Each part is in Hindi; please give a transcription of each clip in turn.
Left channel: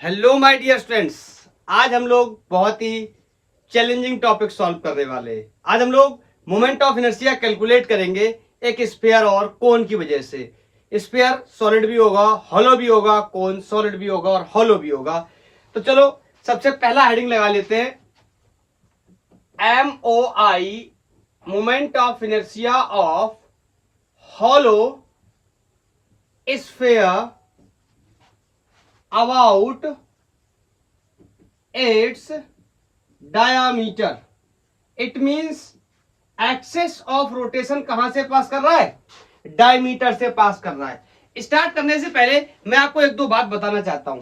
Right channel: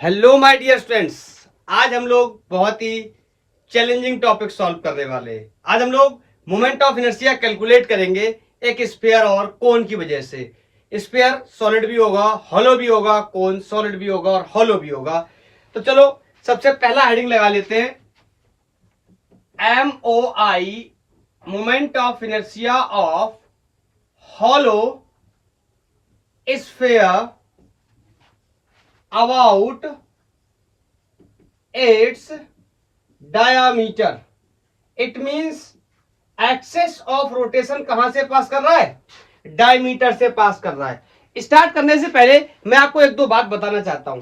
Hello my dear students. आज हम लोग बहुत ही चैलेंजिंग टॉपिक सॉल्व करने वाले हैं। आज हम लोग मोमेंट ऑफ इनर्शिया कैलकुलेट करेंगे एक स्फीयर और कोन की वजह से। स्फीयर सॉलिड भी होगा, हॉलो भी होगा, कोन सॉलिड भी होगा और हॉलो भी होगा। तो चलो सबसे पहला हेडिंग लगा लेते हैं, MOI, moment of inertia of hollow sphere about its diameter. It means axis of rotation कहां से पास कर रहा है? डायमीटर से पास कर रहा है। स्टार्ट करने से पहले मैं आपको एक दो बात बताना चाहता हूं।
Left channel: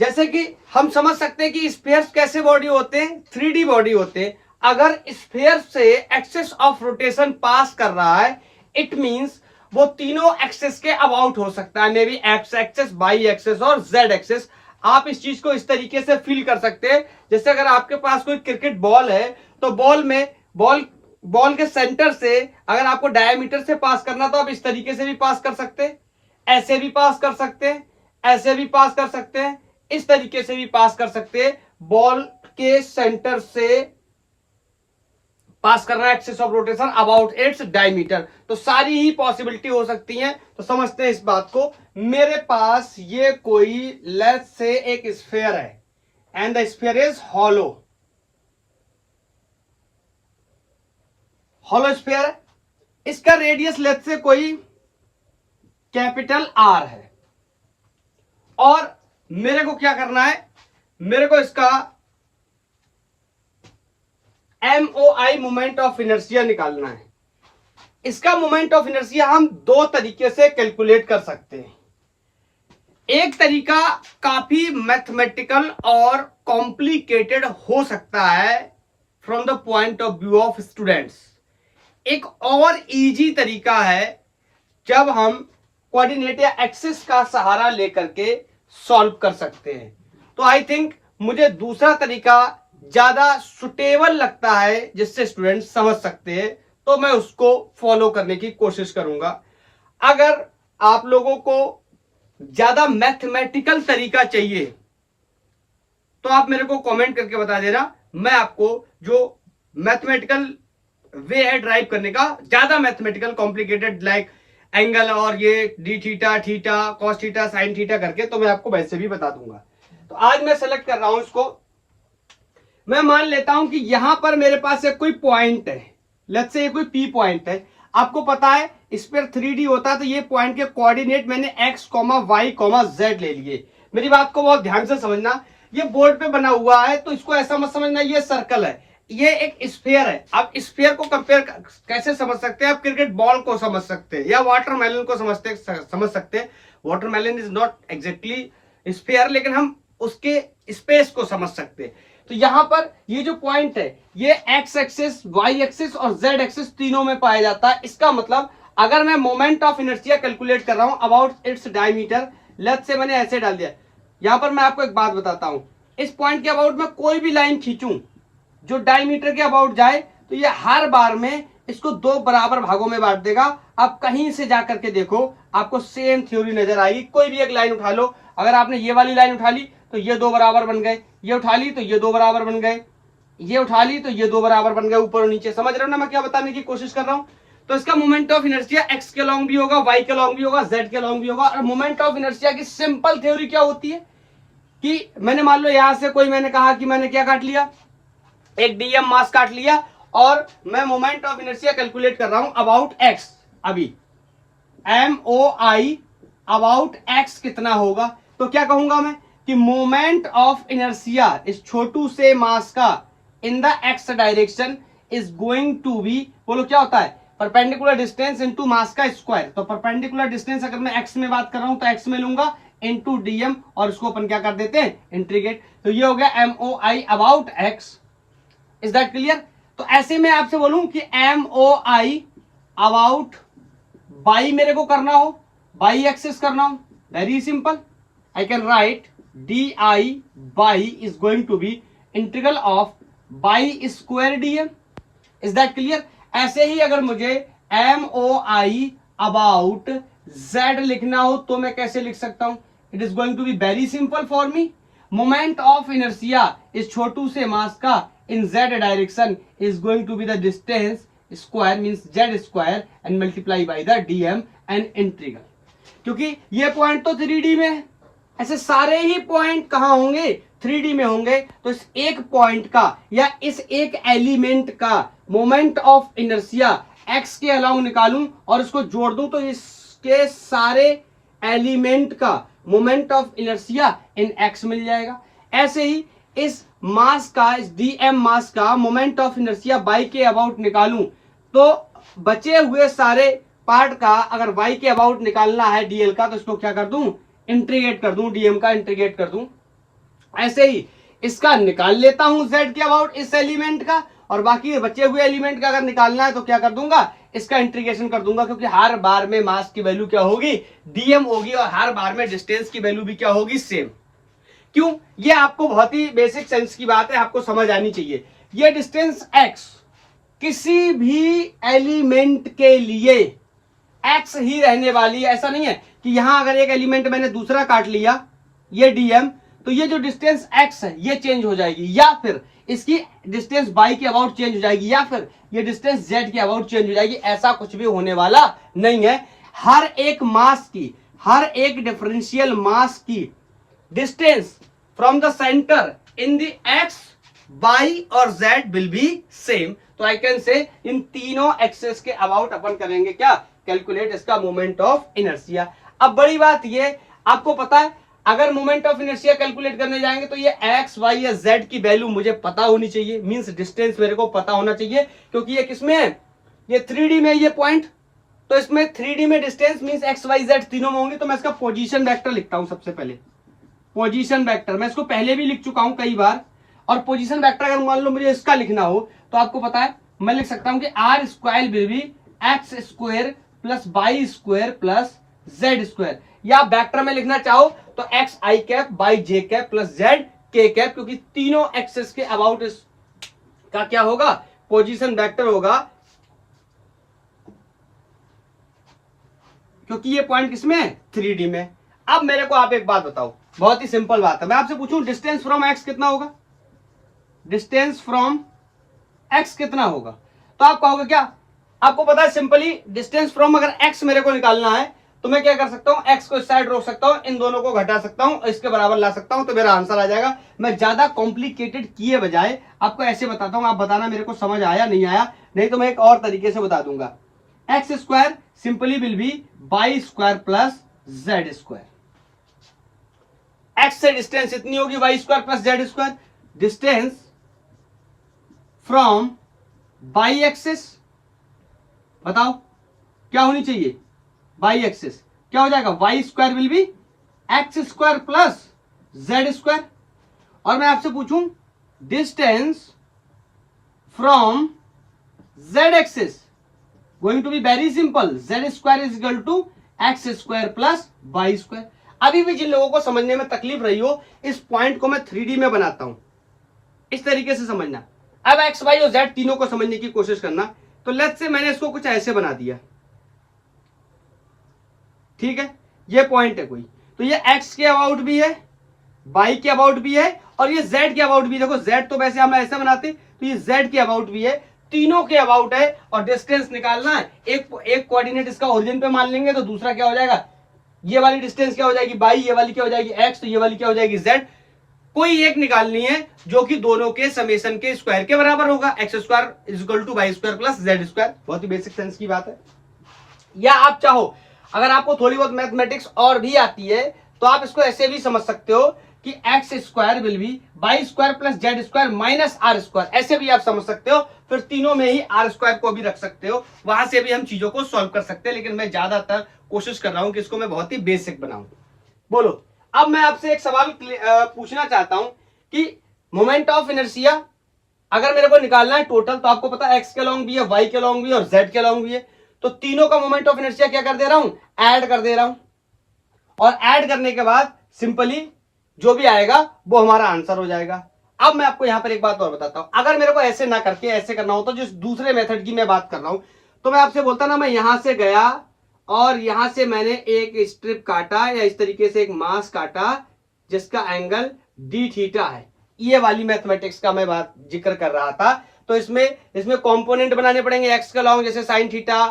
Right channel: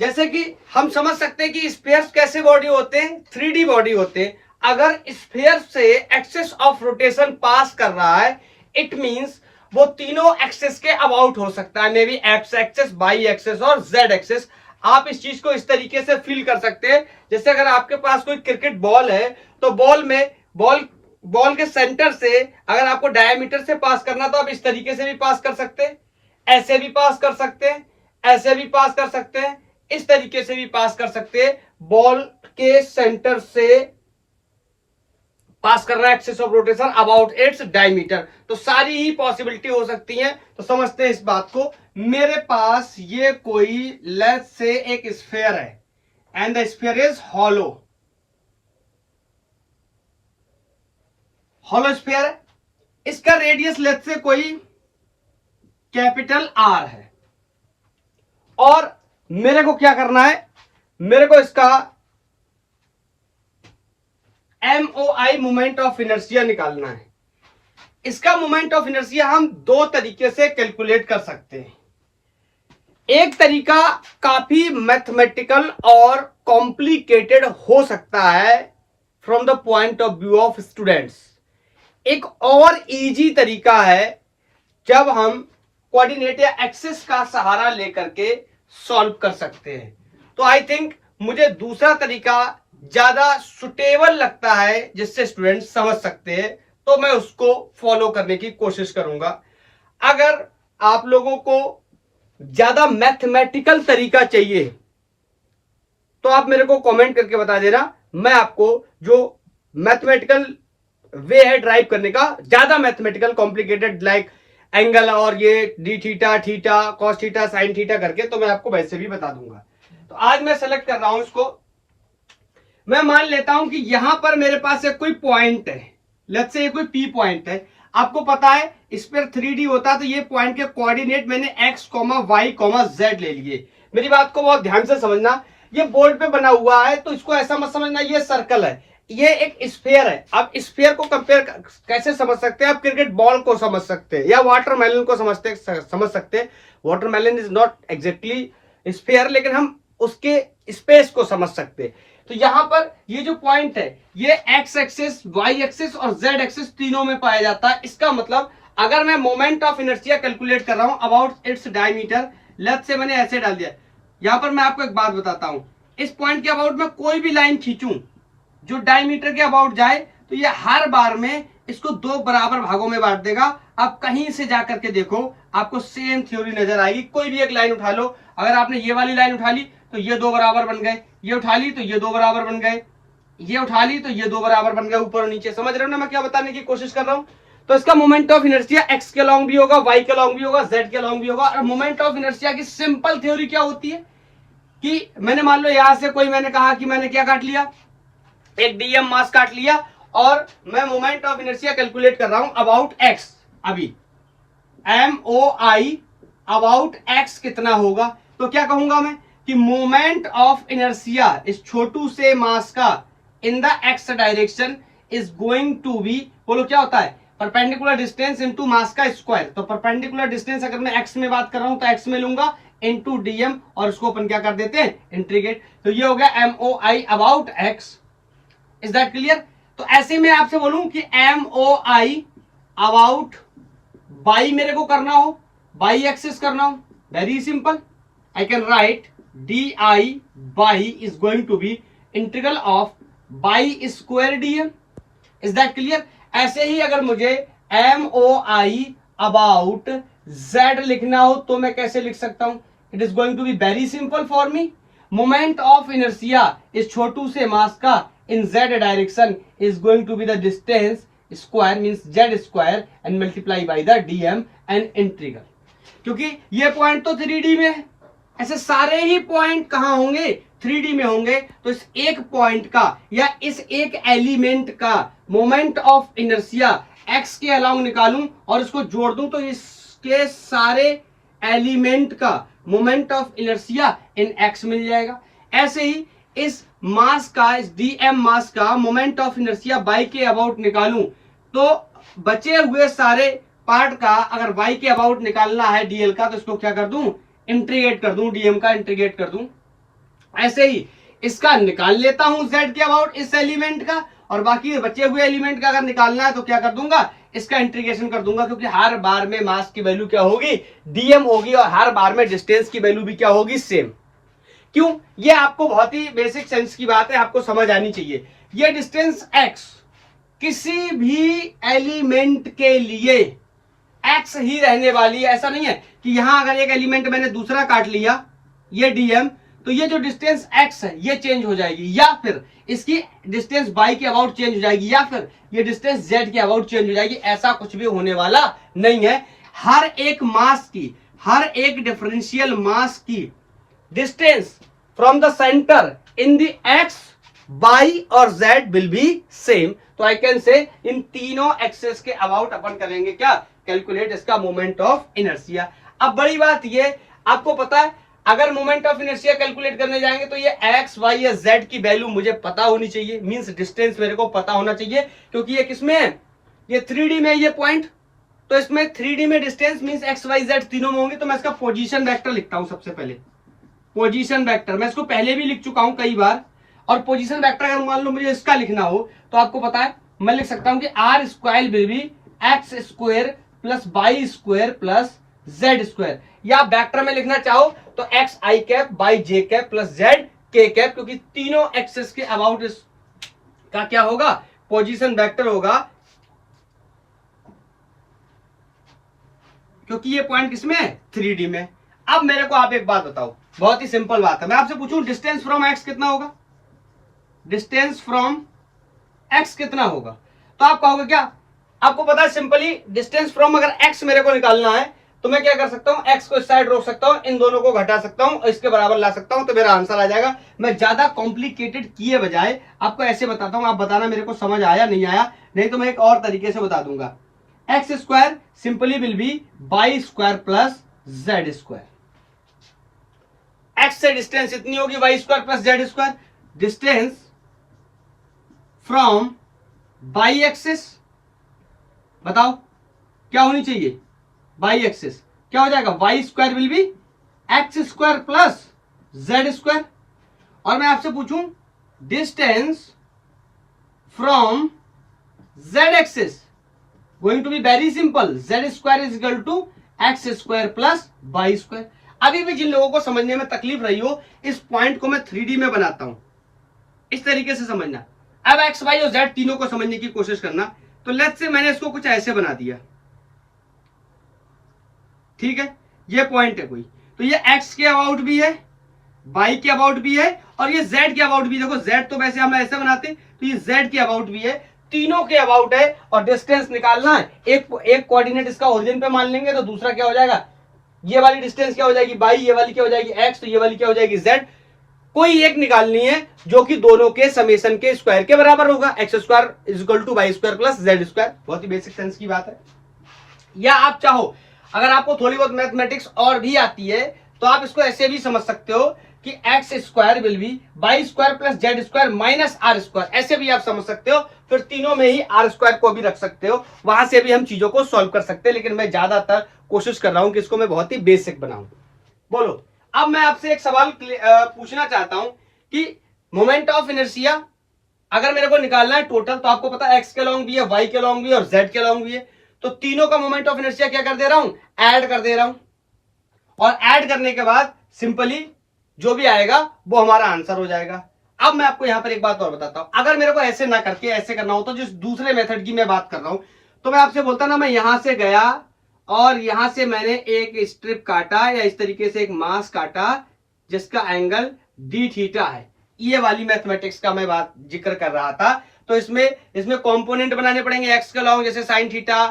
जैसे कि हम समझ सकते हैं कि स्फीयर्स कैसे बॉडी होते हैं, 3D बॉडी होते हैं। अगर स्फीयर से एक्सेस ऑफ रोटेशन पास कर रहा है, इट मींस वो तीनों एक्सेस के अबाउट हो सकता है, maybe x axis, y axis और जेड एक्सेस। आप इस चीज को इस तरीके से फील कर सकते हैं, जैसे अगर आपके पास कोई क्रिकेट बॉल है तो बॉल के सेंटर से अगर आपको डायमीटर से पास करना तो आप इस तरीके से भी पास कर सकते हैं, ऐसे भी पास कर सकते हैं, ऐसे भी पास कर सकते हैं, इस तरीके से भी पास कर सकते हैं। बॉल के सेंटर से पास कर रहा है axis of rotation about its diameter. तो सारी ही पॉसिबिलिटी हो सकती है। तो समझते हैं इस बात को। मेरे पास ये कोई लेट्स से एक स्फीयर है and the sphere is hollow. Hollow sphere है, इसका रेडियस लेट्स से कोई कैपिटल आर है और मेरे को क्या करना है, मेरे को इसका MOI मोमेंट ऑफ इनर्शिया निकालना है। इसका मोमेंट ऑफ इनर्शिया हम दो तरीके से कैलकुलेट कर सकते हैं। एक तरीका काफी मैथमेटिकल और कॉम्प्लिकेटेड हो सकता है from the point of view of students. एक और इजी तरीका है जब हम कोऑर्डिनेट या एक्सिस का सहारा लेकर के सॉल्व कर सकते हैं। तो आई थिंक मुझे दूसरा तरीका ज्यादा सुटेबल लगता है जिससे स्टूडेंट समझ सकते हैं, तो मैं उसको फॉलो करने की कोशिश करूंगा। अगर आप लोगों को ज्यादा मैथमेटिकल तरीका चाहिए तो आप मेरे को कमेंट करके बता देना, मैं आपको जो मैथमेटिकल वे है ड्राइव करने का, ज्यादा मैथमेटिकल कॉम्प्लिकेटेड लाइक एंगल और ये D theta, theta, cos theta, sine theta करके, तो मैं आपको वैसे भी बता दूंगा। तो आज मैं सेलेक्ट कर रहा हूं इसको। मैं मान लेता हूं कि यहां पर मेरे पास एक कोई पॉइंट है, लेट्स से ये कोई पी पॉइंट है। आपको पता है इस पर 3D होता है, तो ये पॉइंट के कोऑर्डिनेट मैंने x, y, z ले लिए। मेरी बात को बहुत ध्यान से समझना। ये बोर्ड पे बना हुआ है तो इसको ऐसा मत समझना ये सर्कल है, ये एक स्फीयर है। अब स्फीयर को कंपेयर कैसे समझ सकते हैं? आप क्रिकेट बॉल को समझ सकते हैं या वाटरमेलन को समझ सकते हैं। Watermelon is not exactly sphere, लेकिन हम उसके स्पेस को समझ सकते हैं। तो यहां पर ये जो पॉइंट है ये एक्स एक्सिस, वाई एक्सिस और जेड एक्सिस तीनों में पाया जाता है। इसका मतलब अगर मैं मोमेंट ऑफ इनर्शिया कैलकुलेट कर रहा हूं about its diameter, let's say मैंने ऐसे डाल दिया। यहां पर मैं आपको एक बात बताता हूं, इस पॉइंट के अबाउट में कोई भी लाइन खींचूं जो डायमीटर के अबाउट जाए तो ये हर बार में इसको दो बराबर भागों में बांट देगा। आप कहीं से जाकर के देखो, आपको सेम थ्योरी नजर आएगी। कोई भी एक लाइन उठा लो, अगर आपने ये वाली लाइन उठा ली तो ये दो बराबर बन गए, ये उठा ली तो ये दो बराबर बन गए, ये उठा ली तो ये दो बराबर बन गए, ऊपर और नीचे। समझ रहे हो ना मैं क्या बताने की कोशिश कर रहा हूं? तो इसका मोमेंट ऑफ इनर्शिया एक्स के लॉन्ग भी होगा, वाई के लॉन्ग भी होगा, जेड के लॉन्ग भी होगा। और मोमेंट ऑफ इनर्शिया की सिंपल थ्योरी क्या होती है कि मैंने मान लो यहां से कोई मैंने कहा कि मैंने क्या काट लिया, एक डीएम मास काट लिया और मैं मोमेंट ऑफ इनर्शिया कैलकुलेट कर रहा हूं अबाउट एक्स। अभी MOI अबाउट एक्स कितना होगा? तो क्या कहूंगा मैं कि मोमेंट ऑफ इनर्शिया इस छोटू से मास का in the x direction is going to be, बोलो क्या होता है, परपेंडिकुलर डिस्टेंस इनटू मास का स्क्वायर। तो परपेंडिकुलर डिस्टेंस अगर मैं एक्स में बात कर रहा हूं तो एक्स में लूंगा इनटू डीएम और इसको अपन क्या कर देते हैं, इंटीग्रेट। तो ये हो गया MOI about x. Is that clear? तो ऐसे में आपसे बोलूं कि MOI अबाउट बाई मेरे को करना हो, बाई एक्सिस करना हो, very simple, I can write DI y is going to be integral of y square d m. Is that clear? ऐसे ही अगर मुझे MOI अबाउट Z लिखना हो तो मैं कैसे लिख सकता हूं? It is going to be very simple for me, moment of inertia इस छोटू से मास का in z direction is going to be the distance square means z square and multiply by the dm and integral. क्योंकि ये पॉइंट तो 3D में है, ऐसे सारे ही पॉइंट कहां होंगे 3D में होंगे, तो इस एक पॉइंट का या इस एक एलिमेंट का मोमेंट ऑफ इनर्शिया x के अलोंग निकालूं और इसको जोड़ दूं तो इसके सारे एलिमेंट का moment of inertia in x मिल जाएगा। ऐसे ही इस मास का, इस dm मास का मोमेंट ऑफ इनर्शिया y के अबाउट निकालूं तो बचे हुए सारे पार्ट का अगर y के अबाउट निकालना है dl का तो इसको क्या कर दूं, इंटीग्रेट कर दूं, dm का इंटीग्रेट कर दूं। ऐसे ही इसका निकाल लेता हूं z के अबाउट इस एलिमेंट का, और बाकी बचे हुए एलिमेंट का अगर निकालना है तो क्या कर दूंगा, इसका इंटीग्रेशन कर दूंगा, क्योंकि हर बार में मास की वैल्यू क्या होगी, dm होगी, और हर बार में डिस्टेंस की वैल्यू भी क्या होगी, सेम। क्यों, ये आपको बहुत ही बेसिक सेंस की बात है, आपको समझ आनी चाहिए। ये डिस्टेंस x किसी भी एलिमेंट के लिए x ही रहने वाली है। ऐसा नहीं है कि यहां अगर एक एलिमेंट मैंने दूसरा काट लिया ये dm, तो ये जो डिस्टेंस x है ये चेंज हो जाएगी, या फिर इसकी डिस्टेंस y के अबाउट चेंज हो जाएगी, या फिर ये डिस्टेंस z के अबाउट चेंज हो जाएगी। ऐसा कुछ भी होने वाला नहीं है। हर एक मास की, हर एक डिफरेंशियल मास की distance from the centre in the x, y और z विल बी सेम। तो आई कैन से इन तीनों एक्सेस के अबाउट अपन करेंगे क्या, कैलकुलेट इसका मोमेंट ऑफ इनर्शिया। अब बड़ी बात ये, आपको पता है अगर मोमेंट ऑफ इनर्शिया कैलकुलेट करने जाएंगे तो ये x, y या z की वैल्यू मुझे पता होनी चाहिए, मींस डिस्टेंस मेरे को पता होना चाहिए, क्योंकि ये किसमें है, ये 3D में ये पॉइंट, तो इसमें 3D में distance means x, y, z तीनों में होंगे। तो मैं इसका पोजीशन वेक्टर लिखता हूं। सबसे पहले पोजीशन वेक्टर, मैं इसको पहले भी लिख चुका हूं कई बार, और पोजीशन वेक्टर अगर मान लो मुझे इसका लिखना हो तो आपको पता है मैं लिख सकता हूं कि r square will B x square plus y square plus z square, या वेक्टर में लिखना चाहो तो x i cap by j cap plus z k cap, क्योंकि तीनों एक्सेस के अबाउट इसका क्या होगा, पोजीशन वेक्टर होगा, क्योंकि ये पॉइंट किसमें है, 3D में। अब मेरे को आप एक बात बताओ, बहुत ही सिंपल बात है, मैं आपसे पूछूं डिस्टेंस फ्रॉम x कितना होगा, डिस्टेंस फ्रॉम x कितना होगा, तो आप कहोगे क्या, आपको पता है सिंपली डिस्टेंस फ्रॉम अगर x मेरे को निकालना है तो मैं क्या कर सकता हूं, x को इस साइड रोक सकता हूं, इन दोनों को घटा सकता हूं और इसके बराबर ला सकता हूं, तो मेरा आंसर आ जाएगा। मैं ज्यादा कॉम्प्लिकेटेड किए बजाय आपको ऐसे बताता हूं, आप बताना मेरे को समझ आया नहीं आया, नहीं तो मैं एक और तरीके से बता दूंगा। X square simply will be y square plus z square, x से डिस्टेंस इतनी होगी, y square plus z square, distance from y axis, बताओ क्या होनी चाहिए, वाई एक्सिस क्या हो जाएगा, y square will be x square plus z square. और मैं आपसे पूछूं distance from z axis, going to be very simple, z square is equal to x square plus y square. अभी भी जिन लोगों को समझने में तकलीफ रही हो, इस पॉइंट को मैं 3D में बनाता हूं, इस तरीके से समझना। अब एक्स, वाई और जेड तीनों को समझने की कोशिश करना। तो लेट्स से मैंने इसको कुछ ऐसे बना दिया, ठीक है, ये पॉइंट है कोई, तो ये x के अबाउट भी है, y के अबाउट भी है, और ये z के अबाउट भी। देखो z तो वैसे हम ऐसे बनाते, तो ये z के अबाउट भी है, तीनों के अबाउट है, और डिस्टेंस निकालना है। एक कोऑर्डिनेट इसका ओरिजिन पे मान लेंगे तो दूसरा क्या हो जाएगा, ये वाली डिस्टेंस क्या हो जाएगी y, ये वाली क्या हो जाएगी x, तो ये वाली क्या हो जाएगी z। कोई एक निकालनी है जो कि दोनों के समेशन के स्क्वायर के बराबर होगा, x square is equal to y square plus z square. बहुत ही बेसिक सेंस की बात है। या आप चाहो, अगर आपको थोड़ी बहुत मैथमेटिक्स और भी आती है तो आप इसको ऐसे भी समझ सकते हो कि x square will be y square plus z square minus r square, ऐसे भी आप समझ सकते हो। फिर तीनों में ही आर स्क्वायर को भी रख सकते हो, वहां से भी हम चीजों को सॉल्व कर सकते हैं, लेकिन मैं ज्यादातर कोशिश कर रहा हूं कि इसको मैं बहुत ही बेसिक बनाऊं। बोलो, अब मैं आपसे एक सवाल पूछना चाहता हूं कि मोमेंट ऑफ इनर्शिया अगर मेरे को निकालना है टोटल, तो आपको पता है एक्स के लॉन्ग भी है, वाई के लॉन्ग भी है और जेड के लॉन्ग भी है, तो तीनों का मोमेंट ऑफ इनर्शिया क्या कर दे रहा हूं, ऐड कर दे रहा हूं, और ऐड करने के बाद सिंपली जो भी आएगा वो हमारा आंसर हो जाएगा। अब मैं आपको यहां पर एक बात और बताता हूं, अगर मेरे को ऐसे ना करके ऐसे करना हो, तो जिस दूसरे मेथड की मैं बात कर रहा हूं, तो मैं आपसे बोलता ना, मैं यहां से गया और यहां से मैंने एक स्ट्रिप काटा या इस तरीके से एक मास काटा जिसका एंगल डी थीटा है। ये वाली मैथमेटिक्स का मैं बात जिक्र कर रहा था। तो इसमें कंपोनेंट बनाने पड़ेंगे एक्स के अलावा, जैसे sine theta,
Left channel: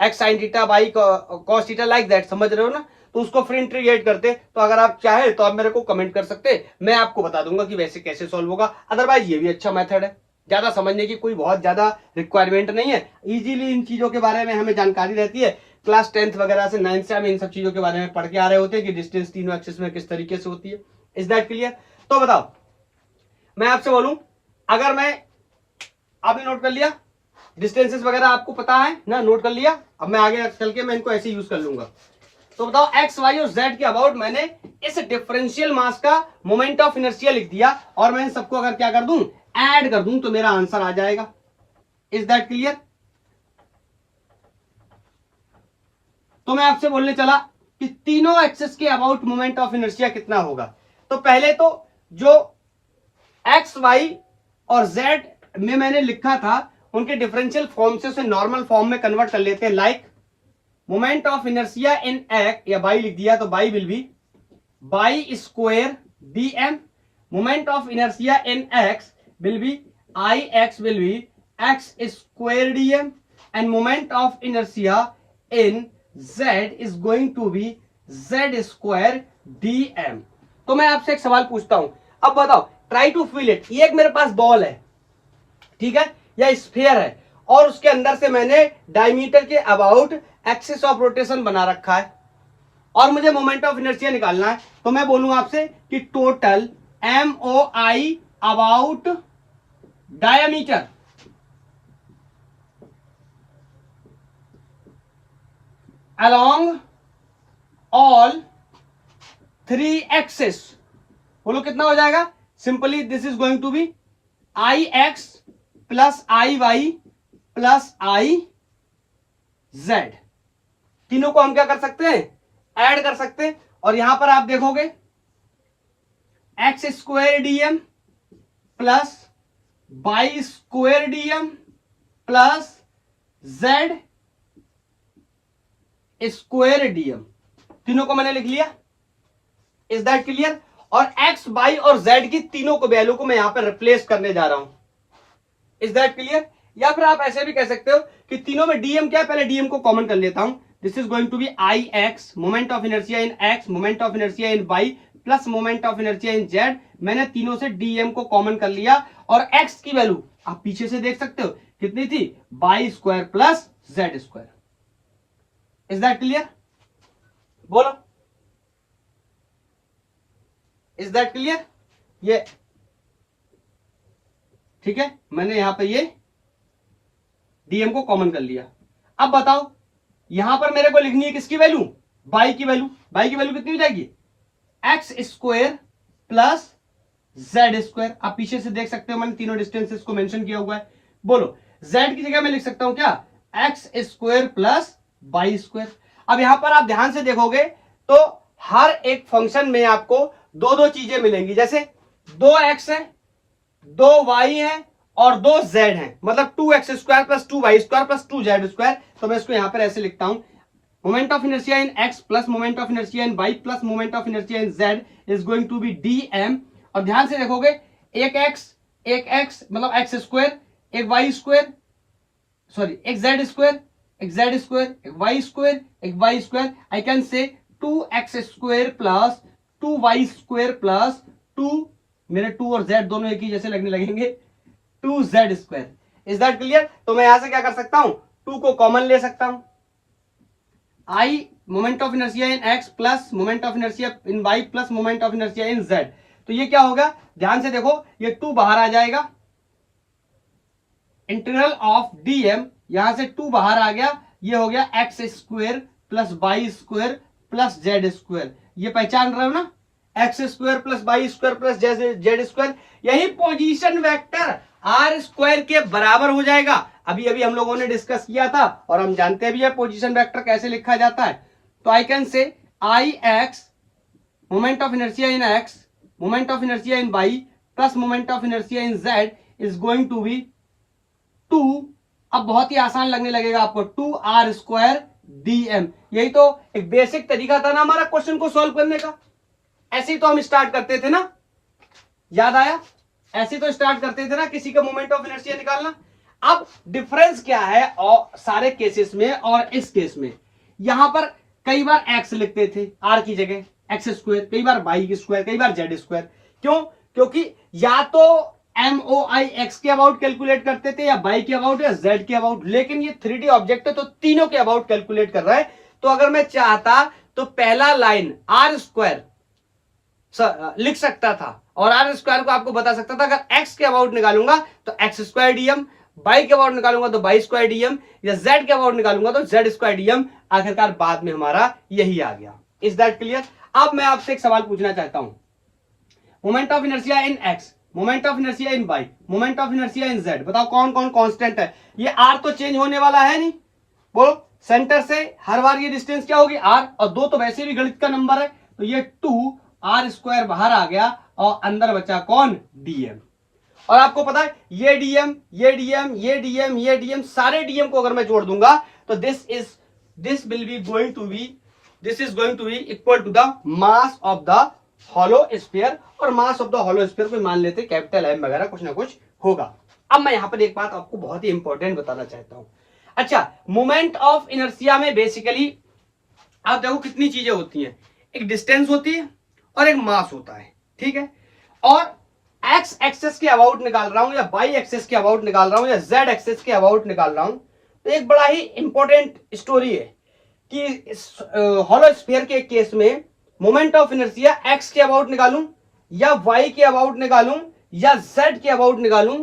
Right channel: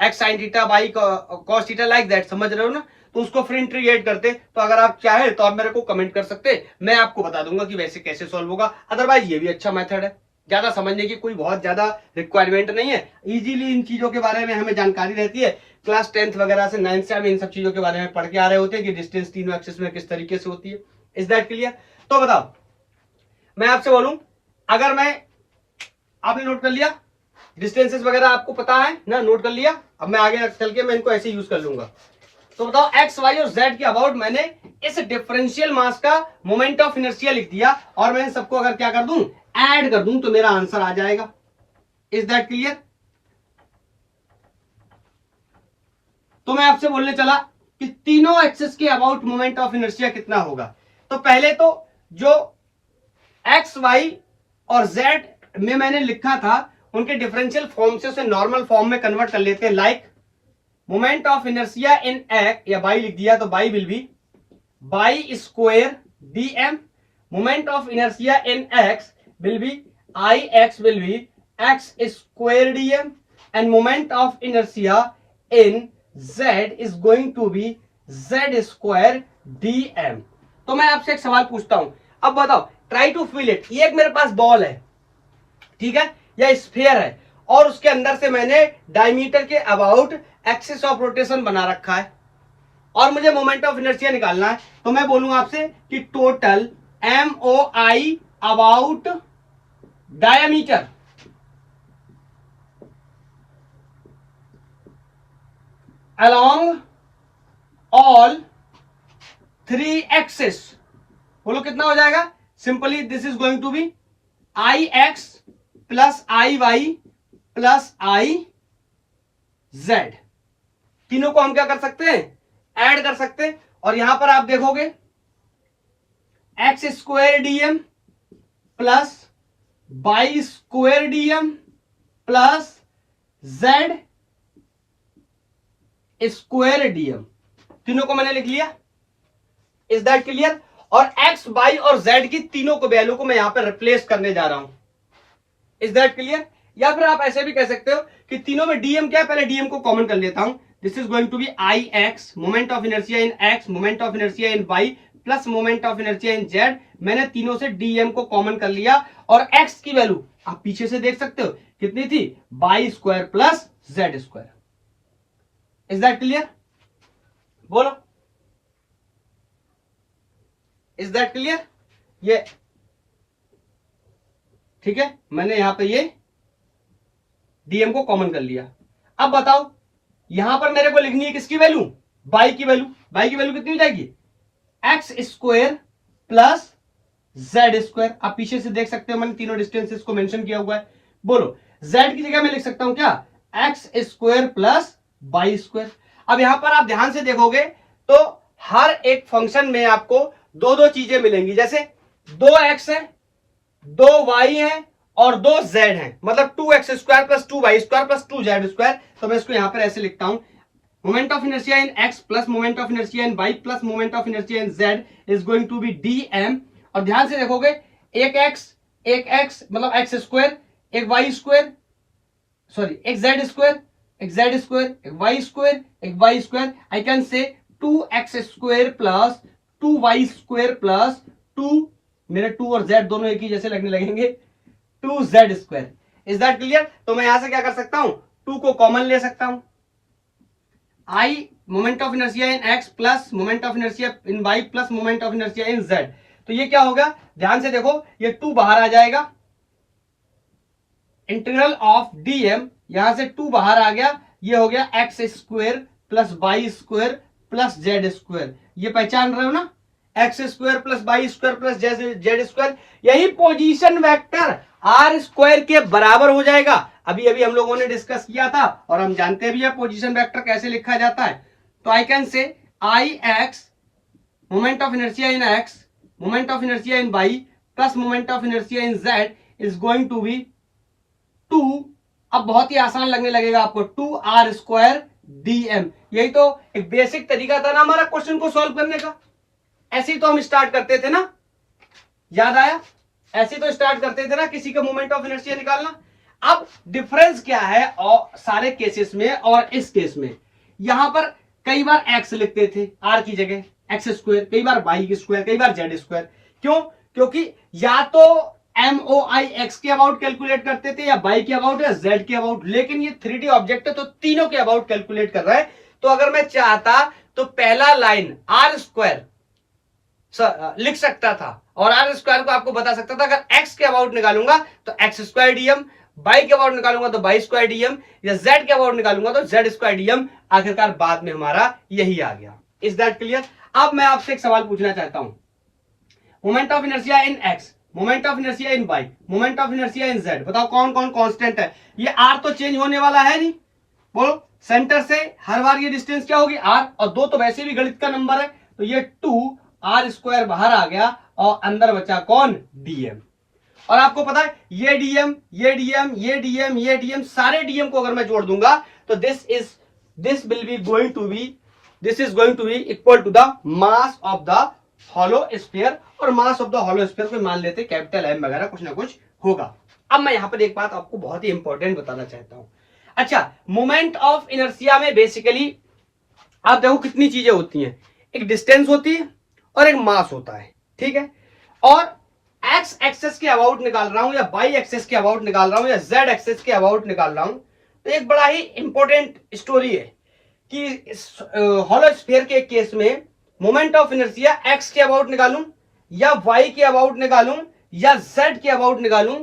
x sine theta, y cos theta, like that, समझ रहे हो ना। तो उसको फिर इंटीग्रेट करते। तो अगर आप चाहे तो आप मेरे को कमेंट कर सकते, मैं आपको बता दूंगा कि वैसे कैसे सॉल्व होगा। अदरवाइज ये भी अच्छा मेथड है, ज्यादा समझने की कोई बहुत ज्यादा रिक्वायरमेंट नहीं है। इजीली इन चीजों के बारे में हमें जानकारी रहती है। क्लास 10th वगैरह से 9th से हम इन सब चीजों के बारे में पढ़ के आ रहे होते हैं कि डिस्टेंस तीनों एक्सिस में किस तरीके से होती है। Is that clear? तो बताओ, मैं आपसे बोलूं, अगर मैं, आपने नोट कर लिया डिस्टेंसेस वगैरह, आपको पता है ना, नोट कर लिया। अब मैं आगे चल के मैं इनको ऐसे यूज कर लूंगा। तो बताओ, एक्स वाई और जेड के अबाउट मैंने इस डिफरेंशियल मास का मोमेंट ऑफ इनर्शिया लिख दिया, और मैं इन सबको अगर क्या कर दूं, ऐड कर दूं, तो मेरा आंसर आ जाएगा। Is that clear? तो मैं आपसे बोलने चला कि तीनों एक्सिस के अबाउट मोमेंट ऑफ इनर्शिया कितना होगा। तो पहले तो जो एक्स वाई और जेड में मैंने लिखा था, उनके डिफरेंशियल फॉर्म से उसे नॉर्मल फॉर्म में कन्वर्ट कर लेते हैं। Like moment of inertia in x, या बाई लिख दिया, तो y will be y square d m. Moment of inertia in x will be I x will be x square d m, and moment of inertia in z is going to be z square dm। तो मैं आपसे एक सवाल पूछता हूं, अब बताओ, ट्राई टू फील इट। ये एक मेरे पास बॉल है, ठीक है, या स्फीयर है, और उसके अंदर से मैंने डायमीटर के अबाउट एक्सिस ऑफ रोटेशन बना रखा है, और मुझे मोमेंट ऑफ इनर्शिया निकालना है। तो मैं बोलूंगा आपसे कि total MOI about diameter along all three axes, बोलो कितना हो जाएगा। Simply this is going to be I x plus I y plus I z. तीनों को हम क्या कर सकते हैं, ऐड कर सकते हैं। और यहां पर आप देखोगे x square DM plus by square DM plus z square DM, तीनों को मैंने लिख लिया। Is that clear? और एक्स वाई और जेड की तीनों को वैल्यू को मैं यहां पर रिप्लेस करने जा रहा हूं। Is that clear? या फिर आप ऐसे भी कह सकते हो कि तीनों में डीएम क्या है, पहले डीएम को कॉमन कर लेता हूं। This is going to be I x, moment of inertia in x, moment of inertia in y plus moment of inertia in z. मैंने तीनों से डीएम को कॉमन कर लिया, और एक्स की वैल्यू आप पीछे से देख सकते हो कितनी थी, y square plus z square. Is that clear? बोलो, इज दैट क्लियर? ये ठीक है, मैंने यहां पे ये डीएम को कॉमन कर लिया। अब बताओ, यहां पर मेरे को लिखनी है किसकी वैल्यू, बाई की वैल्यू। बाई की वैल्यू कितनी हो जाएगी, x square plus z square. आप पीछे से देख सकते हो मैंने तीनों डिस्टेंसेस को मेंशन किया हुआ है। बोलो, जेड की जगह मैं लिख सकता हूं क्या, x square plus y square. अब यहां पर आप ध्यान से देखोगे तो हर एक फंक्शन में आपको दो दो चीजें मिलेंगी। जैसे 2x है, 2y है और 2z है, मतलब 2x square plus 2y square plus 2z square. तो मैं इसको यहां पर ऐसे लिखता हूं, moment of inertia in x plus moment of inertia in y plus moment of inertia in z is going to be dm। और ध्यान से देखोगे, एक x मतलब x स्क्वायर, एक y स्क्वायर, सॉरी एक z स्क्वायर, एक z स्क्वायर, एक y स्क्वायर, एक y square. I can say 2x square plus 2y square plus 2, मेरे 2 और z दोनों एक ही जैसे लगने लगेंगे, 2z square. Is that clear? तो मैं यहां से क्या कर सकता हूं, 2 को कॉमन ले सकता हूं। I moment of inertia in x plus moment of inertia in y plus moment of inertia in z। तो ये क्या होगा, ध्यान से देखो, ये 2 बाहर आ जाएगा, इंटीग्रल ऑफ डीएम, यहां से 2 बाहर आ गया, ये हो गया x square plus y square plus z square. ये पहचान रहे हो ना, x square plus y square plus z square. यही पोजीशन वेक्टर आर स्क्वायर के बराबर हो जाएगा। अभी अभी हम लोगों ने डिस्कस किया था, और हम जानते भी है पोजीशन वेक्टर कैसे लिखा जाता है। तो I can say I x moment of inertia in x, moment of inertia in y plus moment of inertia in z is going to be 2, अब बहुत ही आसान लगने लगेगा आपको, 2r स्क्वायर dm। यही तो एक बेसिक तरीका था ना हमारा क्वेश्चन को सॉल्व करने का। ऐसे ही तो हम स्टार्ट करते थे ना, याद आया? ऐसे तो स्टार्ट करते थे ना किसी का मोमेंट ऑफ इनर्शिया निकालना। अब डिफरेंस क्या है और सारे केसेस में और इस केस में, यहां पर कई बार एक्स लिखते थे आर की जगह, एक्स स्क्वायर, कई बार वाई की स्क्वायर, कई बार जेड स्क्वायर। क्यों? क्योंकि या तो MOI एक्स के अबाउट कैलकुलेट करते थे या वाई के अबाउट या जेड के अबाउट, लेकिन ये 3D ऑब्जेक्ट है तो तीनों के अबाउट कैलकुलेट कर रहा है। तो अगर मैं चाहता तो पहला लाइन आर स्क्वायर लिख सकता था और आर स्क्वायर को आपको बता सकता था अगर एक्स के अबाउट निकालूंगा तो एक्स स्क्वायर डीएम, वाई के अबाउट निकालूंगा तो वाई स्क्वायर डीएम, या जेड के अबाउट निकालूंगा तो जेड स्क्वायर डीएम। आखिरकार बाद में हमारा यही आ गया। Is that clear? अब मैं आपसे एक सवाल पूछना चाहता हूं, moment of inertia in x, moment of inertia in y, moment of inertia in z, बताओ कौन कौन कांस्टेंट है? ये आर तो चेंज होने वाला है नहीं, वो सेंटर से हर बार ये डिस्टेंस क्या होगी आर, और दो तो वैसे भी गणित का नंबर है तो ये 2 आर स्क्वायर बाहर आ गया और अंदर बचा कौन? डीएम। और आपको पता है ये डीएम, ये डीएम, ये डीएम, ये डीएम, सारे डीएम को अगर मैं जोड़ दूंगा तो this is going to be equal to the mass of the hollow sphere, और mass of the hollow sphere को मान लेते कैपिटल एम वगैरह कुछ ना कुछ होगा। अब मैं यहां पर एक बात आपको बहुत ही इंपॉर्टेंट बताना चाहता हूं। अच्छा, मोमेंट ऑफ इनर्शिया में बेसिकली आप देखो कितनी चीजें होती हैं, एक डिस्टेंस होती है और एक मास होता है, ठीक है? और एक्स एक्सेस के अबाउट निकाल रहा हूं या वाई एक्सेस के अबाउट निकाल रहा हूं या जेड एक्सेस के अबाउट निकाल रहा हूं, तो एक बड़ा ही इंपॉर्टेंट स्टोरी है कि हॉलो स्फीयर के केस में मोमेंट ऑफ इनर्शिया एक्स के अबाउट निकालूं या वाई के अबाउट निकालूं या जेड के अबाउट निकालूं।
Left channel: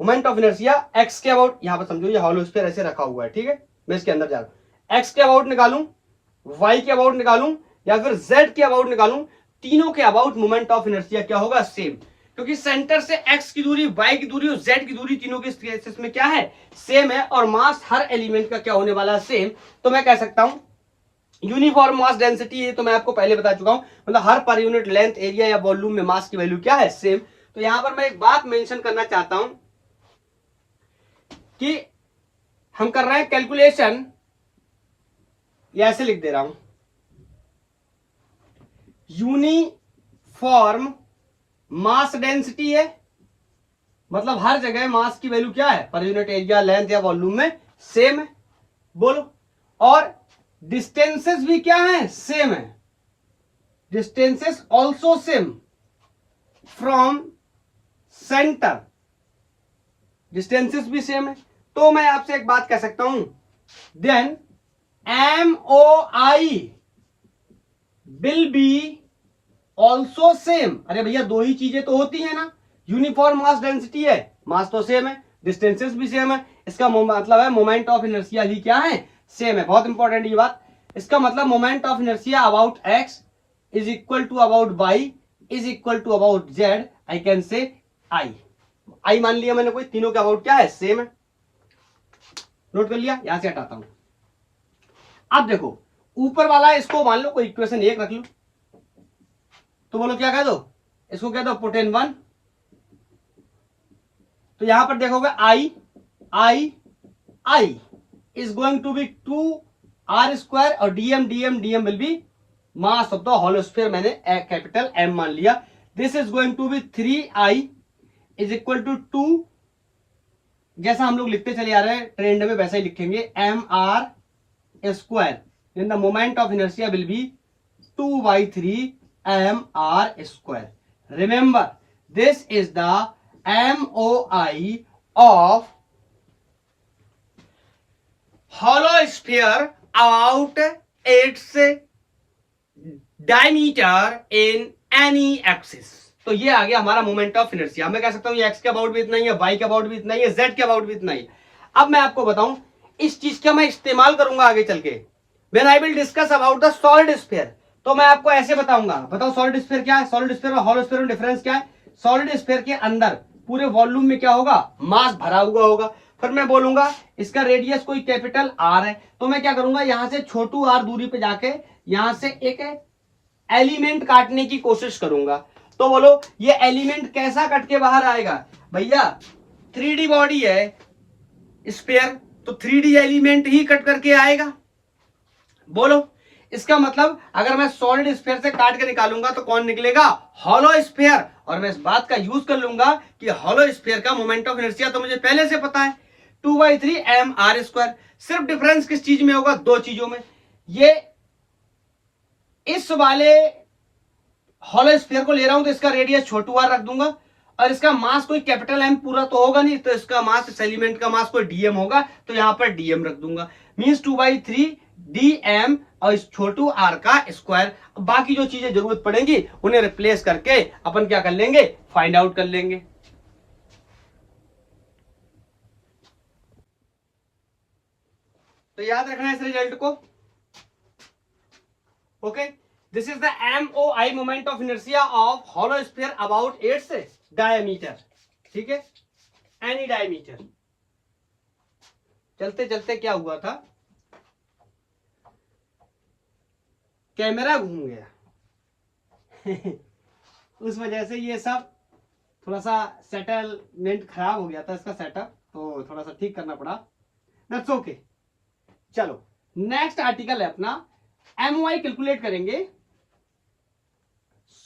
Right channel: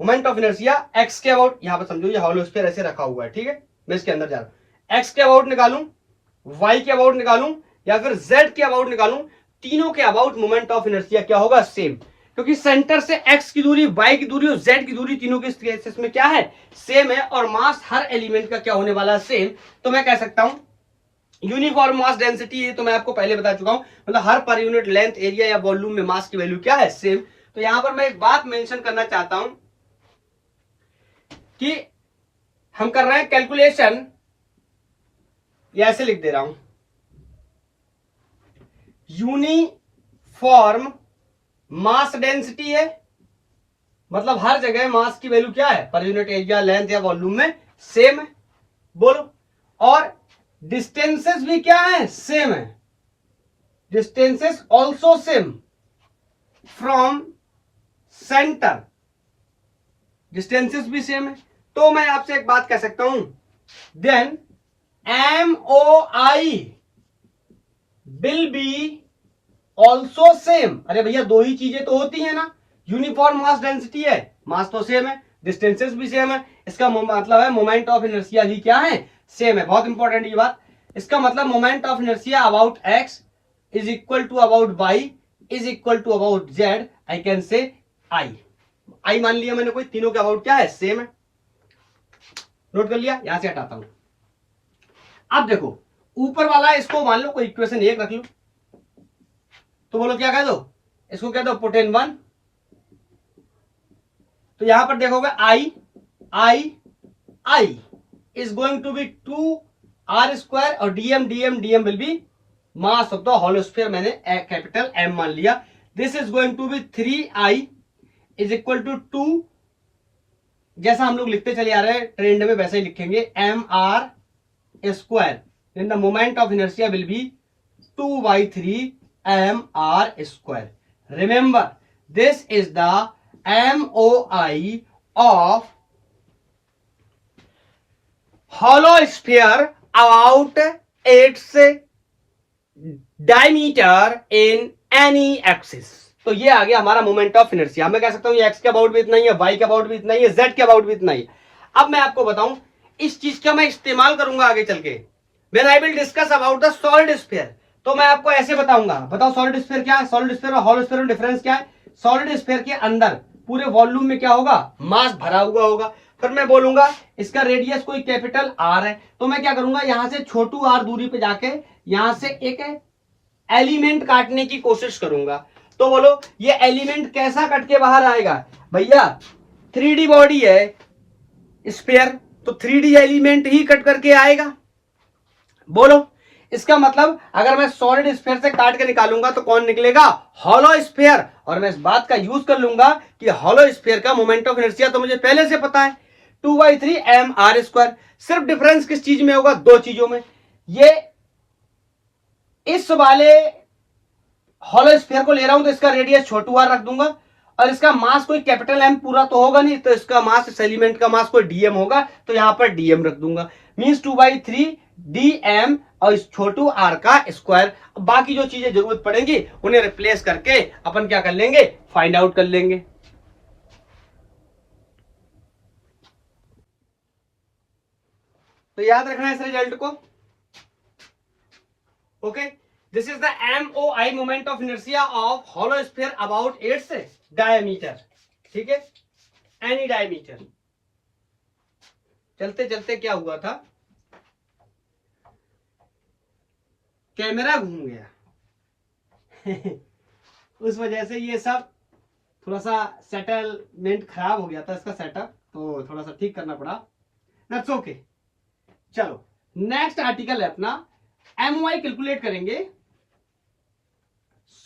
मोमेंट ऑफ इनर्शिया एक्स के अबाउट, यहां पर समझो ये हॉलो स्फीयर ऐसे रखा हुआ है, ठीक है? मैं इसके अंदर जा रहा हूं, एक्स के अबाउट निकालूं, वाई के अबाउट निकालूं या फिर जेड के अबाउट निकालूं, तीनों के अबाउट मोमेंट ऑफ इनर्शिया क्या होगा? सेम। क्योंकि सेंटर से एक्स की दूरी, वाई की दूरी और जेड की दूरी तीनों के केसेस में क्या है? सेम है। और मास हर एलिमेंट का क्या होने वाला है? सेम। तो मैं कह सकता हूं यूनिफॉर्म मास डेंसिटी, ये तो मैं आपको पहले बता चुका हूं, मतलब हर पर यूनिट लेंथ, एरिया या वॉल्यूम में मास की वैल्यू क्या है? सेम। तो यहां पर मैं एक बात मेंशन करना चाहता हूं कि हम कर रहे हैं कैलकुलेशन, या ऐसे लिख दे रहा हूं, यूनिफॉर्म मास डेंसिटी है, मतलब हर जगह मास की वैल्यू क्या है? पर यूनिट एरिया, लेंथ या वॉल्यूम में सेम है। बोलो। और डिस्टेंसेस भी क्या है? सेम है। Distances also same from centre, distances भी सेम है। तो मैं आपसे एक बात कह सकता हूं, then MOI will be also same. अरे भैया दो ही चीजें तो होती है ना, यूनिफॉर्म मास डेंसिटी है, मास तो सेम है, डिस्टेंसेस भी सेम है, इसका मतलब है मोमेंट ऑफ इनर्शिया भी क्या है? सेम है। बहुत इंपॉर्टेंट ये बात। इसका मतलब moment of inertia about x is equal to about y is equal to about z, I can say I मान लिया मैंने, कोई तीनों के अबाउट क्या है? सेम है। नोट कर लिया? यहां से हटाता हूं। अब देखो ऊपर वाला, इसको मान लो कोई इक्वेशन 1 रख लो, तो बोलो क्या कह दो? इसको कह दो पोटेन 1। तो यहां पर देखोगे I is going to be 2 r square और dm will be mass of the hollow sphere, मैंने कैपिटल एम मान लिया। This is going to be 3I is equal to 2, जैसा हम लोग लिखते चले आ रहे हैं ट्रेंड में वैसा ही लिखेंगे, MR square, in the moment of inertia will B 2/3 MR square. Remember this is the MOI of hollow sphere about its diameter in any axis। तो ये आ गया हमारा मोमेंट ऑफ इनर्शिया। मैं कह सकता हूं ये एक्स के अबाउट भी इतना ही है, वाई के अबाउट भी इतना ही है, जेड के अबाउट भी इतना ही है। अब मैं आपको बताऊं इस चीज का मैं इस्तेमाल करूंगा आगे चल के, when I will discuss about the solid sphere. तो मैं आपको ऐसे बताऊंगा, बताओ सॉलिड स्फीयर क्या है, सॉलिड स्फीयर और हॉलो स्फीयर में डिफरेंस क्या है। सॉलिड स्फीयर के अंदर पूरे वॉल्यूम में क्या होगा? मास भरा हुआ होगा। फिर मैं बोलूंगा इसका रेडियस कोई कैपिटल आर है, तो मैं क्या करूंगा यहां से छोटू आर दूरी पे जाके यहां से एक एलिमेंट काटने की कोशिश करूंगा। तो बोलो ये एलिमेंट कैसा कट के बाहर आएगा? भैया 3D बॉडी है स्फीयर, तो 3D एलिमेंट ही कट करके आएगा। बोलो इसका मतलब अगर मैं सॉलिड स्फीयर से काट के निकालूंगा तो कौन निकलेगा? Hollow sphere. और मैं इस बात का यूज कर लूंगा कि हॉलो स्फीयर का मोमेंट ऑफ इनर्शिया तो मुझे पहले से पता है, 2/3 mr²। सिर्फ डिफरेंस किस चीज में होगा? दो चीजों में। ये इस वाले हॉलो स्फीयर को ले रहा हूं तो इसका रेडियस छोटू r रख दूंगा, और इसका मास कोई कैपिटल M पूरा तो होगा नहीं, तो इसका मास, इस एलिमेंट का मास कोई dm होगा, तो यहां पर dm रख दूंगा। मींस 2/3 dm और इस छोटू r का स्क्वायर। बाकी जो चीजें जरूरत पड़ेंगी उन्हें रिप्लेस करके अपन क्या कर लेंगे? फाइंड आउट कर लेंगे। तो याद रखना इस रिजल्ट को। Okay, this is the MOI moment of inertia of hollow sphere about its diameter. ठीक है, एनी डायमीटर। चलते चलते क्या हुआ था, कैमरा घूम गया उस वजह से ये सब थोड़ा सा सेटलमेंट खराब हो गया था इसका सेटअप, तो थोड़ा सा ठीक करना पड़ा। That's okay. चलो नेक्स्ट आर्टिकल है अपना, MOI कैलकुलेट करेंगे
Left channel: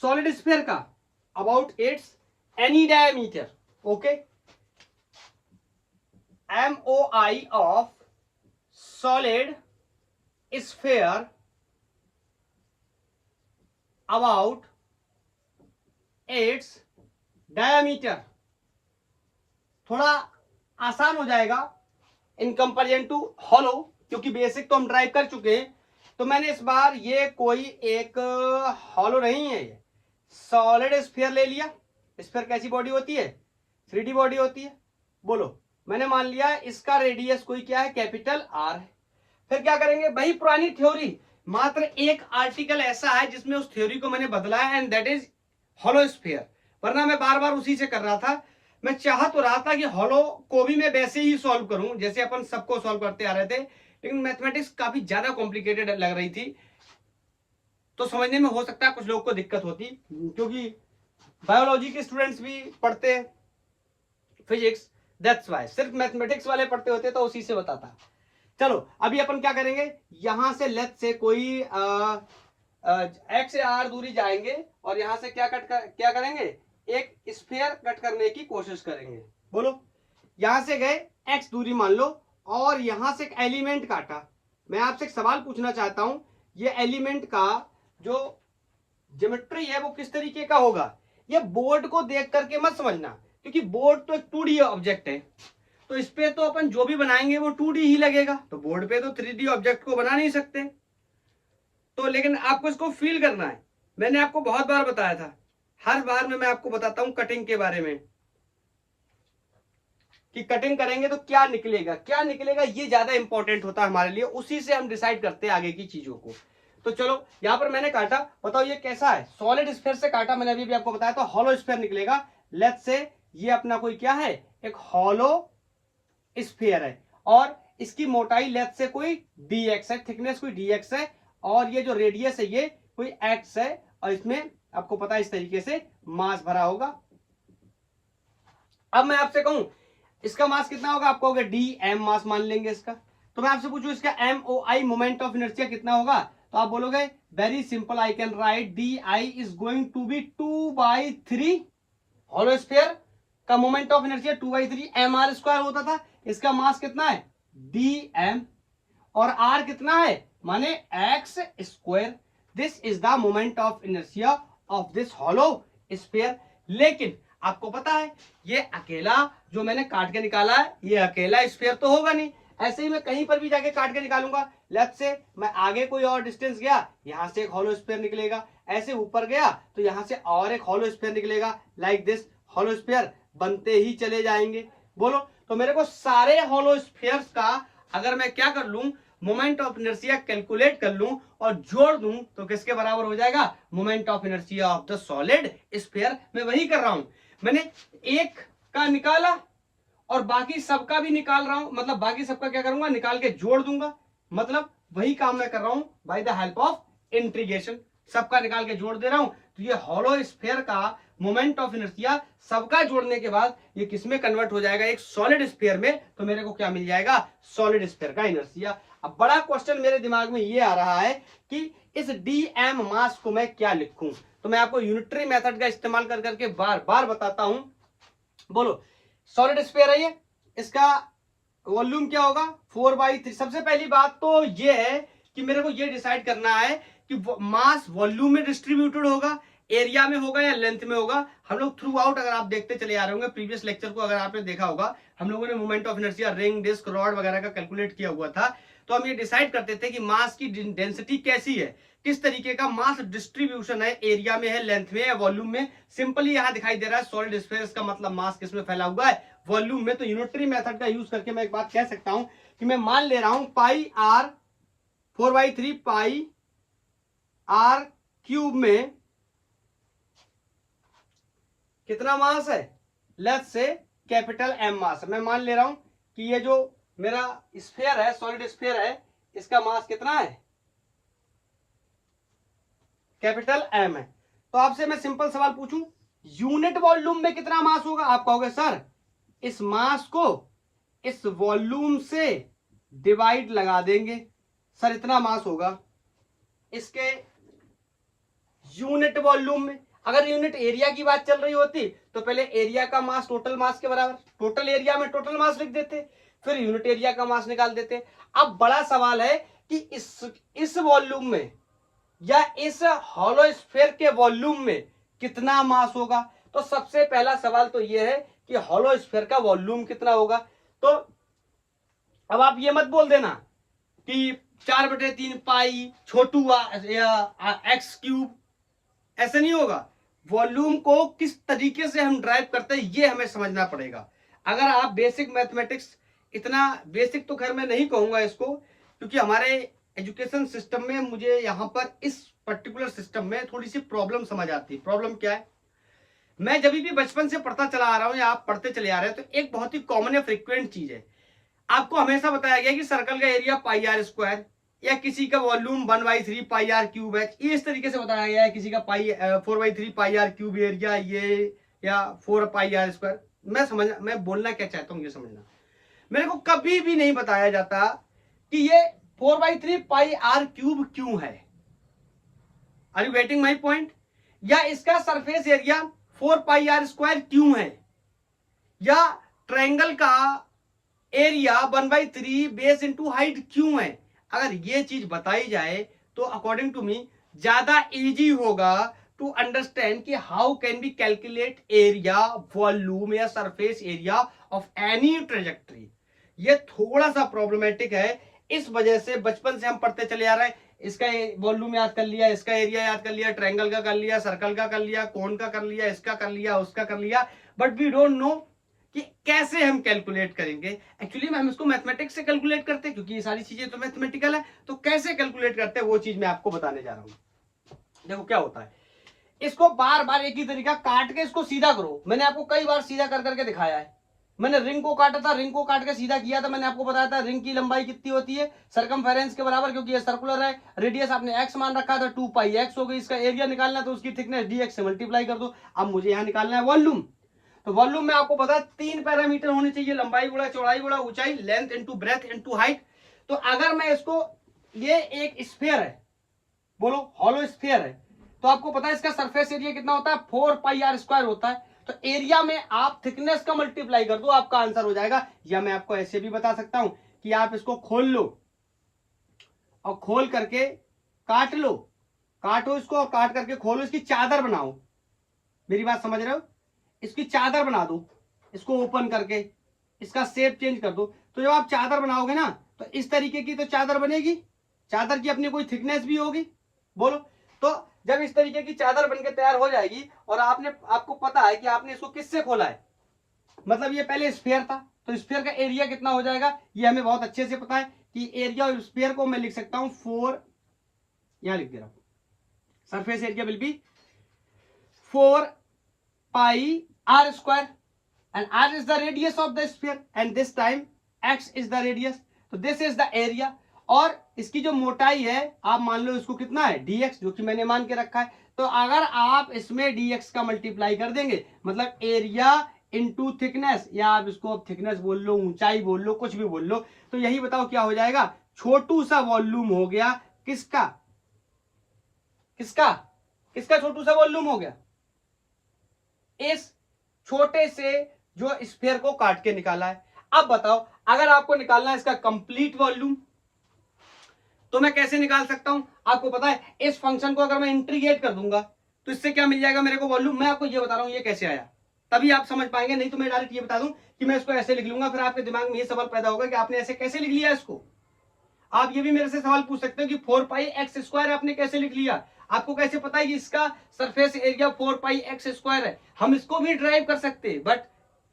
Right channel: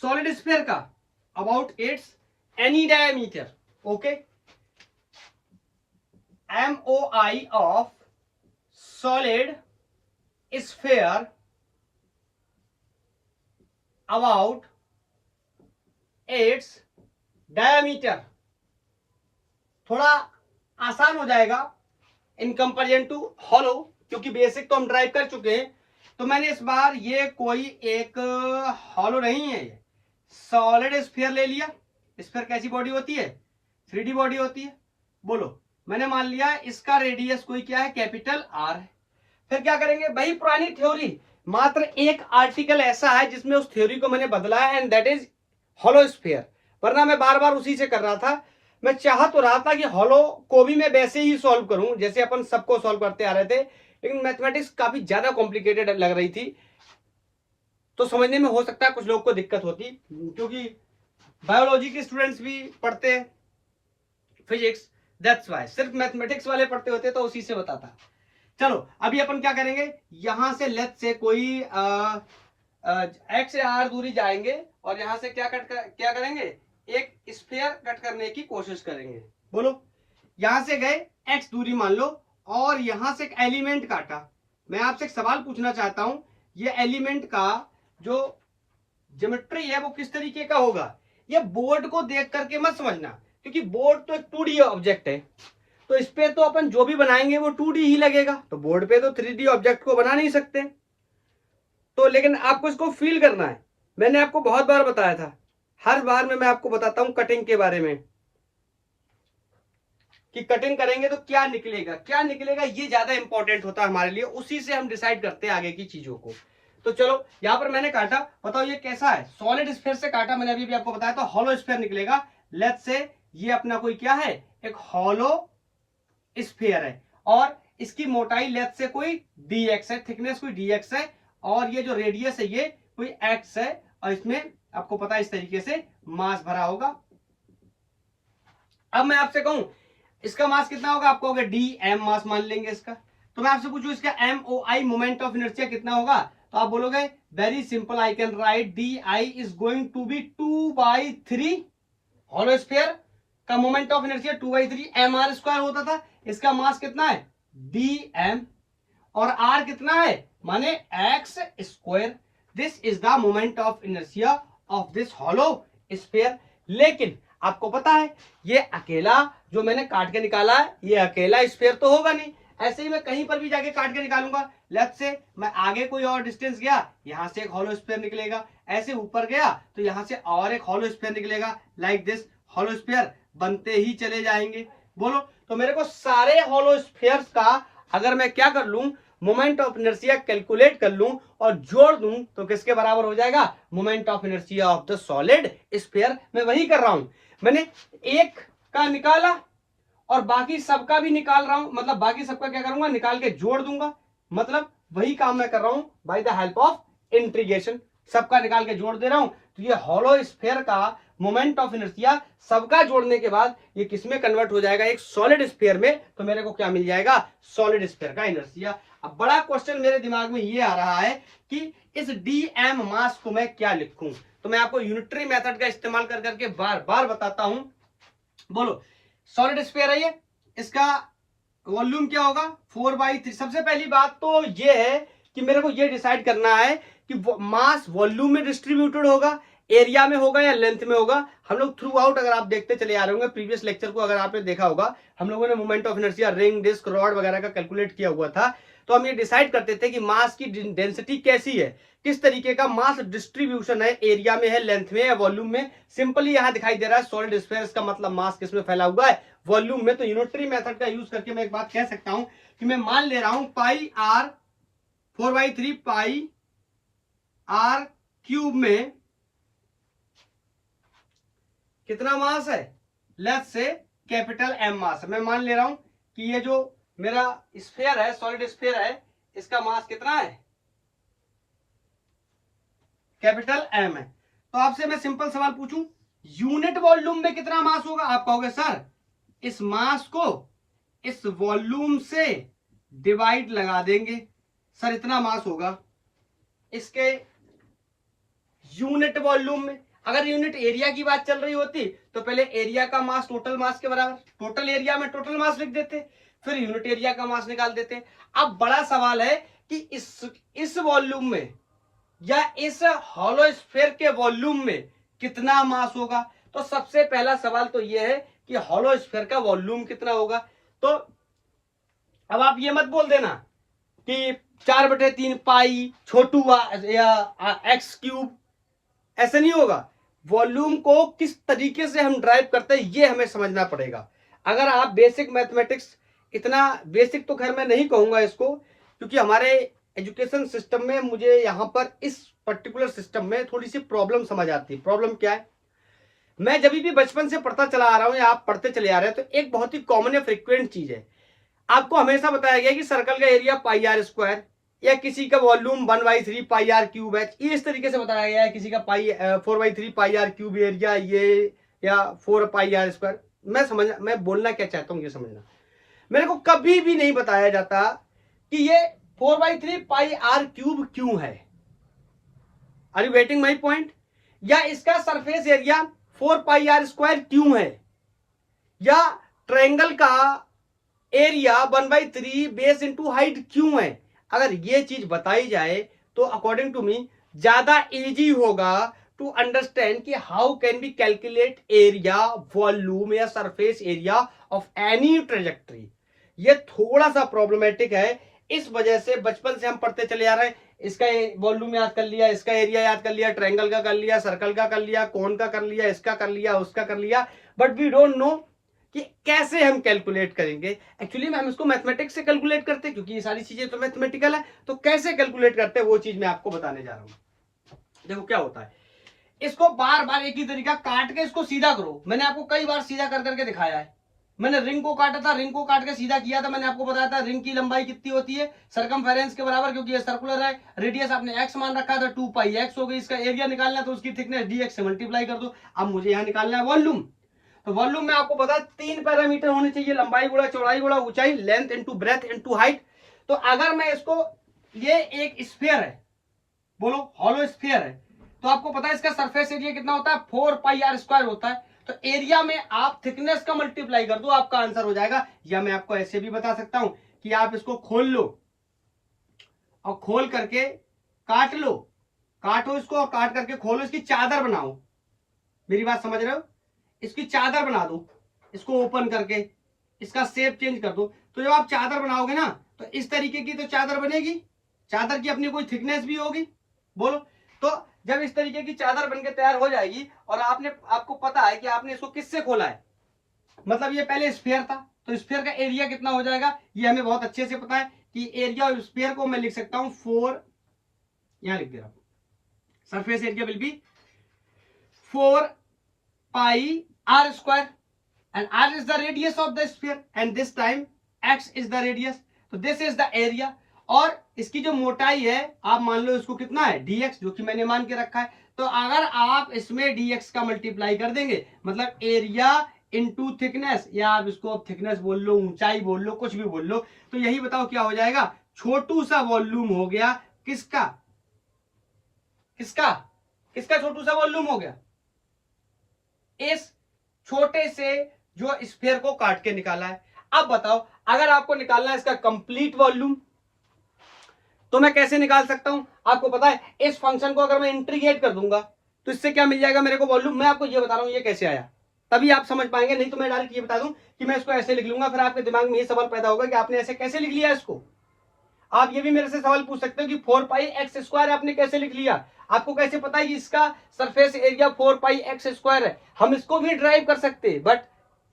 सॉलिड स्फीयर का about it's any diameter. Okay, MOI of solid sphere about its diameter. थोड़ा आसान हो जाएगा इन कंपेरिजन टू हॉलो, क्योंकि बेसिक तो हम ड्राइव कर चुके हैं। तो मैंने इस बार ये कोई एक हॉलो नहीं है, ये सॉलिड स्फीयर ले लिया। स्फीयर कैसी बॉडी होती है? 3D बॉडी होती है। बोलो, मैंने मान लिया इसका रेडियस कोई क्या है? कैपिटल R है। फिर क्या करेंगे? वही पुरानी थ्योरी, मात्र एक आर्टिकल ऐसा है जिसमें उस थ्योरी को मैंने बदला है, and that is hollow sphere. वरना मैं बार बार उसी से कर रहा था। मैं चाह तो रहा था कि हॉलो को भी मैं वैसे ही सॉल्व करूं जैसे अपन सबको सॉल्व करते आ रहे थे, लेकिन मैथमेटिक्स काफी ज्यादा कॉम्प्लिकेटेड लग रही थी, तो समझने में हो सकता है कुछ लोग को दिक्कत होती, क्योंकि बायोलॉजी के स्टूडेंट्स भी पढ़ते हैं फिजिक्स, दैट्स वाई। सिर्फ मैथमेटिक्स वाले पढ़ते होते तो उसी से बताता। चलो अभी अपन क्या करेंगे, यहां से लेफ्ट से कोई x से r दूरी जाएंगे और यहां से क्या करेंगे? एक स्फीयर कट करने की कोशिश करेंगे। बोलो, यहां से गए x दूरी मान लो, और यहां से एक एलिमेंट काटा। मैं आपसे एक सवाल पूछना चाहता हूं, ये एलिमेंट का जो ज्योमेट्री है वो किस तरीके का होगा? ये बोर्ड को देख करके मत समझना, क्योंकि बोर्ड तो एक 2D ऑब्जेक्ट है, तो इस पे तो अपन जो भी बनाएंगे वो 2D ही लगेगा। तो बोर्ड पे तो 3D ऑब्जेक्ट को बना नहीं सकते। तो लेकिन आपको इसको फील करना है। मैंने आपको बहुत बार बताया था, हर बार में मैं आपको बताता हूं कटिंग के बारे में, कि कटिंग करेंगे तो क्या निकलेगा, क्या निकलेगा, ये ज्यादा इंपॉर्टेंट होता है हमारे लिए। उसी से हम डिसाइड करते हैं आगे की चीजों को। तो चलो यहां पर मैंने काटा, बताओ ये कैसा है? सॉलिड स्फीयर से काटा मैंने, अभी भी आपको बताया था हॉलो स्फीयर निकलेगा। लेट्स से ये अपना कोई क्या है? एक हॉलो स्फीयर है, और इसकी मोटाई लेट्स से कोई dx है, थिकनेस कोई dx है, और ये जो रेडियस है ये कोई x है, और इसमें आपको पता है इस तरीके से मास भरा होगा। अब मैं आपसे कहूं इसका मास कितना होगा? आपको होगा dm मास मान लेंगे इसका। तो मैं आपसे पूछूं इसका MOI मोमेंट ऑफ इनर्शिया कितना होगा? तो आप बोलोगे very simple, I can write DI is going to be 2/3। Hollow sphere का मोमेंट ऑफ इनर्शिया 2/3 mr² होता था। इसका मास कितना है? dm, और r कितना है? माने x²। This is the moment of inertia of this hollow sphere. लेकिन आपको पता है ये अकेला जो मैंने काट के निकाला है, ये अकेला स्फीयर तो होगा नहीं। ऐसे ही मैं कहीं पर भी जाके काट के निकालूंगा। लेफ्ट से मैं आगे कोई और डिस्टेंस गया, यहां से एक हॉलो स्फीयर निकलेगा। ऐसे ऊपर गया तो यहां से और एक हॉलो स्फीयर निकलेगा। लाइक दिस हॉलो स्फीयर बनते ही चले जाएंगे। बोलो, तो मेरे को सारे हॉलो स्फीयर्स का अगर मैं क्या कर लूं, मोमेंट ऑफ इनर्शिया कैलकुलेट कर लूं और जोड़ दूं, तो किसके बराबर हो जाएगा? Moment of inertia of the solid sphere. मैं वही कर रहा हूं, मैंने एक का निकाला और बाकी सबका भी निकाल रहा हूं, मतलब बाकी सबका क्या करूंगा? निकाल के जोड़ दूंगा। मतलब वही काम मैं कर रहा हूं by the help of integration. सबका निकाल के जोड़ दे रहा हूं। तो ये हॉलो स्फीयर का मोमेंट ऑफ इनर्शिया सबका जोड़ने के बाद ये किसमें कन्वर्ट हो जाएगा? एक सॉलिड स्फीयर में। तो मेरे को क्या मिल जाएगा? सॉलिड स्फीयर का इनर्शिया। अब बड़ा क्वेश्चन मेरे दिमाग में ये आ रहा है कि इस dm मास को मैं क्या लिखूं, तो मैं आपको यूनिटरी मेथड का इस्तेमाल कर करके बार बार बताता हूं। बोलो, सॉलिड स्फीयर है ये, इसका वॉल्यूम क्या होगा 4/3। सबसे पहली बात तो ये है कि मेरे को ये डिसाइड करना है कि मास वॉल्यूम में डिस्ट्रीब्यूटेड होगा, एरिया में होगा या लेंथ में होगा। हम लोग थ्रू आउट अगर आप देखते चले आ रहे होंगे, प्रीवियस लेक्चर को अगर आपने देखा होगा, हम लोगों ने moment of inertia ring, disc, rod वगैरह का कैलकुलेट किया हुआ था। तो हम ये डिसाइड करते थे कि मास की डेंसिटी कैसी है, किस तरीके का मास डिस्ट्रीब्यूशन है, एरिया में है, लेंथ में या वॉल्यूम में। सिंपली यहां दिखाई दे रहा है सॉलिड स्फीयर का मतलब मास किसमें फैला हुआ है, वॉल्यूम में। तो यूनिटरी मेथड का यूज करके मैं एक बात कह सकता हूं कि मैं मान ले रहा हूं पाई आर 4/3 पाई आर क्यूब में कितना मास है, लेट्स से कैपिटल एम मास है। मैं मान ले रहा हूं कि ये जो मेरा स्फीयर है, सॉलिड स्फीयर है, इसका मास कितना है, कैपिटल एम है। तो आपसे मैं सिंपल सवाल पूछूं, यूनिट वॉल्यूम में कितना मास होगा? आप कहोगे सर इस मास को इस वॉल्यूम से डिवाइड लगा देंगे, सर इतना मास होगा इसके यूनिट वॉल्यूम में। अगर यूनिट एरिया की बात चल रही होती तो पहले एरिया का मास टोटल मास के बराबर, टोटल एरिया में टोटल मास लिख देते, फिर यूनिट एरिया का मास निकाल देते। अब बड़ा सवाल है कि इस वॉल्यूम में या इस हॉलो स्फीयर के वॉल्यूम में कितना मास होगा। तो सबसे पहला सवाल तो यह है कि हॉलो स्फीयर का वॉल्यूम कितना होगा। तो अब आप ये मत बोल देना कि 4/3 पाई छोटू या एक्स क्यूब, ऐसा नहीं होगा। वॉल्यूम को किस तरीके से हम ड्राइव करते हैं ये हमें समझना पड़ेगा। अगर आप बेसिक मैथमेटिक्स, इतना बेसिक तो खैर मैं नहीं कहूंगा इसको, क्योंकि हमारे एजुकेशन सिस्टम में मुझे यहाँ पर इस पर्टिकुलर सिस्टम में थोड़ी सी प्रॉब्लम समझ आती है। प्रॉब्लम क्या है, मैं जब भी बचपन से पढ़ता चला आ रहा हूं या आप पढ़ते चले आ रहे हैं, तो एक बहुत ही कॉमन या फ्रिक्वेंट चीज है, आपको हमेशा बताया गया कि सर्कल का एरिया पाई आर स्क्वायर या किसी का वॉल्यूम 1/3 पाई आर क्यूब है। ये इस तरीके से बताया गया है, किसी का 4/3 पाई आर क्यूब एरिया ये, या 4 पाई आर स्क्वायर। मैं बोलना क्या चाहता हूं ये समझना। मेरे को कभी भी नहीं बताया जाता कि ये 4/3 पाई आर क्यूब क्यों है। Are you getting my point? या इसका surface area 4 pi r square क्यों है, या ट्रायंगल का एरिया 1/3 बेस इंटू हाइट क्यों है। अगर ये चीज बताई जाए तो अकॉर्डिंग टू मी ज्यादा इजी होगा टू अंडरस्टैंड कि how can be calculate area, volume या surface area of any trajectory. ये थोड़ा सा प्रॉब्लमेटिक है, इस वजह से बचपन से हम पढ़ते चले आ रहे हैं। इसका वॉल्यूम याद कर लिया, इसका एरिया याद कर लिया, ट्रायंगल का कर लिया, सर्कल का कर लिया, कोन का कर लिया, इसका कर लिया, उसका कर लिया, बट वी डोंट नो कि कैसे हम कैलकुलेट करेंगे। एक्चुअली हम इसको मैथमेटिक्स से कैलकुलेट करते हैं, क्योंकि ये सारी चीजें तो मैथमेटिकल है। तो कैसे कैलकुलेट करते हैं वो चीज मैं आपको बताने जा रहा हूं। देखो क्या होता है, इसको बार बार एक ही तरीका काट के इसको सीधा करो। मैंने आपको कई बार सीधा कर करके दिखाया है। मैंने रिंग को काटा था, रिंग को काट के सीधा किया था। मैंने आपको बताया था रिंग की लंबाई कितनी होती है, सरकमफेरेंस के बराबर, क्योंकि ये सर्कुलर है। रेडियस आपने एक्स मान रखा था, 2 पाई एक्स हो गई। इसका एरिया निकालना तो उसकी थिकनेस dx से मल्टीप्लाई कर दो। अब मुझे यहाँ निकालना है वॉल्यूम। तो वॉल्यूम में आपको पता है 3 पैरामीटर होने चाहिए, लंबाई गुणा चौड़ाई गुणा ऊंचाई, length into breadth into height. तो अगर मैं इसको, ये एक स्फीयर है, बोलो हॉलो स्फीयर है, तो आपको पता है इसका सरफेस एरिया कितना होता है, 4 पाई आर स्क्वायर होता है। तो एरिया में आप थिकनेस का मल्टीप्लाई कर दो, आपका आंसर हो जाएगा। या मैं आपको ऐसे भी बता सकता हूं कि आप इसको खोल लो और खोल करके काट लो, काटो इसको और काट करके खोलो, इसकी चादर बनाओ। मेरी बात समझ रहे हो? इसकी चादर बना दो, इसको ओपन करके इसका शेप चेंज कर दो। तो जब आप चादर बनाओगे ना, तो इस तरीके की तो चादर बनेगी। चादर की अपनी कोई थिकनेस भी होगी, बोलो। तो जब इस तरीके की चादर बनके तैयार हो जाएगी, और आपको पता है कि आपने इसको किससे खोला है, मतलब ये पहले स्फीयर था, तो स्फीयर का एरिया कितना हो जाएगा ये हमें बहुत अच्छे से पता है कि एरिया ऑफ स्फीयर को मैं लिख सकता हूं 4, यहां लिख दे रहा हूं, surface area will be 4 pi r square, and r is the radius of the sphere and this time x is the radius, so this is the area। और इसकी जो मोटाई है आप मान लो इसको कितना है dx, जो कि मैंने मान के रखा है। तो अगर आप इसमें dx का मल्टीप्लाई कर देंगे, मतलब एरिया इंटू थिकनेस, या आप इसको अब थिकनेस बोल लो, ऊंचाई बोल लो, कुछ भी बोल लो, तो यही बताओ क्या हो जाएगा, छोटू सा वॉल्यूम हो गया किसका किसका किसका छोटू सा वॉल्यूम हो गया, इस छोटे से जो स्फीयर को काट के निकाला है। अब बताओ अगर आपको निकालना है इसका कंप्लीट वॉल्यूम तो मैं कैसे निकाल सकता हूं, आपको पता है इस फंक्शन को अगर मैं इंटीग्रेट कर दूंगा तो इससे क्या मिल जाएगा मेरे को वॉल्यूम। मैं आपको ये बता रहा हूं ये कैसे आया, तभी आप समझ पाएंगे, नहीं तो मैं डायरेक्ट ये बता दूं कि मैं इसको ऐसे लिख लूंगा, फिर आपके दिमाग में ये सवाल पैदा होगा कि आपने ऐसे कैसे लिख लिया इसको। आप ये भी मेरे से सवाल पूछ सकते हैं कि 4 पाई एक्स स्क्वायर आपने कैसे लिख लिया, आपको कैसे पता है इसका सरफेस एरिया 4 पाई एक्स स्क्वायर है। हम इसको भी ड्राइव कर सकते हैं, बट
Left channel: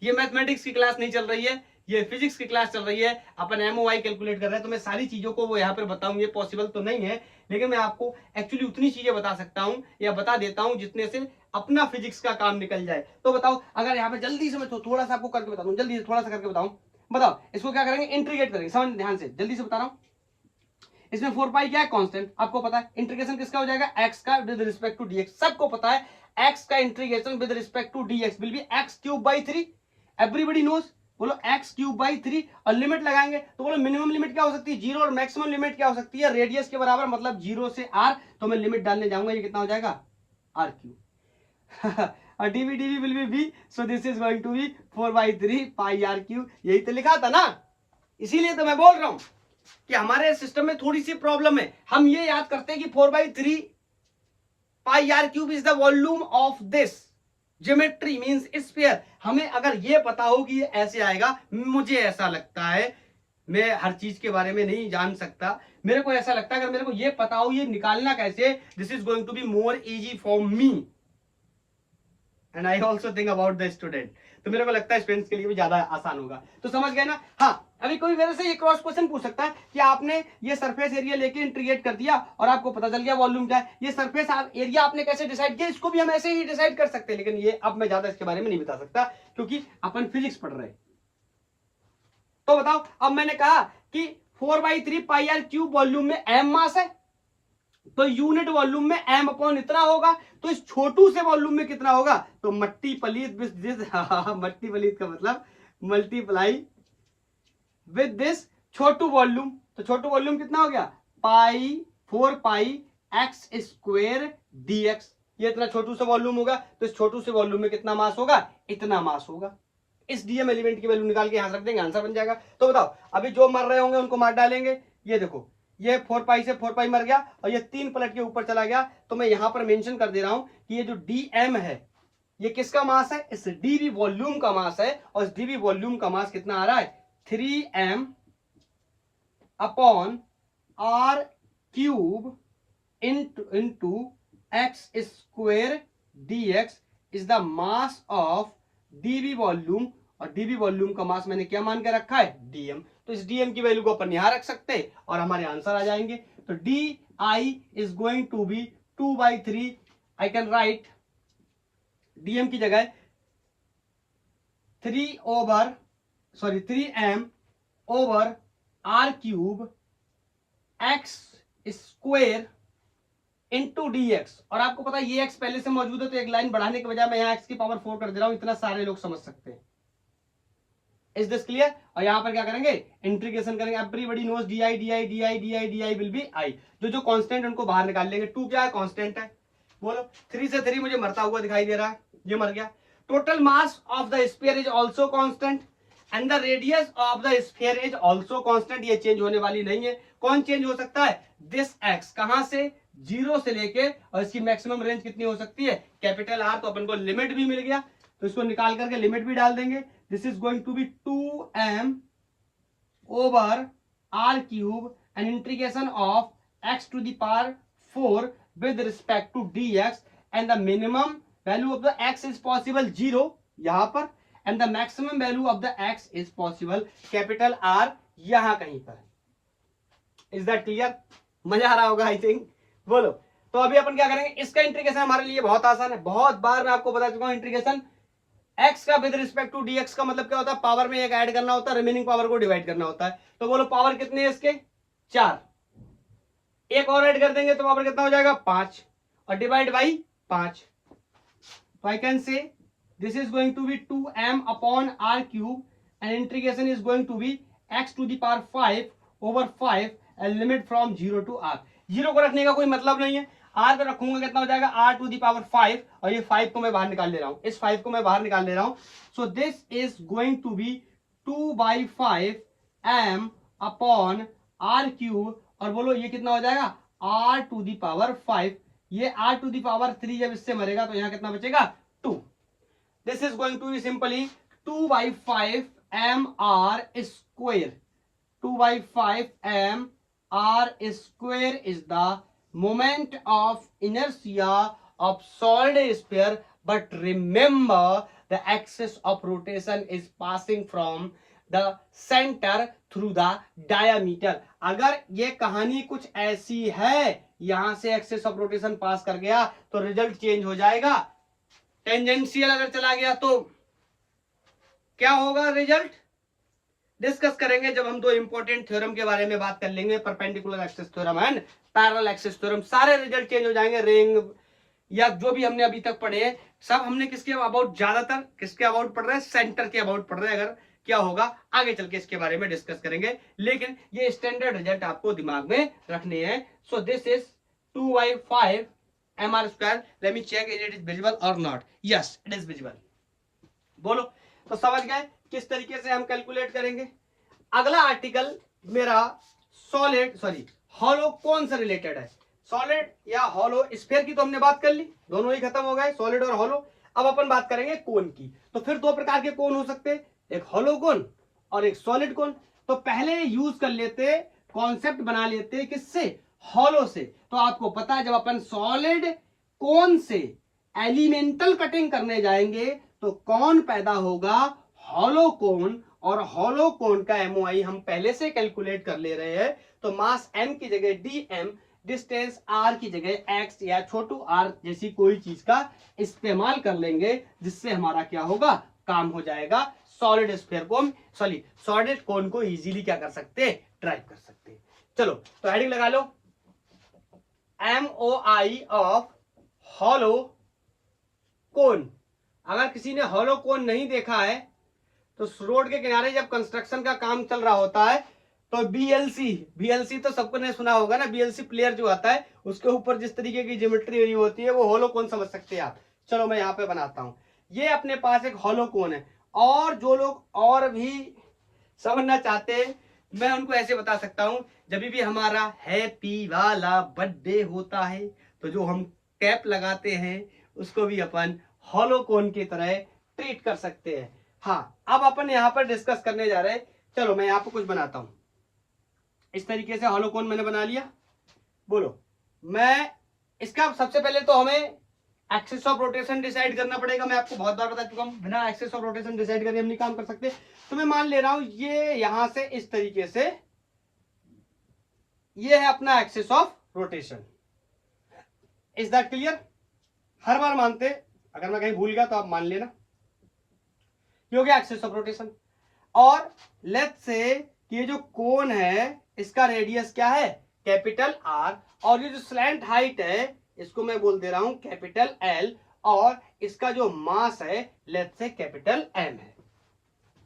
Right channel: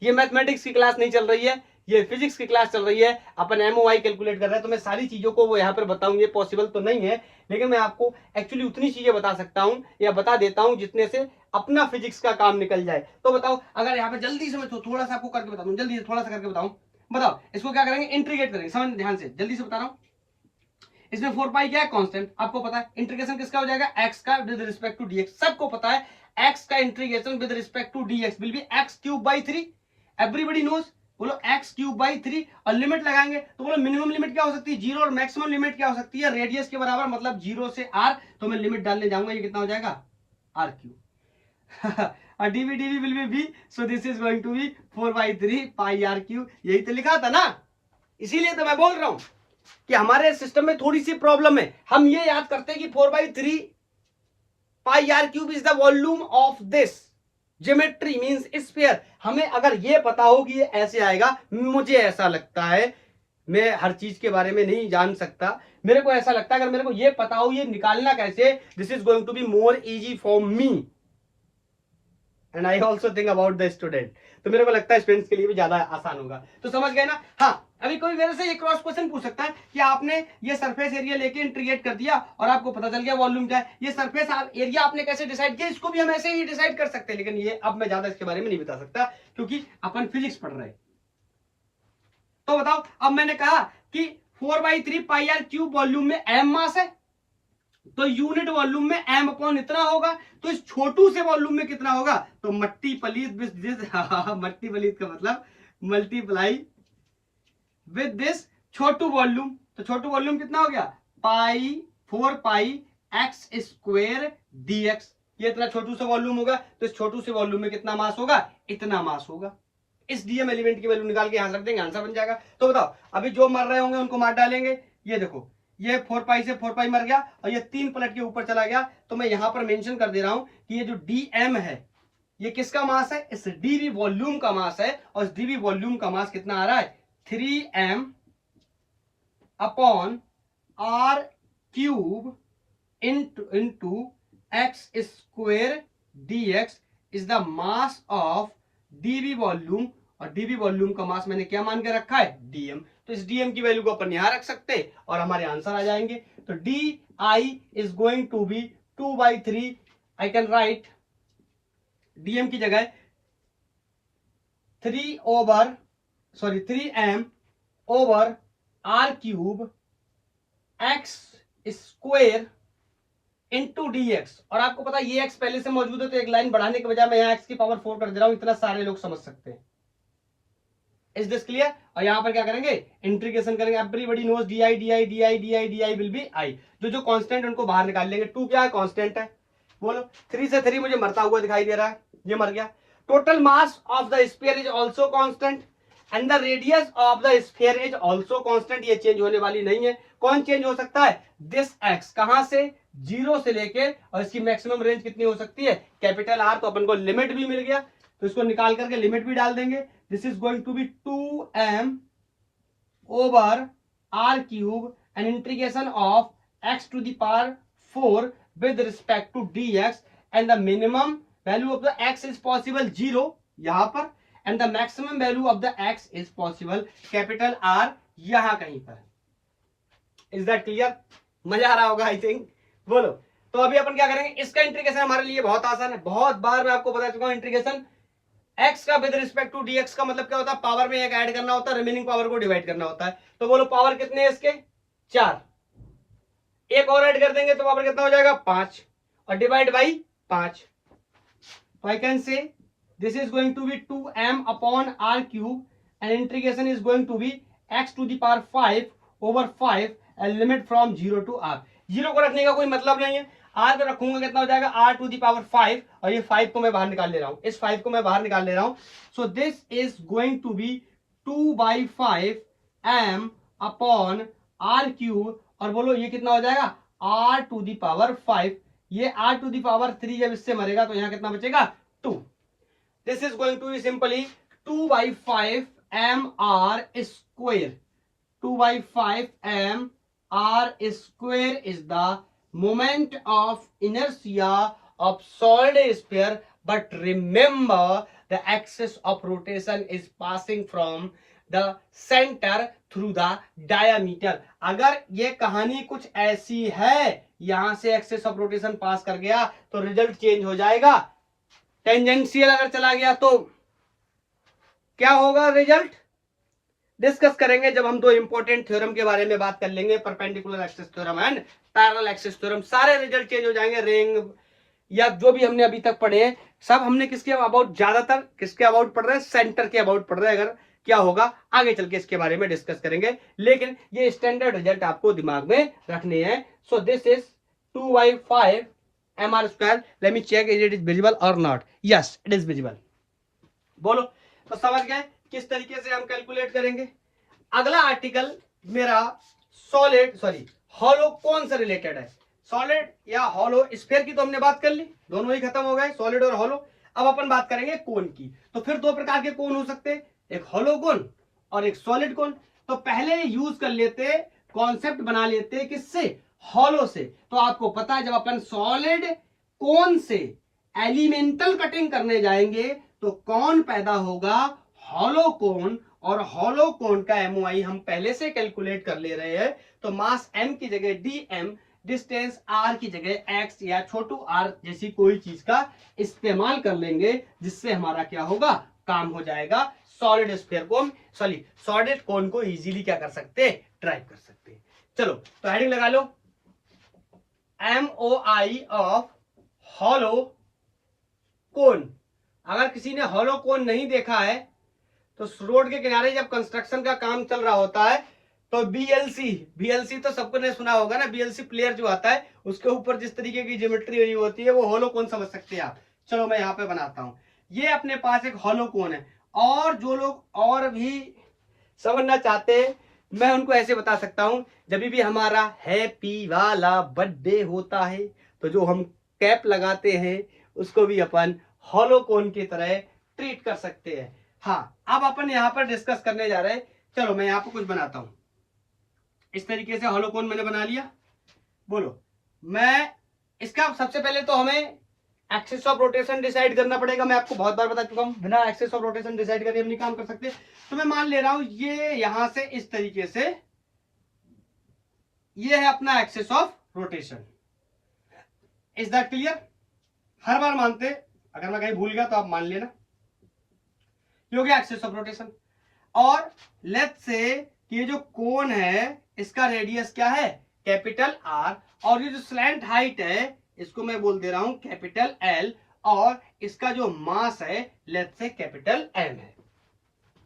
ये मैथमेटिक्स की क्लास नहीं चल रही है, ये फिजिक्स की क्लास चल रही है, अपन एमओआई कैलकुलेट कर रहे हैं, तो मैं सारी चीजों को वो यहाँ पर बताऊं ये पॉसिबल तो नहीं है, लेकिन मैं आपको एक्चुअली उतनी चीजें बता सकता हूं या बता देता हूं जितने से अपना फिजिक्स का काम निकल जाए। तो बताओ अगर यहाँ पे जल्दी से मैं थोड़ा सा आपको करके बता दूं, जल्दी से थोड़ा सा करके बताऊं, बताओ इसको क्या करेंगे, इंटीग्रेट करेंगे, समझ ध्यान से, जल्दी से बता रहा हूं। इसमें 4 पाई क्या है, कांस्टेंट, आपको पता है। इंटीग्रेशन किसका हो जाएगा, एक्स का विद रिस्पेक्ट टू डीएक्स, सबको पता है एक्स का integration with respect to dx will be x cube by 3, everybody knows, बोलो एक्स क्यूब बाई 3, और लिमिट लगाएंगे तो बोलो मिनिमम लिमिट क्या हो सकती है 0 और मैक्सिमम लिमिट क्या हो सकती है रेडियस के बराबर, मतलब 0 से r, तो मैं लिमिट डालने जाऊंगा, ये कितना हो जाएगा r cube dv dv will be v, so this is going to be 4/3 pi r cube, यही तो लिखा था ना, इसीलिए तो मैं बोल रहा हूं कि हमारे सिस्टम में थोड़ी सी प्रॉब्लम है। हम ये याद करते हैं कि 4/3 pi r cube is the volume of this geometry means sphere. हमें अगर ये पता हो कि ये ऐसे आएगा, मुझे ऐसा लगता है, मैं हर चीज के बारे में नहीं जान सकता, मेरे को ऐसा लगता है अगर मेरे को ये पता हो ये निकालना कैसे, this is going to be more easy for me and I also think about the student, तो मेरे को लगता है स्टूडेंट्स के लिए भी ज्यादा आसान होगा। तो समझ गए ना। हाँ, अभी कोई मेरे से ये क्रॉस क्वेश्चन पूछ सकता है कि आपने ये सरफेस एरिया लेके इंटीग्रेट कर दिया और आपको पता चल गया वॉल्यूम क्या है, ये सरफेस एरिया आपने कैसे डिसाइड किया, इसको भी हम ऐसे ही डिसाइड कर सकते हैं, लेकिन ये अब मैं ज्यादा इसके बारे में नहीं बता सकता क्योंकि अपन फिजिक्स पढ़ रहे हैं। तो बताओ, अब मैंने कहा कि 4/3 पाई r क्यूब वॉल्यूम में m मास है, तो यूनिट वॉल्यूम में m अपॉन इतना होगा, तो इस छोटू से वॉल्यूम में कितना होगा, तो मट्टी पलीत मट्टी पलीत का मतलब multiply with this Chhotu volume, तो छोटू वॉल्यूम कितना हो गया 4 पाई एक्स स्क्वेयर dx, ये इतना छोटू से वॉल्यूम होगा, तो इस छोटू से वॉल्यूम में कितना मास होगा, इतना मास होगा। इस डीएम एलिमेंट की वैल्यू निकाल के यहां रख देंगे, आंसर बन जाएगा। तो बताओ अभी जो मर रहे होंगे उनको मार डालेंगे, ये देखो ये 4 पाई से 4 पाई मर गया और ये 3 पलट के ऊपर चला गया, तो मैं यहां पर मेंशन कर दे रहा हूं कि ये जो डीएम है ये किसका मास है, इस डीवी वॉल्यूम का मास है, और इस डीवी वॉल्यूम का मास कितना आ रहा है 3m upon r cube into x square dx is the mass of dv volume, और डीवी वॉल्यूम का मास मैंने क्या मान के रखा है डीएम, तो इस डीएम की वैल्यू को अपन यहां रख सकते हैं और हमारे आंसर आ जाएंगे। तो d I is going to be 2/3, I can write dm की जगह 3m over r cube x square into dx, और आपको पता है ये x पहले से मौजूद है, तो एक लाइन बढ़ाने के बजाय मैं यहाँ x की पावर 4 कर दे रहा हूं, इतना सारे लोग समझ सकते हैं। Is this clear. और यहां पर क्या करेंगे, इंटीग्रेशन करेंगे, everybody knows d I will be I, जो कांस्टेंट उनको बाहर निकाल लेंगे। 2 क्या है, कांस्टेंट है, बोलो 3 से 3 मुझे मरता हुआ दिखाई दे रहा है, ये मर गया। Total mass of the sphere is also constant and the radius of the sphere is also constant, ये चेंज होने वाली नहीं है। कौन चेंज हो सकता है, दिस एक्स, कहां से 0 से लेके, और इसकी मैक्सिमम रेंज कितनी हो सकती है कैपिटल आर, तो अपन को लिमिट भी मिल गया, तो इसको निकाल करके लिमिट भी डाल देंगे। This is going to be 2m over r cube and integration of x to the power 4 with respect to dx, and the minimum value of the x is possible 0 यहां पर, and the maximum value of the x is possible capital R यहां कहीं पर। इज दैट क्लियर, मजा आ रहा होगा आई थिंक, बोलो। तो अभी अपन क्या करेंगे, इसका इंटीग्रेशन हमारे लिए बहुत आसान है, बहुत बार मैं आपको बता चुका हूं इंटीग्रेशन। x का विद रिस्पेक्ट टू dx का मतलब क्या होता है, पावर में एक ऐड करना होता है, रिमेनिंग पावर को डिवाइड करना होता है। तो बोलो पावर कितने हैं इसके 4, एक और ऐड कर देंगे तो पावर कितना हो जाएगा 5, और डिवाइड बाई 5, तो I can say this is going to be 2m upon r cube and integration is going to be x to the power 5 over 5 and limit from 0 to r। 0 को रखने का कोई मतलब नहीं है, r पे रखूंगा कितना हो जाएगा r to the power 5, और ये 5 को मैं बाहर निकाल ले रहा हूं, इस 5 को मैं बाहर निकाल ले रहा हूं। So this is going to be 2/5 m upon r cube, और बोलो ये कितना हो जाएगा r to the power 5। ये r to the power 3 जब इससे मरेगा तो यहाँ कितना बचेगा 2। This is going to be simply 2/5 mr square। 2/5 mr square is the moment of inertia of solid sphere, but remember the axis of rotation is passing from the center through the diameter। अगर ये कहानी कुछ ऐसी है, यहां से एक्सिस ऑफ रोटेशन पास कर गया तो रिजल्ट चेंज हो जाएगा। टेंजेंशियल अगर चला गया तो क्या होगा रिजल्ट, डिस्कस करेंगे जब हम दो इंपॉर्टेंट थ्योरम के बारे में बात कर लेंगे, perpendicular axis theorem and parallel axis theorem. सारे रिजल्ट चेंज हो जाएंगे। रिंग या जो भी हमने अभी तक पढ़े हैं सब हमने किसके अबाउट, ज्यादातर किसके अबाउट पढ़ रहे हैं, सेंटर के अबाउट पढ़ रहे हैं। अगर क्या होगा आगे चल के इसके बारे में डिस्कस करेंगे, लेकिन ये स्टैंडर्ड रिजल्ट आपको दिमाग में रखने हैं। So this is 2/5 mr square। Let me check is it is visible or not. Yes it is visible. बोलो तो समझ गए किस तरीके से हम कैलकुलेट करेंगे। अगला आर्टिकल मेरा हॉलो कौन से रिलेटेड है। सॉलिड या हॉलो स्फीयर की तो हमने बात कर ली, दोनों ही खत्म हो गए, सॉलिड और हॉलो। अब अपन बात करेंगे कोन की। तो फिर दो प्रकार के कोन हो सकते हैं, एक हॉलो कोन और एक सॉलिड कोन। तो पहले यूज कर लेते, कॉन्सेप्ट बना लेते किससे, हॉलो से। तो आपको पता है जब अपन सॉलिड कोन से एलिमेंटल कटिंग करने जाएंगे तो कौन पैदा होगा, हॉलो कोन। और हॉलो कोन का एमओआई हम पहले से कैलकुलेट कर ले रहे हैं। तो मास m की जगह dm, डिस्टेंस r की जगह x या छोटू r जैसी कोई चीज का इस्तेमाल कर लेंगे, जिससे हमारा क्या होगा, काम हो जाएगा। सॉलिड स्फीयर को, सॉलिड कोन को इजीली क्या कर सकते, ड्राइव कर सकते। चलो तो हेडिंग लगा लो, एमओआई ऑफ हॉलो कोन। अगर किसी ने हॉलो कोन नहीं देखा है तो रोड के किनारे जब कंस्ट्रक्शन का काम चल रहा होता है तो बीएलसी तो सबको ने सुना होगा ना, बीएलसी प्लेयर जो आता है उसके ऊपर जिस तरीके की ज्योमेट्री बनी होती है वो हॉलो कोन समझ सकते हैं आप। चलो मैं यहाँ पे बनाता हूं, ये अपने पास एक हॉलो कोन है। और जो लोग और भी समझना चाहते हैं मैं उनको ऐसे बता सकता हूं, जब भी हमारा हैप्पी वाला बर्थडे होता है तो जो हम कैप लगाते हैं उसको भी अपन हॉलो कोन की तरह ट्रीट कर सकते हैं। हाँ अब अपन यहाँ पर डिस्कस करने जा रहे हैं। चलो मैं यहाँ पर कुछ बनाता हूं, इस तरीके से हॉलो कोन मैंने बना लिया। बोलो मैं इसका सबसे पहले तो हमें एक्सिस ऑफ रोटेशन डिसाइड करना पड़ेगा। मैं आपको बहुत बार बता चुका हूं, बिना एक्सिस ऑफ रोटेशन डिसाइड करे हम नहीं काम कर सकते। तो मैं मान ले रहा हूं ये यहां से इस तरीके से, ये है अपना axis of rotation. Is that clear? हर बार मानते, अगर मैं कहीं भूल गया तो आप मान लेना। ये हो गया एक्सिस ऑफ रोटेशन। और लेट्स से कि ये जो कोन है इसका रेडियस क्या है, कैपिटल आर, और ये जो स्लैंट हाइट है इसको मैं बोल दे रहा हूं कैपिटल एल, और इसका जो मास है लेट्स से कैपिटल एम है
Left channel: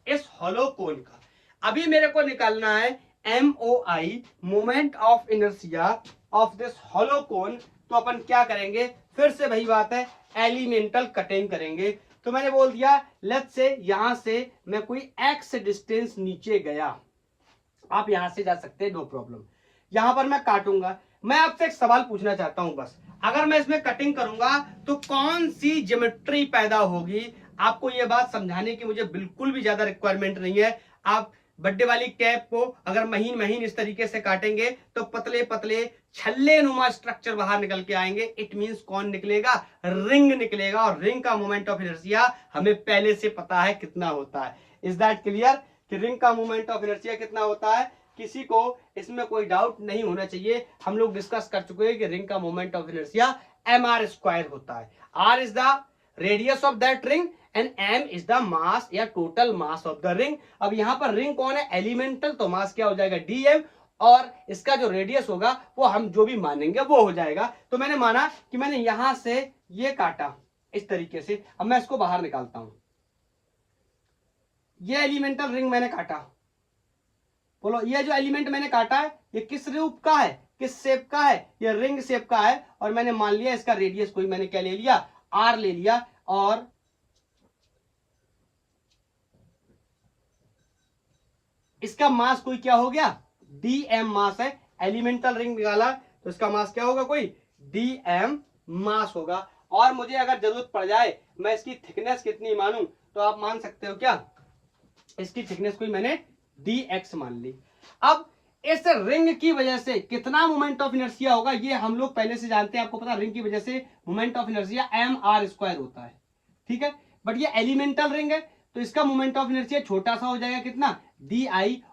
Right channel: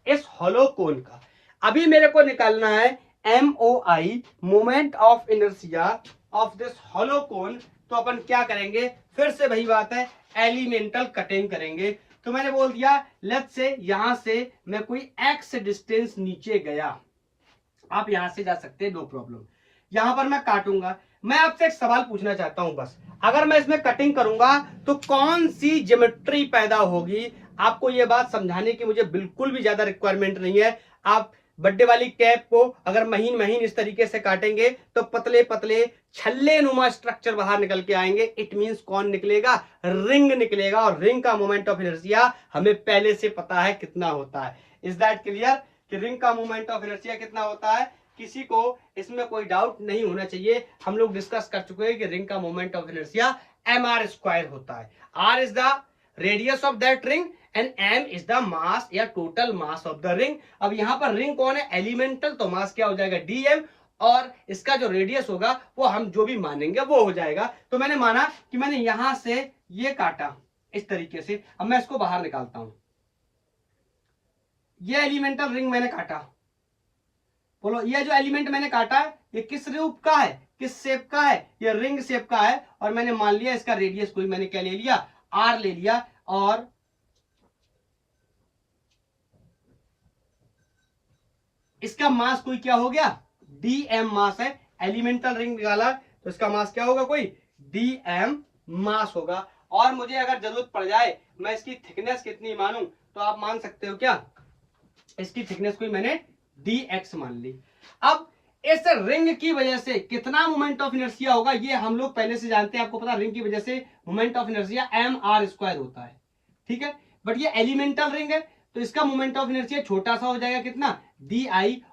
इस हॉलो कोन का। अभी मेरे को निकालना है MOI, moment of inertia of this hollow cone. तो अपन क्या करेंगे, फिर से वही बात है, एलिमेंटल कटिंग करेंगे। तो मैंने बोल दिया लेट्स से यहां से मैं कोई एक्स डिस्टेंस नीचे गया, आप यहां से जा सकते हैं, नो प्रॉब्लम। यहां पर मैं काटूंगा। मैं आपसे एक सवाल पूछना चाहता हूं बस, अगर मैं इसमें कटिंग करूंगा तो कौन सी ज्योमेट्री पैदा होगी। आपको यह बात समझाने की मुझे बिल्कुल भी ज्यादा रिक्वायरमेंट नहीं है। आप बर्थडे वाली कैप को अगर महीन महीन इस तरीके से काटेंगे तो पतले पतले छल्ले नुमा स्ट्रक्चर बाहर निकल के आएंगे। इट मींस कौन निकलेगा, रिंग निकलेगा। और रिंग का मोमेंट ऑफ इनर्शिया हमें पहले से पता है कितना होता है। इज दैट क्लियर कि रिंग का मोमेंट ऑफ इनर्शिया कितना होता है, किसी को इसमें कोई डाउट नहीं होना चाहिए। हम लोग डिस्कस कर चुके हैं कि रिंग का moment of inertia mr square होता है। r is the radius of that ring and m is the mass या total mass of the ring. अब यहां पर रिंग कौन है, एलिमेंटल, तो मास क्या हो जाएगा dm, और इसका जो रेडियस होगा वो हम जो भी मानेंगे वो हो जाएगा। तो मैंने माना कि मैंने यहां से ये काटा इस तरीके से। अब मैं इसको बाहर निकालता हूं, ये एलिमेंटल रिंग मैंने काटा, बोलो ये जो एलिमेंट मैंने काटा है ये किस रूप का है, किस शेप का है, ये रिंग शेप का है, और मैंने मान लिया इसका रेडियस कोई मैंने क्या ले लिया, आर ले लिया, और इसका मास कोई क्या हो गया, dm मास है। एलिमेंटल रिंग निकाला तो इसका मास क्या होगा, कोई dm मास होगा। और मुझे अगर जरूरत पड़ जाए मैं इसकी थिकनेस कितनी मानूं, तो आप मान सकते हो क्या, इसकी थिकनेस कोई मैंने dx मान ली। अब इस रिंग की वजह से कितना मोमेंट ऑफ इनर्शिया होगा ये हम लोग पहले से जानते हैं, आपको पता रिंग की वजह से मोमेंट ऑफ इनर्शिया mr² होता है, ठीक है। बट ये एलिमेंटल रिंग है तो इसका मोमेंट ऑफ इनर्शिया छोटा सा हो जाएगा, कितना, di,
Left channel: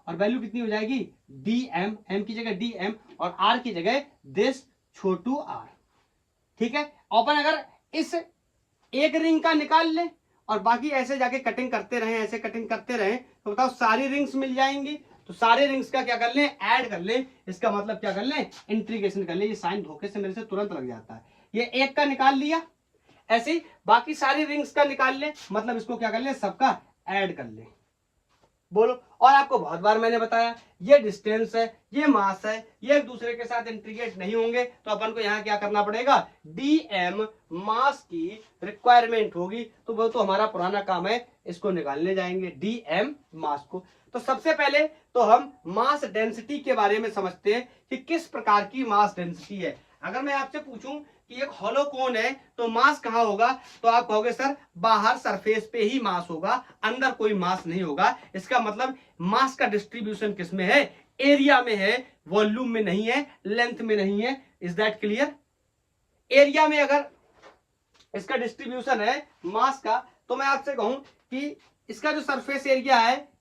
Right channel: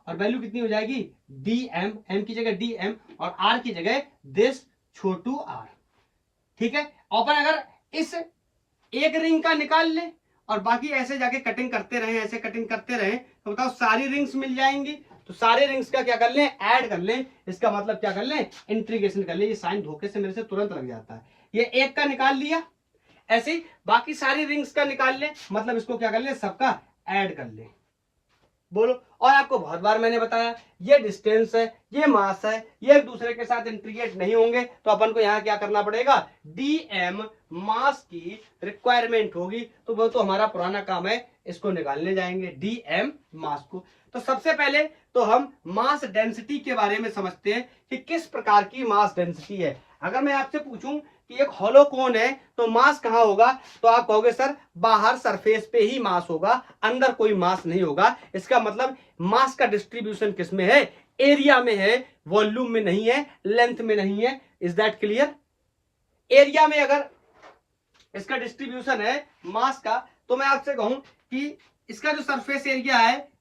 और वैल्यू कितनी हो जाएगी, dm, m की जगह dm और r की जगह दिस छोटू r, ठीक है। अपन अगर इस एक रिंग का निकाल लें और बाकी ऐसे जाके कटिंग करते रहे, ऐसे कटिंग करते रहे, तो बताओ सारी रिंग्स मिल जाएंगी। तो सारे रिंग्स का क्या कर लें, ऐड कर लें, इसका मतलब क्या कर लें, इंटीग्रेशन कर लें। ये साइन धोखे से मेरे से तुरंत लग जाता है। ये एक का निकाल लिया, ऐसे ही बाकी सारी रिंग्स का निकाल लें, मतलब इसको क्या कर लें, सबका ऐड कर लें। बोलो, और आपको बहुत बार मैंने बताया ये डिस्टेंस है, ये मास है, ये एक दूसरे के साथ इंटीग्रेट नहीं होंगे, तो अपन को यहाँ क्या करना पड़ेगा, dm मास की रिक्वायरमेंट होगी। तो वो तो हमारा पुराना काम है, इसको निकालने जाएंगे dm मास को। तो सबसे पहले तो हम मास डेंसिटी के बारे में समझते हैं कि किस प्रकार की मास डेंसिटी है। अगर मैं आपसे पूछूं कि एक हॉलो कोन है तो मास कहाँ होगा, तो आप कहोगे सर बाहर सरफेस पे ही मास होगा, अंदर कोई मास नहीं होगा। इसका मतलब मास का डिस्ट्रीब्यूशन किस में है, एरिया में है, वॉल्यूम में नहीं है, लेंथ में नहीं है। Is that clear. एरिया में अगर इसका डिस्ट्रीब्यूशन है मास का, तो मैं आपसे कहूं कि इसका जो सरफेस एरिया है,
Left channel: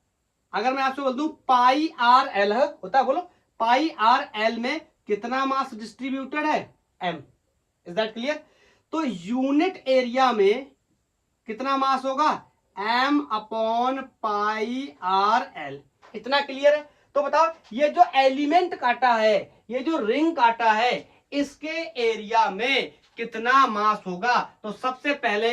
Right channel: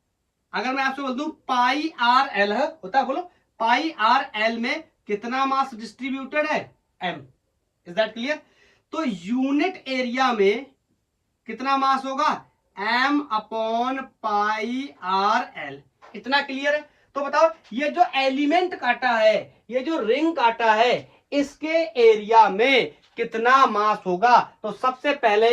अगर मैं आपसे बोल दूं पाई आर एल है, होता है, बोलो पाई आर एल में कितना मास डिस्ट्रीब्यूटेड है, m। Is that clear. तो यूनिट एरिया में कितना मास होगा, m upon pi R L. इतना क्लियर है। तो बताओ ये जो एलिमेंट काटा है, ये जो रिंग काटा है, इसके एरिया में कितना मास होगा। तो सबसे पहले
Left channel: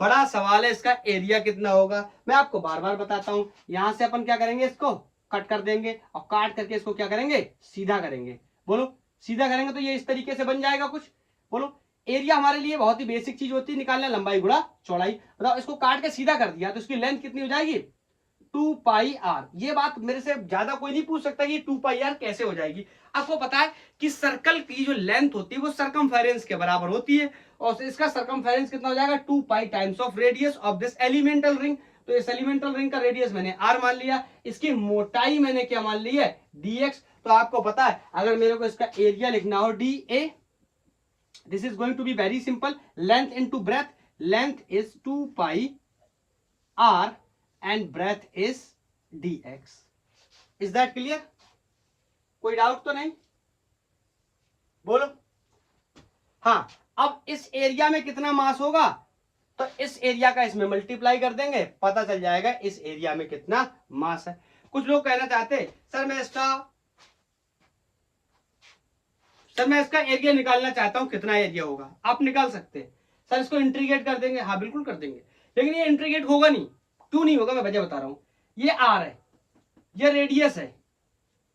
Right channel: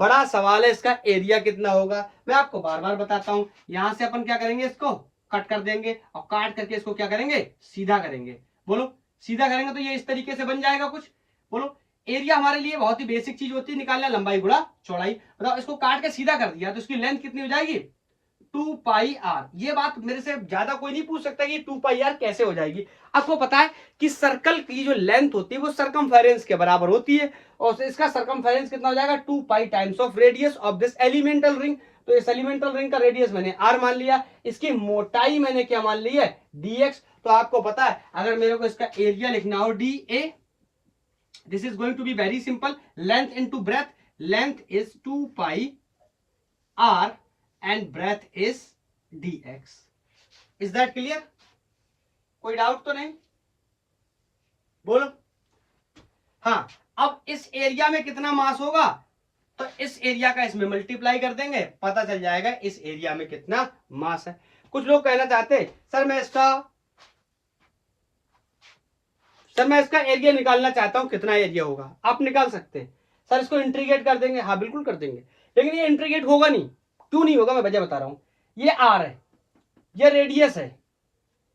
बड़ा सवाल है इसका एरिया कितना होगा। मैं आपको बार बार बताता हूं, यहां से अपन क्या करेंगे, इसको कट कर देंगे और काट करके इसको क्या करेंगे, सीधा करेंगे। बोलो, सीधा करेंगे तो ये इस तरीके से बन जाएगा कुछ। बोलो, एरिया हमारे लिए बहुत ही बेसिक चीज होती है, निकालना लंबाई गुणा चौड़ाई। बताओ इसको काट के सीधा कर दिया तो इसकी लेंथ कितनी हो जाएगी, 2 पाई आर। ये बात मेरे से ज्यादा कोई नहीं पूछ सकता कि 2 पाई आर कैसे हो जाएगी। आपको पता है कि सर्कल की जो लेंथ होती है वो सरकमफेरेंस के बराबर होती है, और इसका सरकमफेरेंस कितना हो जाएगा, 2 पाई times of radius of this elemental ring. तो इस एलिमेंटल रिंग का रेडियस मैंने आर मान लिया, इसकी मोटाई मैंने क्या मान ली है, dx। तो आपको पता है अगर मेरे को इसका एरिया लिखना हो dA, this is going to be very simple, length into breadth, length is 2 pi r and breadth is dx। is that clear। कोई डाउट तो नहीं, बोलो। हाँ, अब इस एरिया में कितना मास होगा, तो इस एरिया का इसमें मल्टीप्लाई कर देंगे, पता चल जाएगा इस एरिया में कितना मास है। कुछ लोग कहना चाहते सर मैं इसका एरिया निकालना चाहता हूं, कितना एरिया होगा। आप निकाल सकते हैं। सर इसको इंटीग्रेट कर देंगे, हाँ बिल्कुल कर देंगे, लेकिन ये इंटीग्रेट होगा नहीं। क्यों नहीं होगा, मैं वजह बता रहा हूं। ये आर है, ये रेडियस है,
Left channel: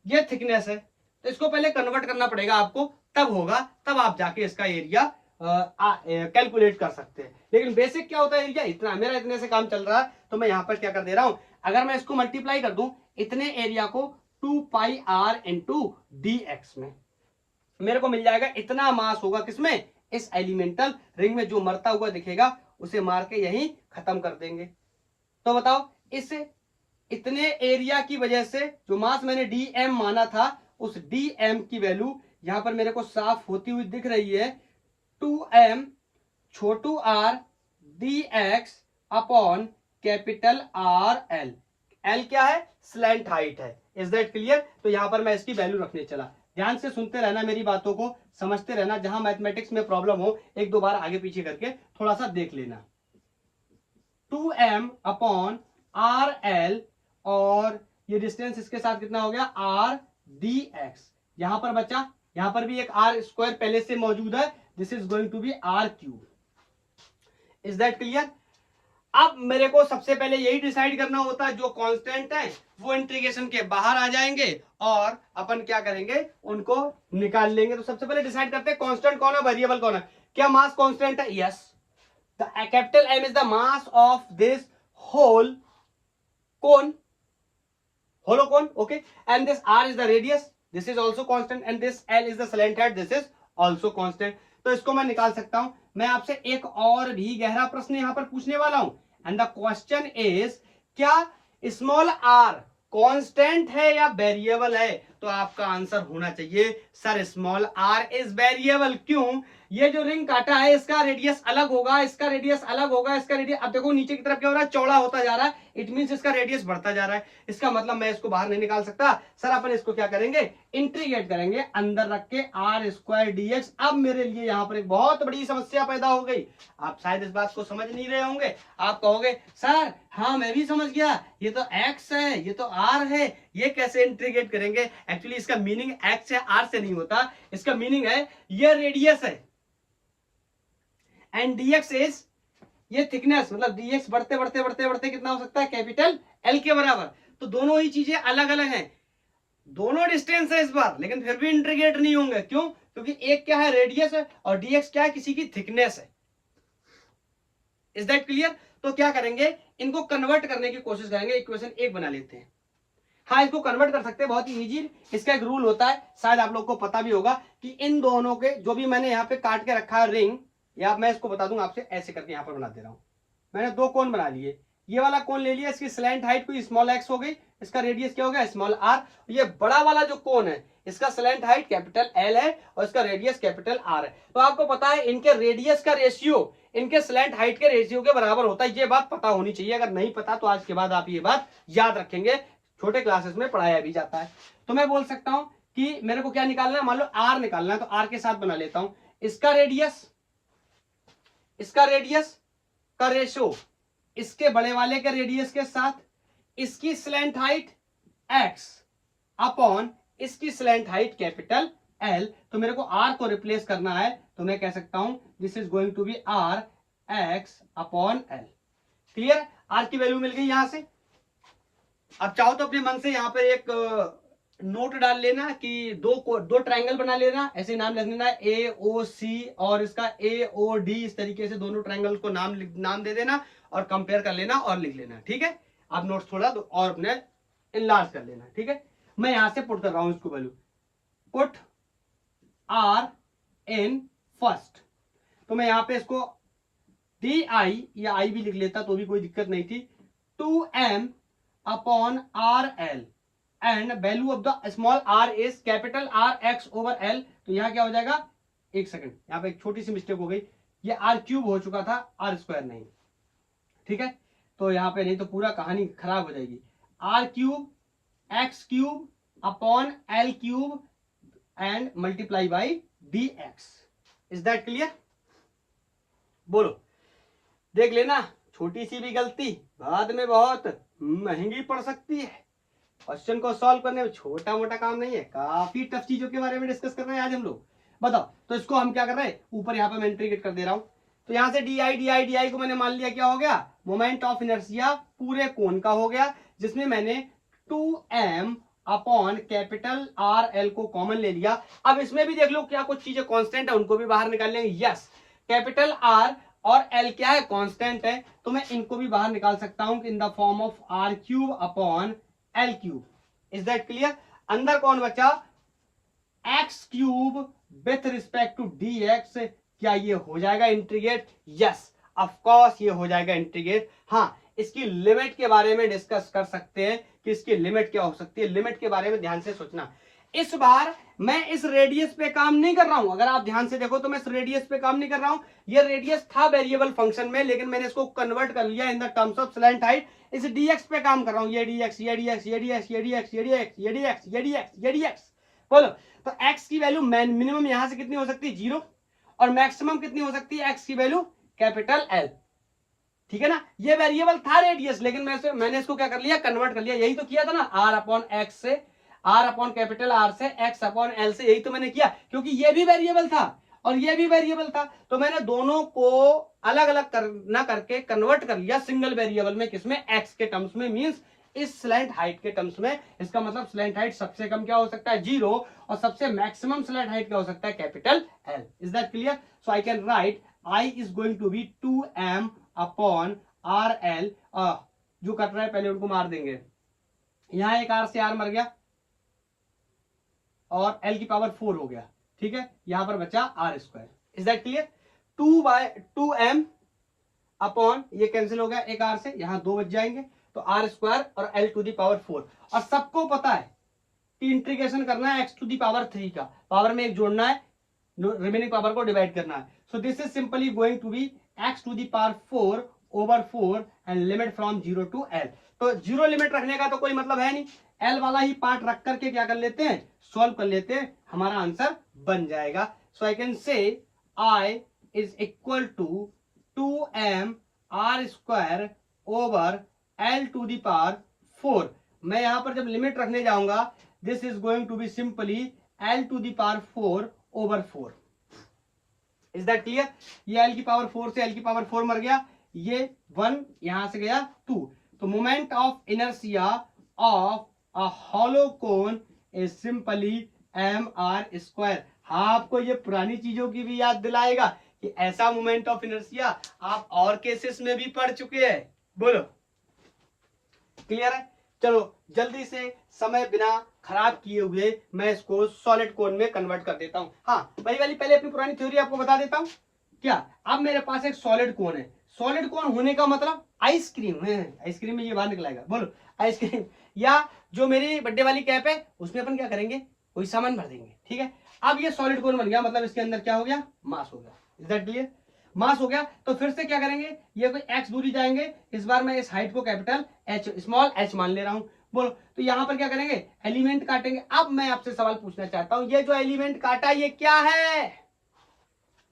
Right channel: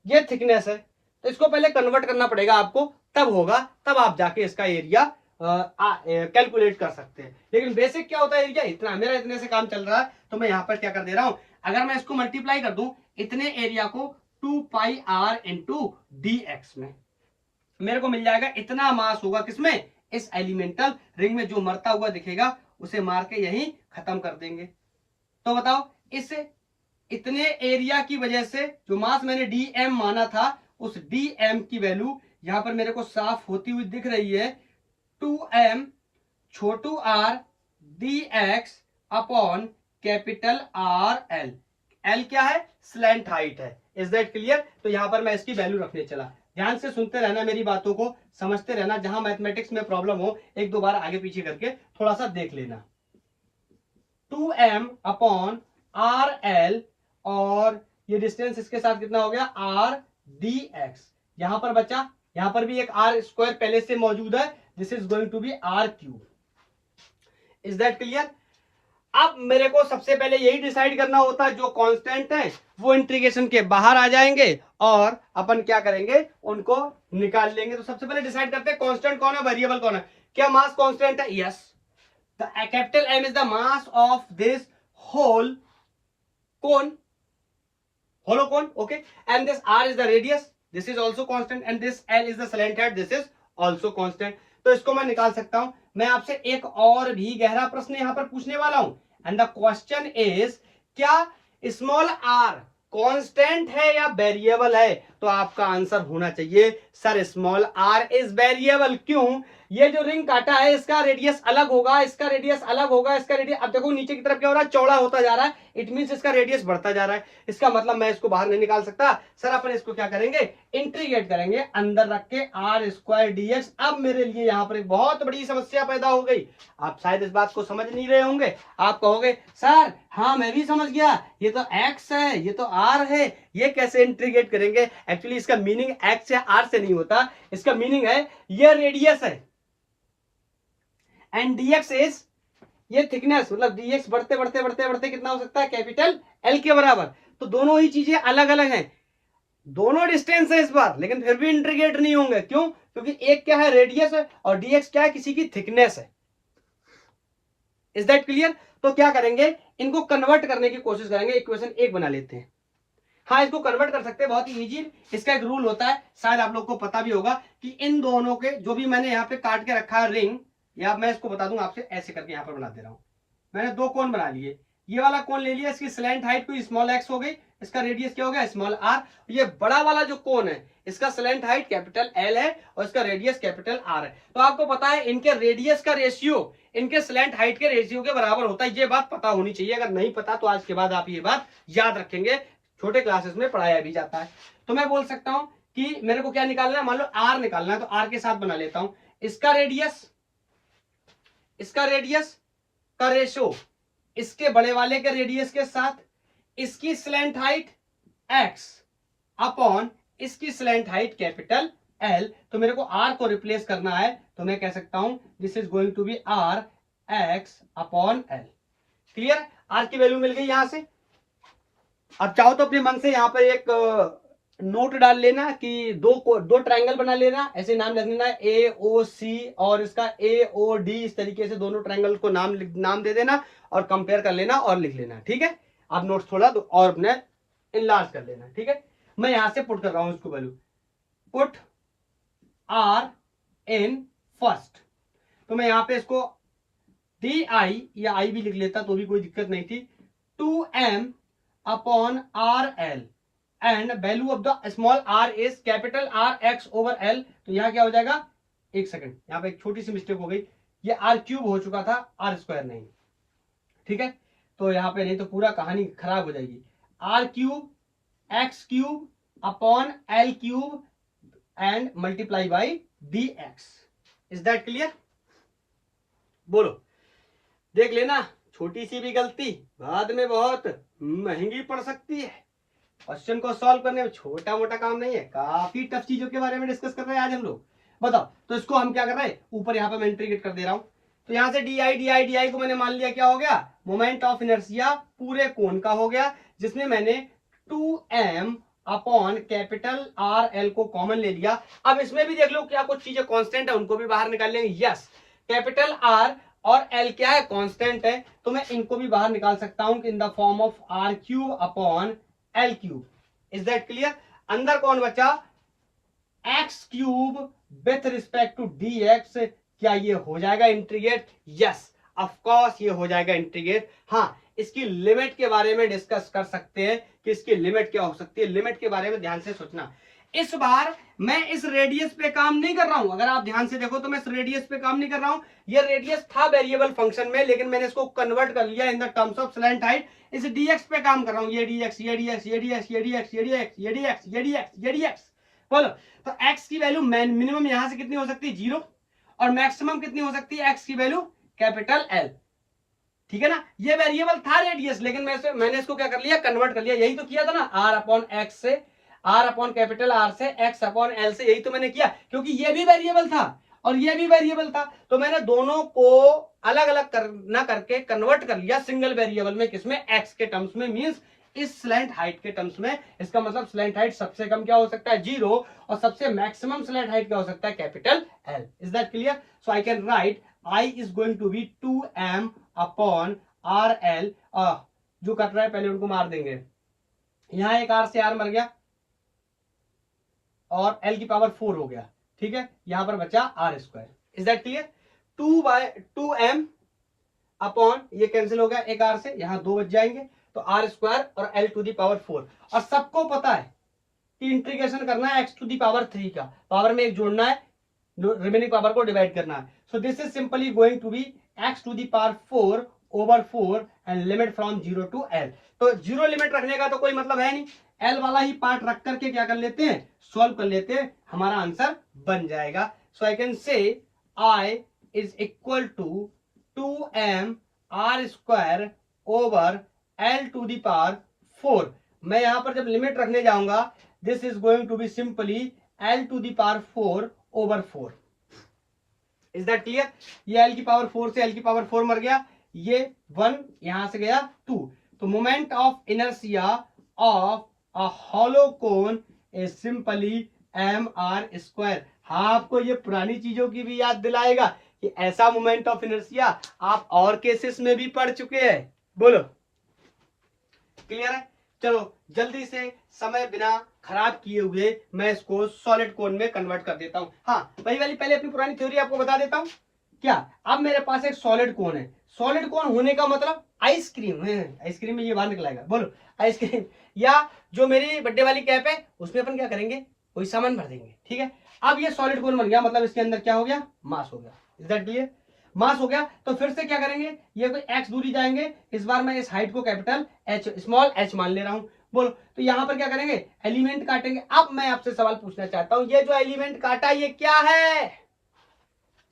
ये थिकनेस है, तो इसको पहले कन्वर्ट करना पड़ेगा आपको, तब होगा, तब आप जाके इसका एरिया कैलकुलेट कर सकते हैं। लेकिन बेसिक क्या होता है, एरिया इतना, मेरा इतने से काम चल रहा है, तो मैं यहां पर क्या कर दे रहा हूं, अगर मैं इसको मल्टीप्लाई कर दूं इतने एरिया को 2 पाई आर इंटू dx में, मेरे को मिल जाएगा इतना मास होगा किसमें, इस एलिमेंटल रिंग में। जो मरता हुआ दिखेगा उसे मार के यहीं खत्म कर देंगे। तो बताओ इस इतने एरिया की वजह से जो मास मैंने dm माना था, उस dm की वैल्यू यहां पर मेरे को साफ होती हुई दिख रही है, 2m छोटू r dx upon capital R L। L क्या है, स्लैंट हाइट है। Is that clear. तो यहां पर मैं इसकी वैल्यू रखने चला। ध्यान से सुनते रहना, मेरी बातों को समझते रहना, जहां मैथमेटिक्स में प्रॉब्लम हो एक दो बार आगे पीछे करके थोड़ा सा देख लेना। 2m अपॉन आर एल, और ये डिस्टेंस इसके साथ कितना हो गया, r dx। यहां पर बचा, यहां पर भी एक r स्क्वायर पहले से मौजूद है, this is going to be r cube. Is that clear. अब मेरे को सबसे पहले यही डिसाइड करना होता है, जो कांस्टेंट है वो इंटीग्रेशन के बाहर आ जाएंगे और अपन क्या करेंगे, उनको निकाल लेंगे। तो सबसे पहले डिसाइड करते हैं कांस्टेंट कौन है, वेरिएबल कौन है। क्या मास कांस्टेंट है? Yes, the capital M is the mass of this whole cone, hollow cone, okay, and this R is the radius, this is also constant, and this L is the slant head, this is also constant। तो इसको मैं निकाल सकता हूं। मैं आपसे एक और भी गहरा प्रश्न यहां पर पूछने वाला हूं, एंड द क्वेश्चन इज, क्या स्मॉल r कांस्टेंट है या वेरिएबल है? तो आपका आंसर होना चाहिए sir small r is variable. क्यों? ये जो रिंग काटा है इसका रेडियस अलग होगा, इसका रेडियस अलग होगा, इसका रेडियस, अब देखो नीचे की तरफ क्या हो रहा है, चौड़ा होता जा रहा है, इट मींस इसका रेडियस बढ़ता जा रहा है। इसका मतलब मैं इसको बाहर नहीं निकाल सकता। सर अपन इसको क्या करेंगे, इंटीग्रेट करेंगे, अंदर रख के आर स्क्वायर dx। अब मेरे लिए यहाँ पर एक बहुत बड़ी समस्या पैदा हो गई। आप शायद इस बात को समझ नहीं रहे होंगे, आप कहोगे सर हाँ मैं भी समझ गया, ये तो x है, ये तो r है, ये कैसे इंटीग्रेट करेंगे? एक्चुअली इसका मीनिंग x या r से नहीं होता, इसका मीनिंग है ये रेडियस है एंड dx इज ये थिकनेस, मतलब dx बढ़ते बढ़ते बढ़ते बढ़ते कितना हो सकता है, कैपिटल L के बराबर। तो दोनों ही चीजें अलग अलग हैं, दोनों डिस्टेंस है इस बार, लेकिन फिर भी इंटीग्रेट नहीं होंगे। क्यों? क्योंकि एक क्या है, रेडियस है, और dx क्या है, किसी की थिकनेस है। Is that clear? तो क्या करेंगे, इनको कन्वर्ट करने की कोशिश करेंगे, इक्वेशन 1 बना लेते हैं। हाँ इसको कन्वर्ट कर सकते हैं, बहुत ही इजी। इसका एक रूल होता है, शायद आप लोग को पता भी होगा, कि इन दोनों के जो भी मैंने यहाँ पे काट के रखा है रिंग, या मैं इसको बता दूंगा आपसे, ऐसे करके यहाँ पर बना दे रहा हूं। मैंने दो कोण बना लिए, ये वाला कोण ले लिया, इसकी स्लैंट हाइट कोई स्मॉल x हो गई, इसका रेडियस क्या हो गया, स्मॉल r। ये बड़ा वाला जो कोण है इसका स्लैंट हाइट कैपिटल L है और इसका रेडियस कैपिटल R है। तो आपको पता है इनके रेडियस का रेशियो इनके स्लैंट हाइट के रेशियो के बराबर होता है, ये बात पता होनी चाहिए। अगर नहीं पता तो आज के बाद आप ये बात याद रखेंगे, छोटे क्लासेस में पढ़ाया भी जाता है। तो मैं बोल सकता हूं कि मेरे को क्या निकालना है, मान लो r निकालना है, तो r के साथ बना लेता हूं, इसका रेडियस का रेशो इसके बड़े वाले के रेडियस के साथ, इसकी स्लैंट हाइट x अपॉन इसकी स्लैंट हाइट कैपिटल L। तो मेरे को r को रिप्लेस करना है, तो मैं कह सकता हूं this is going to be r x upon L। Clear? r की वैल्यू मिल गई यहां से। अब चाहो तो अपने मन से यहां पे एक नोट डाल लेना कि दो ट्रायंगल बना लेना, ऐसे नाम लिख लेना AOC और इसका AOD, इस तरीके से दोनों ट्रायंगल को नाम दे देना और कंपेयर कर लेना और लिख लेना। ठीक है? आप नोट्स थोड़ा और अपने इनलार्ज कर लेना। ठीक है? मैं यहां से पुट कर रहा हूं इसको value, put R in first. तो मैं यहां पे इसको DI या I भी लिख लेता तो भी कोई दिक्कत नहीं थी, 2M upon RL and value of the small r is capital R x over L। तो यहां क्या हो जाएगा, एक सेकंड, यहां पे एक छोटी सी मिस्टेक हो गई, ये r क्यूब हो चुका था, r स्क्वायर नहीं। ठीक है? तो यहां पे नहीं तो पूरा कहानी खराब हो जाएगी। r cube x cube upon L cube and multiply by dx। Is that clear? बोलो, देख लेना, छोटी सी भी गलती बाद में बहुत महंगी पड़ सकती है। क्वेश्चन को सॉल्व करने में छोटा मोटा काम नहीं है, काफी टफ चीजों के बारे में डिस्कस कर रहे हैं आज हम लोग। बताओ, तो इसको हम क्या कर रहे हैं, ऊपर यहाँ पे मैं इंटीग्रेट कर दे रहा हूं। तो यहां से डी आई को मैंने मान लिया क्या हो गया, मोमेंट ऑफ इनर्शिया पूरे कोण का हो गया, जिसमें मैंने 2m अपॉन कैपिटल RL को कॉमन ले लिया। अब इसमें भी देख लो क्या कुछ चीजें कांस्टेंट है, उनको भी बाहर निकाल लेंगे। यस, कैपिटल R और L क्या है, कांस्टेंट है, तो मैं इनको भी बाहर निकाल सकता हूं in the form of R cube upon L cube. Is that clear? अंदर कौन बचा, x cube with respect to dx। क्या ये हो जाएगा इंटीग्रेट? यस ऑफ कोर्स ये हो जाएगा इंटीग्रेट। हाँ, इसकी लिमिट के बारे में डिस्कस कर सकते हैं कि इसकी लिमिट क्या हो सकती है। लिमिट के बारे में ध्यान से सोचना। इस बार मैं इस रेडियस पे काम नहीं कर रहा हूं, अगर आप ध्यान से देखो तो मैं इस रेडियस पे काम नहीं कर रहा हूं। ये रेडियस था वेरिएबल फंक्शन में, लेकिन मैंने इसको कन्वर्ट कर लिया in the terms of slant height. इस dx पे काम कर रहा हूं, ये dx, ये dx, ये dx, ये dx, ये dx, ये dx, ये dx, ये dx। बोलो, तो x की वैल्यू मिनिमम यहां से कितनी हो सकती है, 0, और मैक्सिमम कितनी हो सकती है, x की वैल्यू कैपिटल L। ठीक है ना? ये वेरिएबल था रेडियस, लेकिन मैंने इसको क्या कर लिया, कन्वर्ट कर लिया। यही तो किया था ना, r अपॉन x से, r अपॉन कैपिटल R से, x अपॉन L से, यही तो मैंने किया, क्योंकि ये भी वेरिएबल था और ये भी वेरिएबल था, तो मैंने दोनों को अलग अलग ना करके कन्वर्ट कर लिया सिंगल वेरिएबल में, किसमें, एक्स के टर्म्स में, मींस इस स्लैंट हाइट के टर्म्स में। इसका मतलब स्लैंट हाइट सबसे कम क्या हो सकता है, 0, और सबसे मैक्सिमम स्लैंट हाइट क्या हो सकता है, capital l. Is that clear? So I can write I is going to be 2m upon r l. जो कट रहा है पहले उनको मार देंगे, यहां एक आर से आर मर गया और एल की पावर 4 हो गया, ठीक है, यहां पर बचा r square. Is that clear? 2m upon ये कैंसिल हो गया एक आर से, यहां 2 बच जाएंगे, तो आर स्क्वायर और एल टू दी पावर 4। और सबको पता है कि इंटीग्रेशन करना है एक्स टू दी पावर 3 का, पावर में एक जोड़ना है, रिमेनिंग पावर को डिवाइड करना है। So this is simply going to be x to the power 4 over 4 and limit from 0 to l. तो 0 लिमिट रखने का तो कोई मतलब है नहीं, एल वाला ही पार्ट रख करके क्या कर लेते हैं, सॉल्व कर लेते हैं, हमारा आंसर बन जाएगा। सो I can say I is equal to 2m r square over l to the power 4। मैं यहां पर जब लिमिट रखने जाऊंगा, this is going to be simply l to the power 4 over 4। Is that clear? ये एल की पावर 4 से एल की पावर 4 मर गया, ये 1 यहां से गया 2। तो moment of inertia of a hollow cone is simply m r square. हाँ, आपको ये पुरानी चीजों की भी याद दिलाएगा कि ऐसा मोमेंट ऑफ इनर्शिया आप और केसेस में भी पढ़ चुके हैं। बोलो, क्लियर है? चलो जल्दी से समय बिना खराब किए हुए मैं इसको सॉलिड कोन में कन्वर्ट कर देता हूं। हाँ, वही वाली पहले अपनी पुरानी थ्योरी आपको बता देता हूं। क्या, अब मेरे पास एक सॉलिड कोन है, सॉलिड कोन होने का मतलब आइसक्रीम है, आइसक्रीम में ये बाहर निकलाएगा, बोलो आइसक्रीम। या जो मेरी बर्थडे वाली कैप है उसमें अपन क्या करेंगे, कोई सामान भर देंगे, ठीक है। अब ये सॉलिड कोन बन गया, मतलब इसके अंदर क्या हो गया, मास हो गया। Is that clear? मास हो गया, तो फिर से क्या करेंगे, ये कोई x दूरी जाएंगे, इस बार मैं इस हाइट को कैपिटल h स्मॉल h मान ले रहा हूं। बोलो, तो यहां पर क्या करेंगे, एलिमेंट काटेंगे। अब मैं आपसे सवाल पूछना चाहता हूं, ये जो एलिमेंट काटा ये क्या है?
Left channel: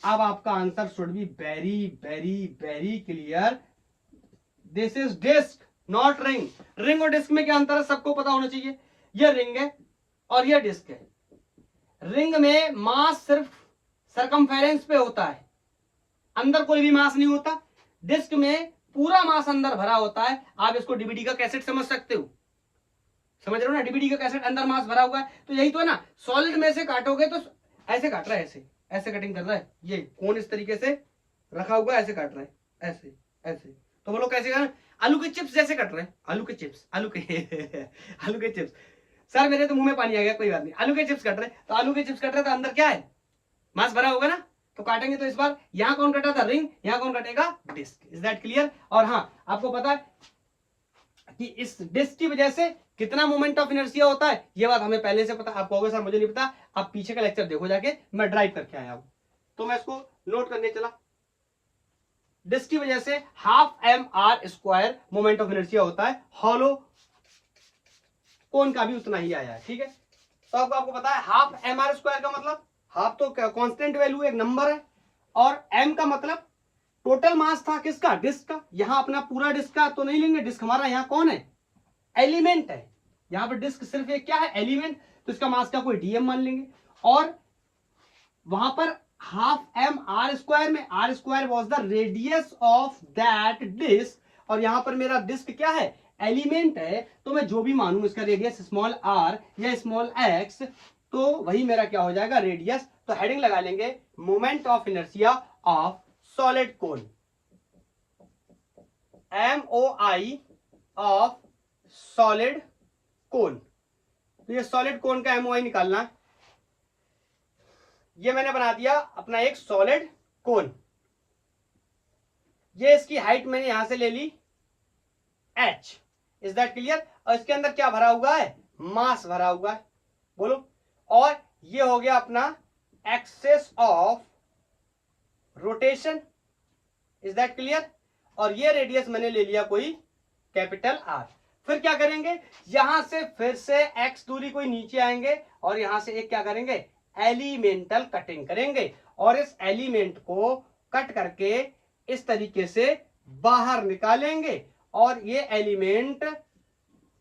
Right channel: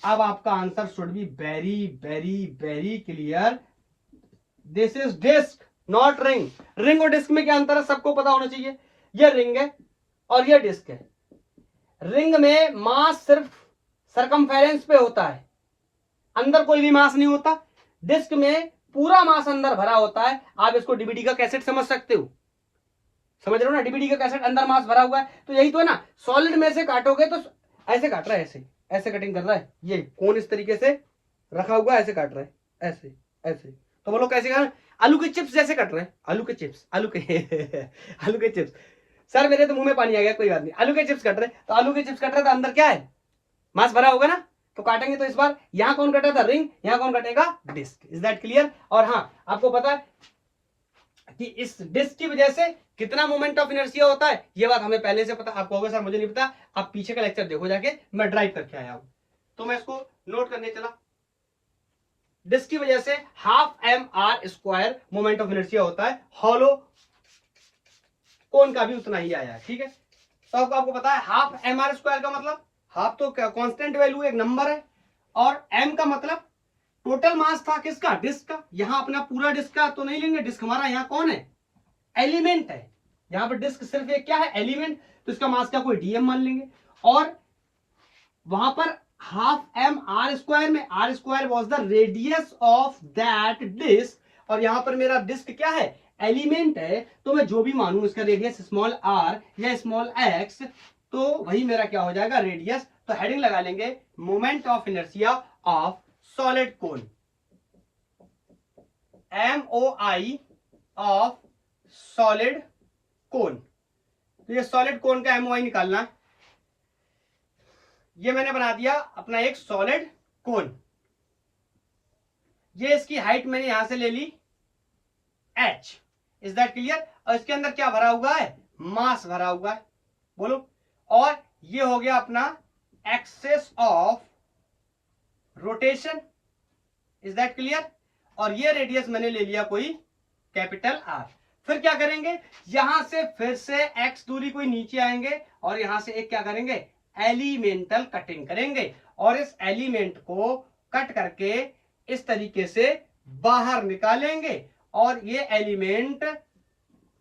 अब आपका answer should be very very very clear. This is disc not ring. Ring और डिस्क में क्या अंतर है, सबको पता होना चाहिए। ये रिंग है और ये डिस्क है। रिंग में मास सिर्फ सरकमफेरेंस पे होता है, अंदर कोई भी मास नहीं होता। डिस्क में पूरा मास अंदर भरा होता है। आप इसको डीवीडी का कैसेट समझ सकते हो, समझ रहे हो ना, डीवीडी का कैसेट अंदर मास भरा हुआ है, तो यही तो है ना। सॉलिड में से काटोगे तो ऐसे काट रहा है, ऐसे ऐसे कटिंग कर रहा है, ये कौन इस तरीके से रखा हुआ है, ऐसे काट रहा है, ऐसे ऐसे। तो बोलो कैसे काट, आलू के चिप्स जैसे कट रहे हैं, आलू के चिप्स, आलू के आलू के चिप्स। सर मेरे तो मुंह में पानी आ गया, कोई बात नहीं, आलू के चिप्स कट रहे, तो आलू के चिप्स कट रहे तो अंदर क्या है, मास भरा होगा ना। तो काटेंगे तो इस बार यहां कौन कटा था, रिंग, यहां कौन कटेगा, डिस्क। Is that clear? और हाँ, आपको पता है कि इस डिस्क की वजह से कितना मोमेंट ऑफ इनर्शिया होता है, ये बात हमें पहले से पता। आपको होगा सर मुझे नहीं पता, आप पीछे का लेक्चर देखो जाके, मैं ड्राइव करके आया हूं, तो मैं इसको नोट करने चला। डिस्क की वजह से half m r square moment of inertia होता है, हॉलो कोन का भी उतना ही आया है, ठीक है। तो आपको पता है हाफ एम आर स्क्वायर का मतलब, हाफ तो कांस्टेंट वैल्यू एक नंबर है, और एम का मतलब टोटल मास था किसका, डिस्क का। यहां अपना पूरा डिस्क का तो नहीं लेंगे, डिस्क हमारा यहाँ कौन है, एलिमेंट है। यहां पर डिस्क सिर्फ एक क्या है, एलिमेंट, तो इसका मास का कोई डीएम मान लेंगे। और वहां पर हाफ एम आर स्क्वायर में r square was the radius of that disc, और यहां पर मेरा डिस्क क्या है, एलिमेंट है, तो मैं जो भी मानूं इसका रेडियस स्मॉल आर या स्मॉल एक्स, तो वही मेरा क्या हो जाएगा, रेडियस। तो हेडिंग लगा लेंगे moment of inertia of solid cone, MOI of solid कोन। तो ये सॉलिड कोन का MOI निकालना, ये मैंने बना दिया अपना एक सॉलिड कोन। ये इसकी हाइट मैंने यहां से ले ली h। Is that clear? और इसके अंदर क्या भरा हुआ है, मास भरा हुआ है, बोलो। और ये हो गया अपना axis of rotation. Is that clear? और ये रेडियस मैंने ले लिया कोई कैपिटल R। फिर क्या करेंगे, यहां से फिर से x दूरी कोई नीचे आएंगे और यहां से एक क्या करेंगे, एलिमेंटल कटिंग करेंगे, और इस एलिमेंट को कट करके इस तरीके से बाहर निकालेंगे, और ये एलिमेंट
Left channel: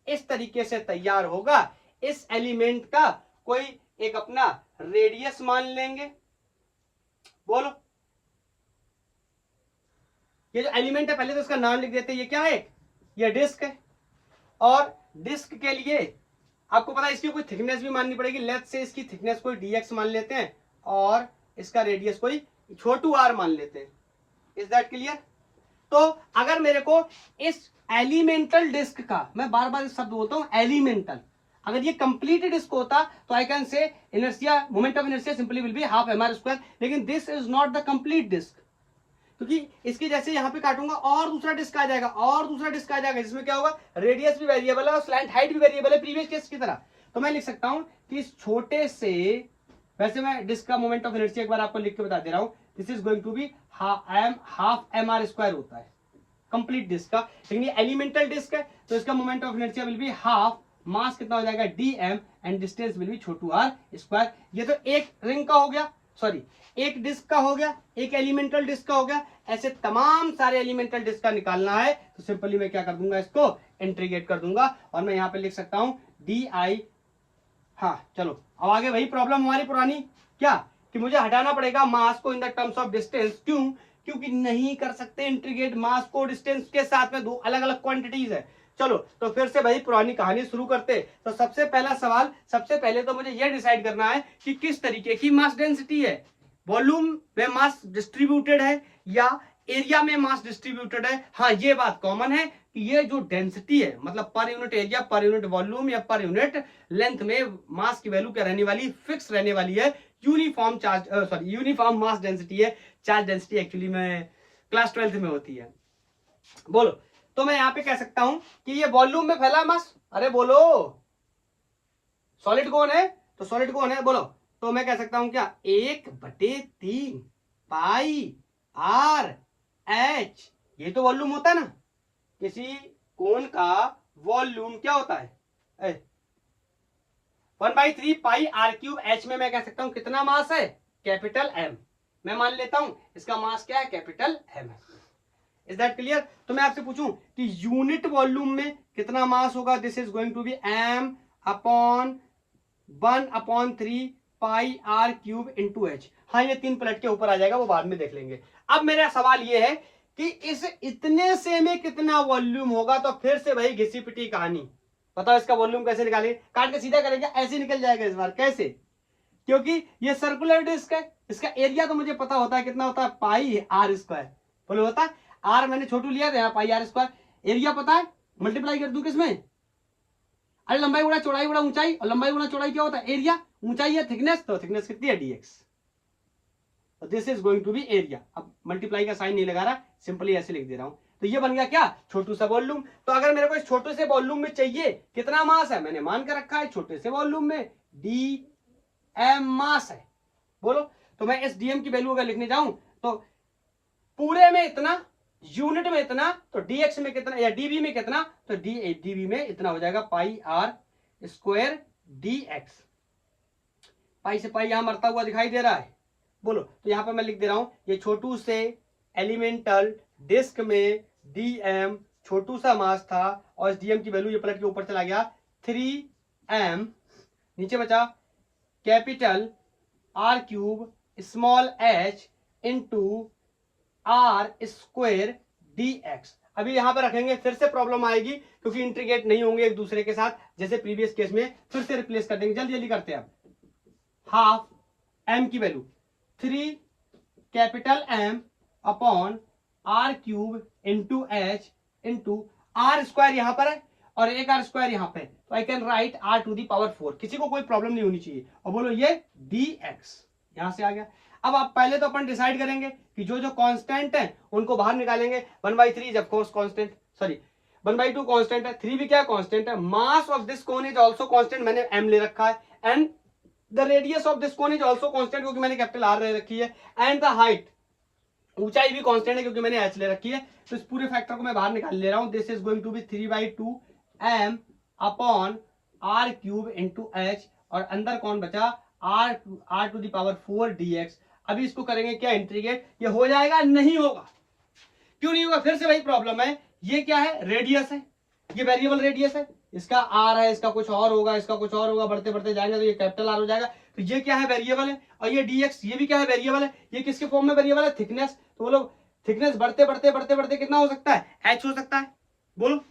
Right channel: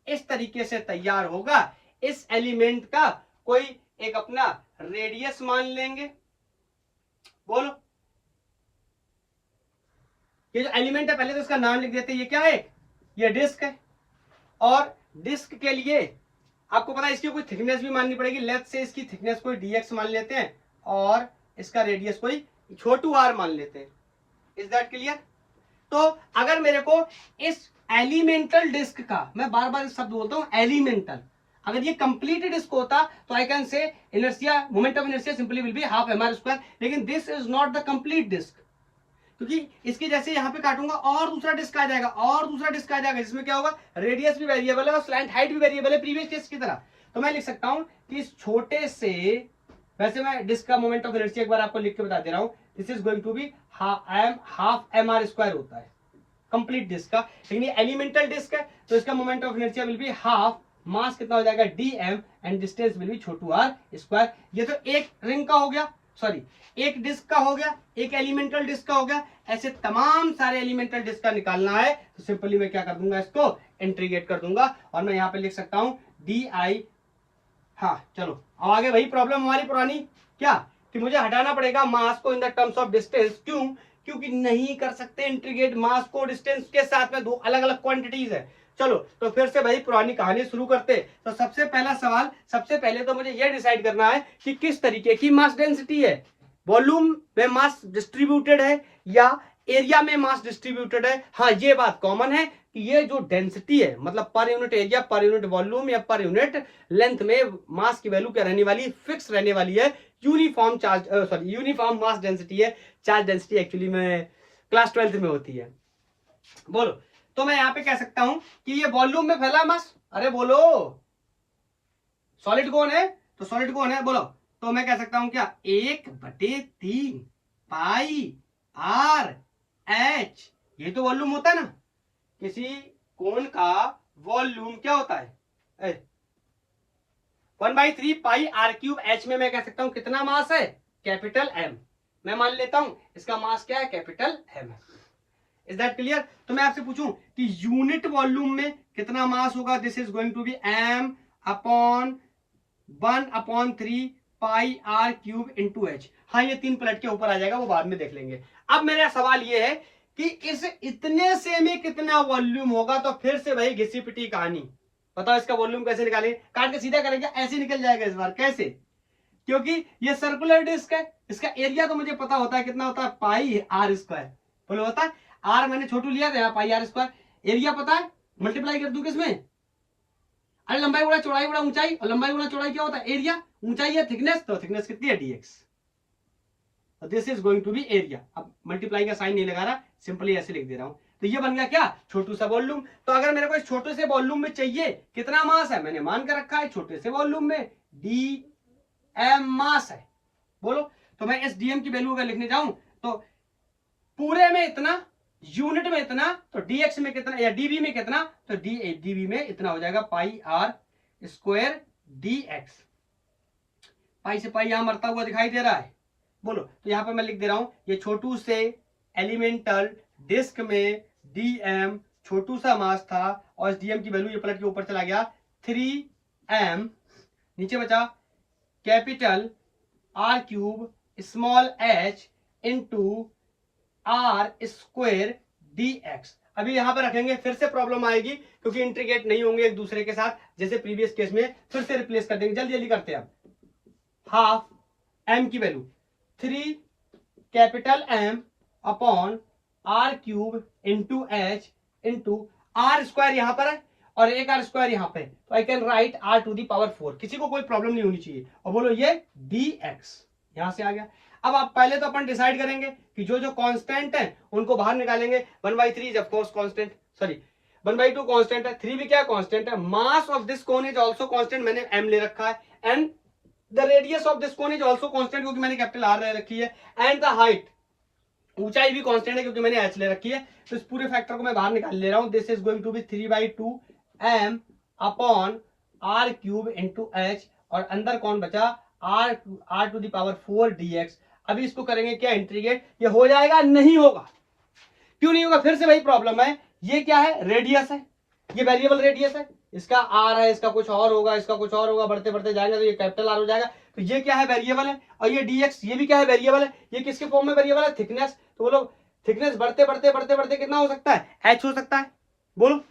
इस तरीके से तैयार होगा। इस एलिमेंट का कोई एक अपना रेडियस मान लेंगे, बोलो, ये जो एलिमेंट है पहले तो इसका नाम लिख देते हैं, ये क्या है, ये डिस्क है। और डिस्क के लिए आपको पता है इसकी कोई थिकनेस भी माननी पड़ेगी। लेट्स से इसकी थिकनेस कोई dx मान लेते हैं और इसका रेडियस कोई छोटू r मान लेते हैं। Is that clear? तो अगर मेरे को इस एलिमेंटल डिस्क का, मैं बार बार इस शब्द बोलता हूं एलिमेंटल, अगर ये कंप्लीट डिस्क होता तो I can say inertia, moment of inertia simply will be half mr square. लेकिन this is not the complete disc, क्योंकि इसकी जैसे यहाँ पे काटूंगा और दूसरा डिस्क आ जाएगा और दूसरा डिस्क आ जाएगा, जिसमें क्या होगा, रेडियस भी वेरिएबल है और स्लैंट हाइट भी वेरिएबल है प्रीवियस केस की तरह। तो मैं लिख सकता हूं कि इस छोटे से, वैसे मैं डिस्क का मोमेंट ऑफ इनर्शिया एक बार आपको लिख के बता दे रहा हूं, this is going to be half mr square होता है कंप्लीट डिस्क का। लेकिन ये एलिमेंटल डिस्क है तो इसका moment of inertia will be half, mass कितना हो जाएगा dm and distance will be छोटू r स्क्वायर। ये तो एक रिंग का हो गया, सॉरी एक डिस्क का हो गया, एक एलिमेंटल डिस्क का हो गया। ऐसे तमाम सारे एलिमेंटल डिस्क का निकालना है तो सिंपली मैं क्या कर दूंगा, इसको इंटीग्रेट कर दूंगा और मैं यहां पे लिख सकता हूं di। हाँ चलो अब आगे वही प्रॉब्लम हमारी पुरानी, क्या कि मुझे हटाना पड़ेगा मास को in the terms of distance. क्यों? क्योंकि नहीं कर सकते इंटीग्रेट मास को डिस्टेंस के साथ में, दो अलग अलग क्वांटिटीज है। चलो तो फिर से भाई पुरानी कहानी शुरू करते। तो सबसे पहला सवाल, सबसे पहले तो मुझे यह डिसाइड करना है कि किस तरीके की मास डेंसिटी है, वॉल्यूम में मास डिस्ट्रीब्यूटेड है या एरिया में मास डिस्ट्रीब्यूटेड है। हाँ ये बात कॉमन है कि ये जो डेंसिटी है, मतलब पर unit area, per unit volume या पर यूनिट लेंथ में मास की वैल्यू क्या रहने वाली, फिक्स रहने वाली है। Uniform charge, sorry uniform mass density है। चार्ज डेंसिटी एक्चुअली में क्लास 12th में होती है। बोलो, तो मैं यहां पे कह सकता हूं कि ये वॉल्यूम में फैला मास, अरे बोलो सॉलिड कौन है, तो सॉलिड कौन है बोलो, तो मैं कह सकता हूं क्या, 1/3 पाई आर एच। ये तो वॉल्यूम होता है ना, किसी कोन का वॉल्यूम क्या होता है, 1/3 पाई आर क्यूब एच में मैं कह सकता हूं कितना मास है, कैपिटल एम। मैं मान लेता हूं इसका मास क्या है, कैपिटल एम है। Is that clear? तो मैं आपसे पूछूं कि यूनिट वॉल्यूम में कितना मास होगा, this is going to be m upon 1/3 pi r cube into h. हाँ ये 3 पलट के ऊपर आ जाएगा, वो बाद में देख लेंगे। अब मेरा सवाल ये है कि इस इतने से में कितना वॉल्यूम होगा। तो फिर से भाई घिसी पिटी कहानी, बताओ इसका वॉल्यूम कैसे निकालेंगे, काट के सीधा करेंगे, ऐसे निकल जाएगा इस बार। कैसे? क्योंकि ये सर्कुलर डिस्क है, इसका एरिया तो मुझे पता होता है कितना होता है, पाई आर स्क्वायर। बोलो होता है, आर मैंने छोटू लिया था यहाँ, पाई आर स्क्वायर। एरिया पता है, मल्टीप्लाई कर दूं किसमें, अरे लंबाई गुणा चौड़ाई गुणा ऊंचाई, और लंबाई गुणा चौड़ाई क्या होता है, एरिया। ऊंचाई है थिकनेस, तो थिकनेस कितनी है, dx। This is going to be area. अब मल्टीप्लाई का साइन नहीं लगा रहा, सिंपली ऐसे लिख दे रहा हूं। तो ये बन गया क्या, छोटू सा वॉल्यूम। तो अगर मेरे को इस छोटे से वॉल्यूम में चाहिए कितना मास है, मैंने मान कर रखा है छोटे से वॉल्यूम में dm मास है। बोलो, तो मैं इस dm की वैल्यू अगर लिखने जाऊं तो पूरे में इतना, यूनिट में इतना, तो dx में कितना या dv में कितना, तो dv में इतना हो जाएगा पाई आर स्क्वायर dx। पाई से पाई यहां मरता हुआ दिखाई दे रहा है। बोलो, तो यहां पे मैं लिख दे रहा हूं, ये छोटू से एलिमेंटल डिस्क में dm छोटू सा मास था और इस dm की वैल्यू ये पलट के ऊपर चला गया 3m, नीचे बचा capital r cube small h into r square dx। अभी यहां पर रखेंगे, फिर से प्रॉब्लम आएगी क्योंकि इंटीग्रेट नहीं होंगे एक दूसरे के साथ, जैसे प्रीवियस केस में। फिर से रिप्लेस कर देंगे, जल्दी जल्दी करते हैं। अब हाफ m की value 3 capital M upon r cube into h into r square यहां पर है और एक आर स्क्वायर यहां पे, तो I can write r to the power 4। किसी को कोई प्रॉब्लम नहीं होनी चाहिए। और बोलो ये dx यहां से आ गया। अब आप पहले तो अपन डिसाइड करेंगे कि जो जो कांस्टेंट है उनको बाहर निकालेंगे। 1/3 of course constant, sorry 1/2 constant है, 3 भी क्या कांस्टेंट है। मास of this cone is also constant, मैंने m ले रखा है, and the radius of this cone is also constant क्योंकि मैंने कैपिटल R ले रखी है, एंड द हाइट, ऊंचाई भी कांस्टेंट है क्योंकि मैंने h ले रखी है। तो इस पूरे फैक्टर को मैं बाहर निकाल ले रहा हूं। This is going to be 3/2 m upon r cube into h, और अंदर कौन बचा, r to the power 4 dx। अभी इसको करेंगे क्या, इंटीग्रेट। ये हो जाएगा, नहीं होगा। क्यों नहीं होगा, फिर से वही प्रॉब्लम है। ये क्या है, रेडियस है, ये वेरिएबल रेडियस है, इसका r है, इसका कुछ और होगा, इसका कुछ और होगा, बढ़ते बढ़ते जाएंगे तो ये कैपिटल R हो जाएगा। तो ये क्या है, वेरिएबल है, और ये dx ये भी क्या है, वेरिएबल है। ये किसके फॉर्म में वेरिएबल है, थिकनेस। तो बोलो थिकनेस बढ़ते बढ़ते बढ़ते बढ़ते कितना हो सकता है, h हो सकता है। बोलो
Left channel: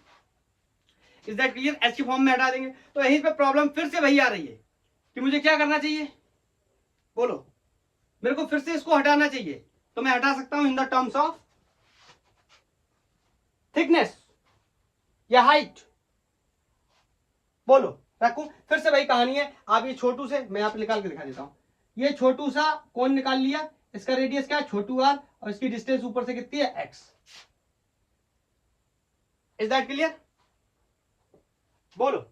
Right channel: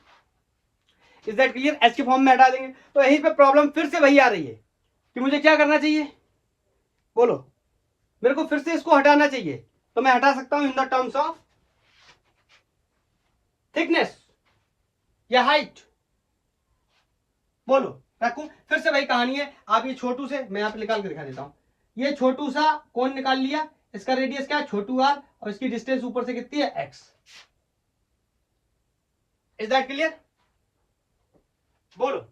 इज दैट क्लियर। h के फॉर्म में हटा देंगे। तो यहीं पे प्रॉब्लम फिर से वही आ रही है कि मुझे क्या करना चाहिए, बोलो मेरे को फिर से इसको हटाना चाहिए। तो मैं हटा सकता हूं in the terms of thickness या हाइट। बोलो रखो, फिर से वही कहानी है। आप ये छोटू से, मैं यहाँ पे निकाल के दिखा देता हूं, ये छोटू सा कौन निकाल लिया, इसका रेडियस क्या है, छोटू आर, और इसकी डिस्टेंस ऊपर से कितनी है, एक्स। Is that clear. बोलो,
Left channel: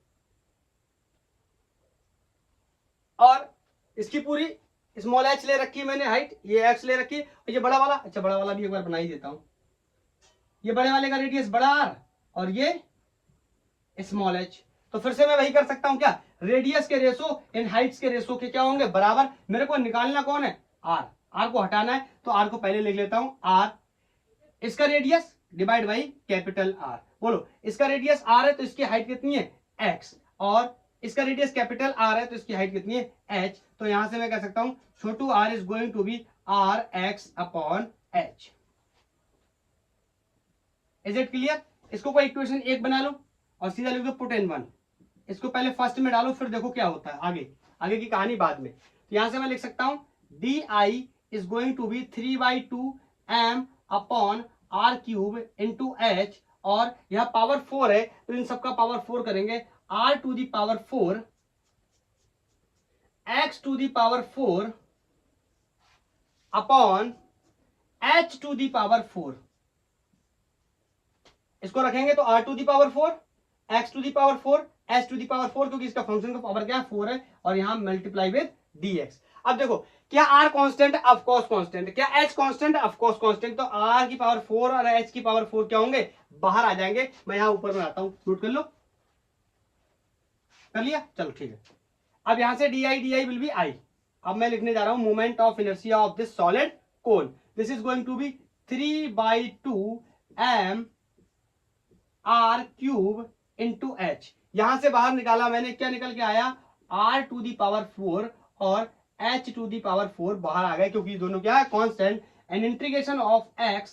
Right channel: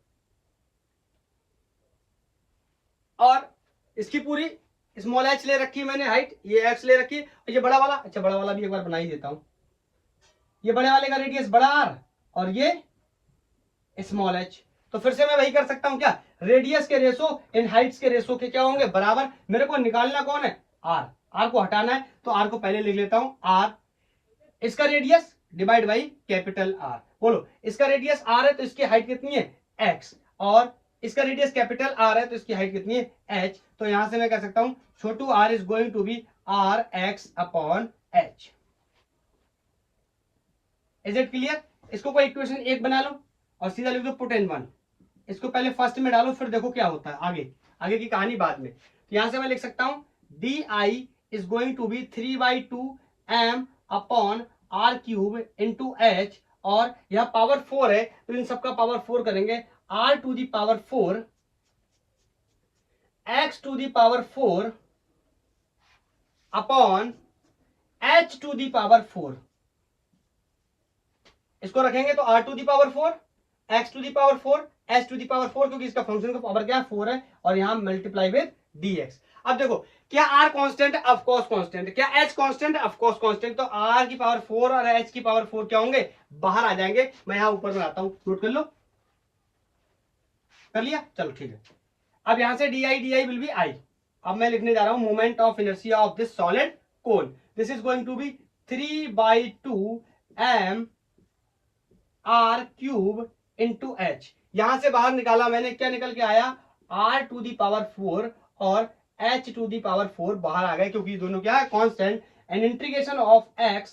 और इसकी पूरी स्मॉल एच ले रखी है मैंने, हाइट ये एक्स ले रखी है, और ये बड़ा वाला, अच्छा बड़ा वाला भी एक बार बना ही देता हूं। ये बड़े वाले का रेडियस बड़ा आर और ये स्मॉल एच। तो फिर से मैं वही कर सकता हूं क्या, रेडियस के रेशो इन हाइट्स के रेशो के क्या होंगे, बराबर। मेरे को निकालना कौन है, आर। आर को हटाना है, तो आर को पहले लिख लेता हूं, आर इसका radius divide by capital R. बोलो इसका रेडियस आर है तो इसकी हाइट कितनी है, एक्स, और इसका रेडियस कैपिटल आर है तो इसकी हाइट कितनी है, एच। तो यहां से मैं कह सकता हूं छोटू r is going to be r x upon h. Is it clear. इसको कोई इक्वेशन एक बना लो और सीधा लिख दो पुट इन वन। इसको पहले फर्स्ट में डालो, फिर देखो क्या होता है आगे, आगे की कहानी बाद में। तो यहां से मैं लिख सकता हूं d I is going to be 3/2 m upon r cube into h, और यह पावर 4 है तो इन सबका पावर 4 करेंगे, r to the power 4 x to the power 4 upon h to the power 4। इसको रखेंगे तो r to the power 4, x to the power 4, h to the power 4, क्योंकि इसका फंक्शन का पावर क्या है, 4 है, और यहां मल्टीप्लाई विद dx। अब देखो क्या r कांस्टेंट है, ऑफ कोर्स कांस्टेंट। क्या h कांस्टेंट है, ऑफ कोर्स कांस्टेंट। तो r की पावर 4 और h की पावर 4 क्या होंगे, बाहर आ जाएंगे। मैं यहां ऊपर में आता हूं, नोट कर लो, कर लिया, चलो ठीक है। अब यहां से d I will be I. अब मैं लिखने जा रहा हूं moment of inertia of this solid cone, this is going to be 3/2 m r cube into h. यहां से बाहर निकाला मैंने, क्या निकल के आया, r टू दी पावर 4 और h टू दी पावर 4 बाहर आ गए, क्योंकि दोनों क्या है, constant. And integration of x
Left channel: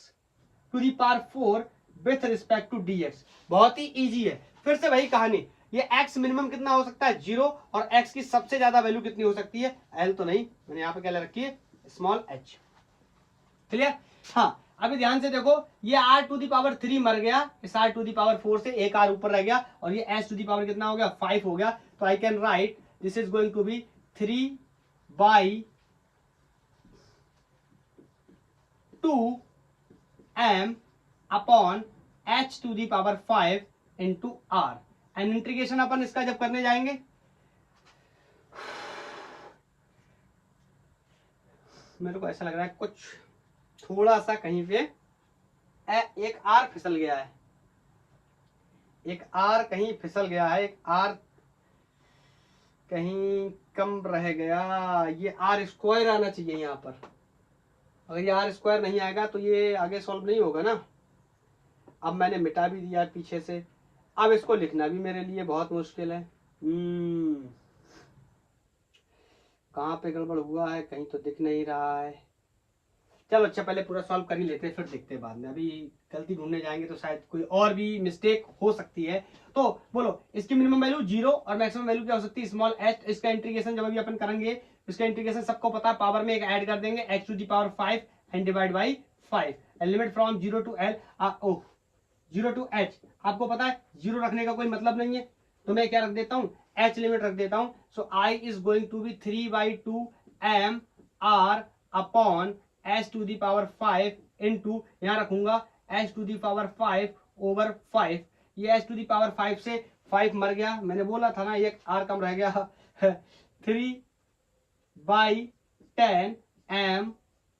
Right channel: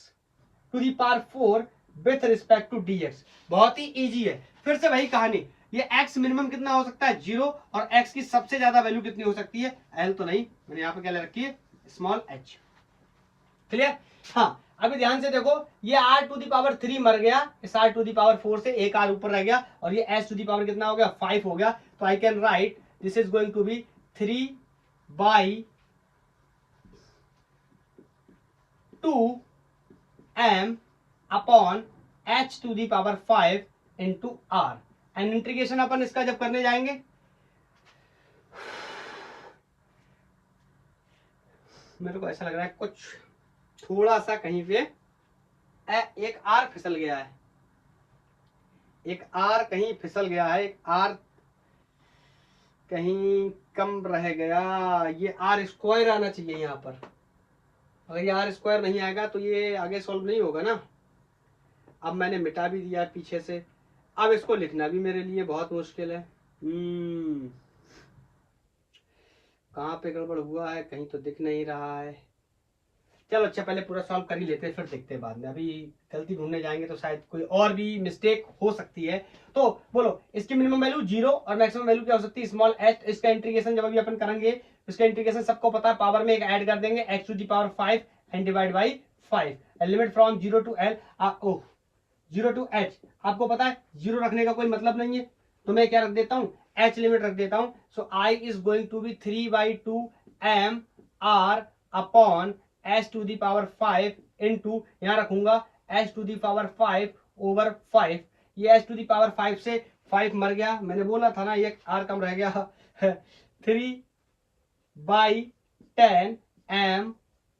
to the power 4 with respect to dx। बहुत ही इजी है। फिर से वही कहानी, ये x मिनिमम कितना हो सकता है, 0, और x की सबसे ज्यादा वैल्यू कितनी हो सकती है, l तो नहीं, मैंने यहां पे क्या ले रखी है, स्मॉल h। क्लियर। हाँ अभी ध्यान से देखो, ये r टू दी पावर 3 मर गया, इस r टू दी पावर 4 से एक r ऊपर रह गया, और ये h टू दी पावर कितना हो गया, 5 हो गया। तो I can write this is going to be 3/2m upon h to the power 5 into r। And integration अपन इसका जब करने जाएंगे, मेरे को ऐसा लग रहा है कुछ थोड़ा सा कहीं पे एक आर फिसल गया है, एक आर कहीं फिसल गया है, एक आर कहीं कम रह गया। ये आर स्क्वायर आना चाहिए यहाँ पर। अगर ये आर स्क्वायर नहीं आएगा तो ये आगे सॉल्व नहीं होगा ना। अब मैंने मिटा भी दिया पीछे से, अब इसको लिखना भी मेरे लिए बहुत मुश्किल है। कहाँ पे गड़बड़ हुआ है, कहीं तो दिख नहीं रहा है। चलो अच्छा पहले पूरा सॉल्व कर ही लेते हैं, फिर देखते हैं बाद में। अभी गलती ढूंढने जाएंगे तो शायद कोई और भी मिस्टेक हो सकती है। तो बोलो इसकी मिनिमम वैल्यू 0 और मैक्सिमम वैल्यू क्या हो सकती है, स्मॉल h। इसका इंटीग्रेशन जब अभी अपन करेंगे, इसका इंटीग्रेशन सबको पता है, पावर में एक ऐड कर देंगे, x to the power 5 and divide by 5। Limit from 0 to l, 0 to h। आपको पता है 0 रखने का कोई मतलब नहीं है, तो मैं क्या रख देता हूँ, h लिमिट रख देता हूँ। So i is going to be 3/2m r upon h to the power 5 into, यहां रखूंगा h to the power 5 over 5। ये h टू दी पावर 5 से 5 मर गया, मैंने बोला था ना ये r कम रह गया। 3/10 m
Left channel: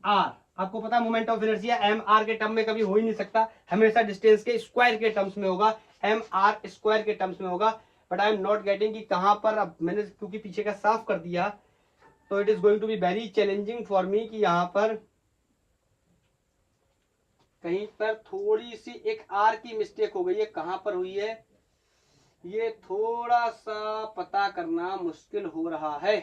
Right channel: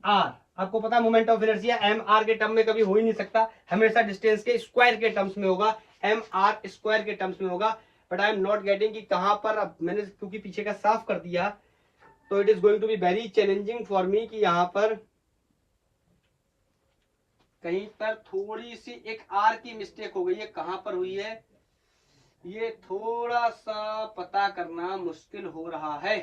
r। आपको पता है moment of inertia m r के टर्म में कभी हो ही नहीं सकता, हमेशा डिस्टेंस के स्क्वायर के टर्म्स में होगा, एम आर स्क्वायर के टर्म्स में होगा। But I am not getting कि कहां पर, अब मैंने क्योंकि पीछे का साफ कर दिया तो it is going to be very challenging for me कि यहां पर कहीं पर थोड़ी सी एक आर की मिस्टेक हो गई है, कहां पर हुई है ये थोड़ा सा पता करना मुश्किल हो रहा है।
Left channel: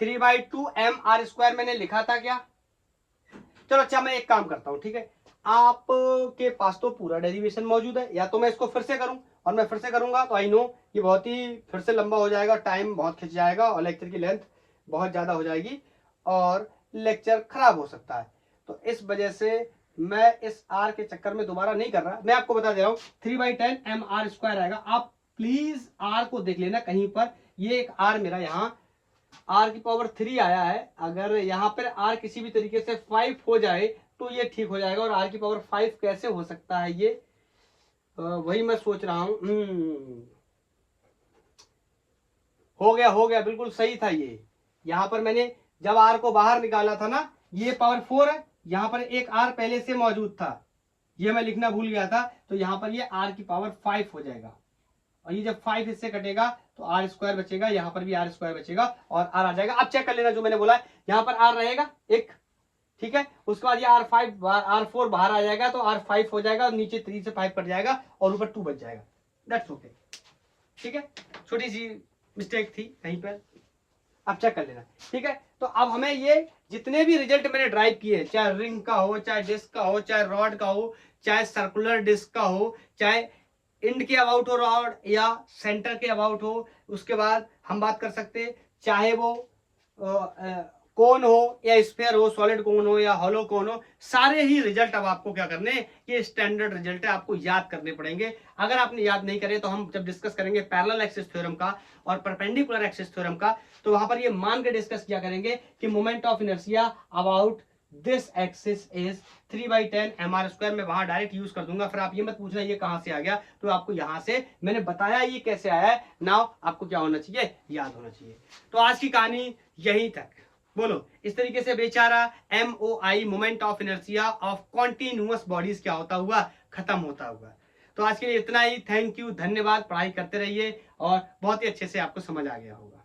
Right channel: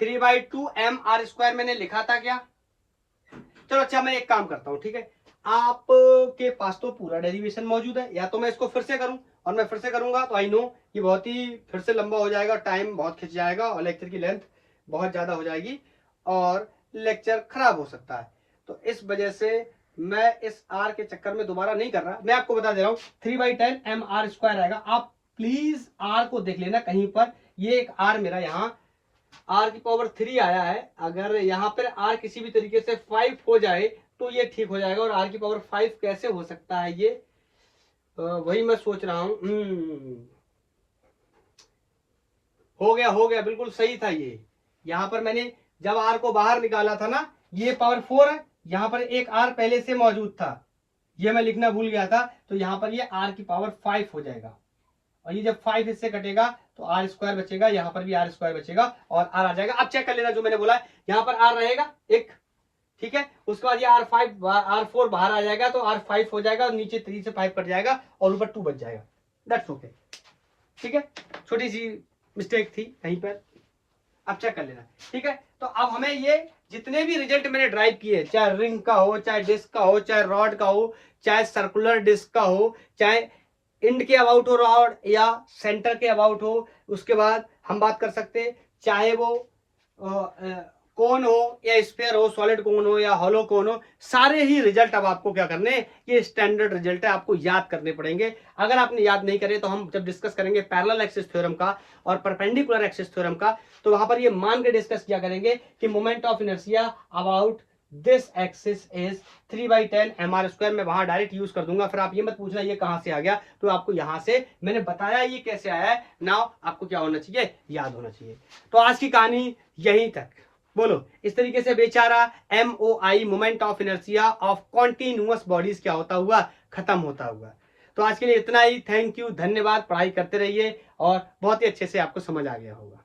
3/2 mr² मैंने लिखा था क्या? चलो अच्छा, मैं एक काम करता हूँ, ठीक है, आपके पास तो पूरा डेरिवेशन मौजूद है, या तो मैं इसको फिर से करूं, और मैं फिर से करूंगा तो आई नो ये बहुत ही फिर से लंबा हो जाएगा, टाइम बहुत खिंच जाएगा और लेक्चर की लेंथ बहुत ज्यादा हो जाएगी और लेक्चर खराब हो सकता है। तो इस वजह से मैं इस आर के चक्कर में दोबारा नहीं कर रहा, मैं आपको बता दे रहा हूँ 3/10 mr² आएगा। आप प्लीज आर को देख लेना कहीं पर, ये एक आर मेरा यहाँ r⁻³ आया है, अगर यहाँ पर r किसी भी तरीके से 5 हो जाए तो ये ठीक हो जाएगा, और r⁵ कैसे हो सकता है ये वही मैं सोच रहा हूं। हो गया बिल्कुल सही था ये। यहाँ पर मैंने जब r को बाहर निकाला था ना, ये पावर 4 है, यहाँ पर एक r पहले से मौजूद था, ये मैं लिखना भूल गया था, तो यहाँ पर ये r⁵ हो जाएगा, और ये जब 5 इससे कटेगा तो r² बचेगा, यहाँ पर भी r² बचेगा और r आ जाएगा। अब चेक कर लेना जो मैंने बोला, यहाँ पर r रहेगा एक, ठीक है, उसके बाद ये r4 बाहर आ जाएगा तो r5 हो जाएगा, और नीचे 3 से 5 कट जाएगा और ऊपर 2 बच जाएगा। दैट्स ओके, ठीक है, छोटी सी मिस्टेक थी कहीं पर, अब चेक कर लेना, ठीक है। तो अब हमें ये जितने भी रिजल्ट मैंने ड्राइव किए, चाहे रिंग का हो, चाहे डिस्क का हो, चाहे रॉड का हो, चाहे सर्कुलर डिस्क का हो, चाहे इंड के अबाउट हो रॉड या सेंटर के अबाउट हो, उसके बाद हम बात कर सकते हैं चाहे वो कोन हो या स्फीयर हो, सॉलिड कोन हो या हॉलो कोन हो, सारे ही रिजल्ट अब आपको क्या करने, ये स्टैंडर्ड रिजल्ट है, आपको याद करने पड़ेंगे। अगर आपने याद नहीं करे तो हम जब डिस्कस करेंगे पैरेलल एक्सिस थ्योरम का और परपेंडिकुलर एक्सिस थ्योरम का, तो वहां पर ये मान के डिस्कस किया करेंगे कि moment of inertia about this axis is 3/10 mr²। मैं वहां डायरेक्ट यूज कर दूंगा, फिर आप ये मत पूछना ये कहां से आ गया, तो आपको यहां से मैंने बताया ये कैसे आया है, नाउ आपको क्या होना चाहिए, याद होना चाहिए। तो आज की कहानी यहीं तक, बोलो इस तरीके से बेचारा MOI moment of inertia of continuous bodies क्या होता हुआ, खत्म होता हुआ। तो आज के लिए इतना ही, थैंक यू, धन्यवाद, पढ़ाई करते रहिए और बहुत ही अच्छे से आपको समझ आ गया होगा।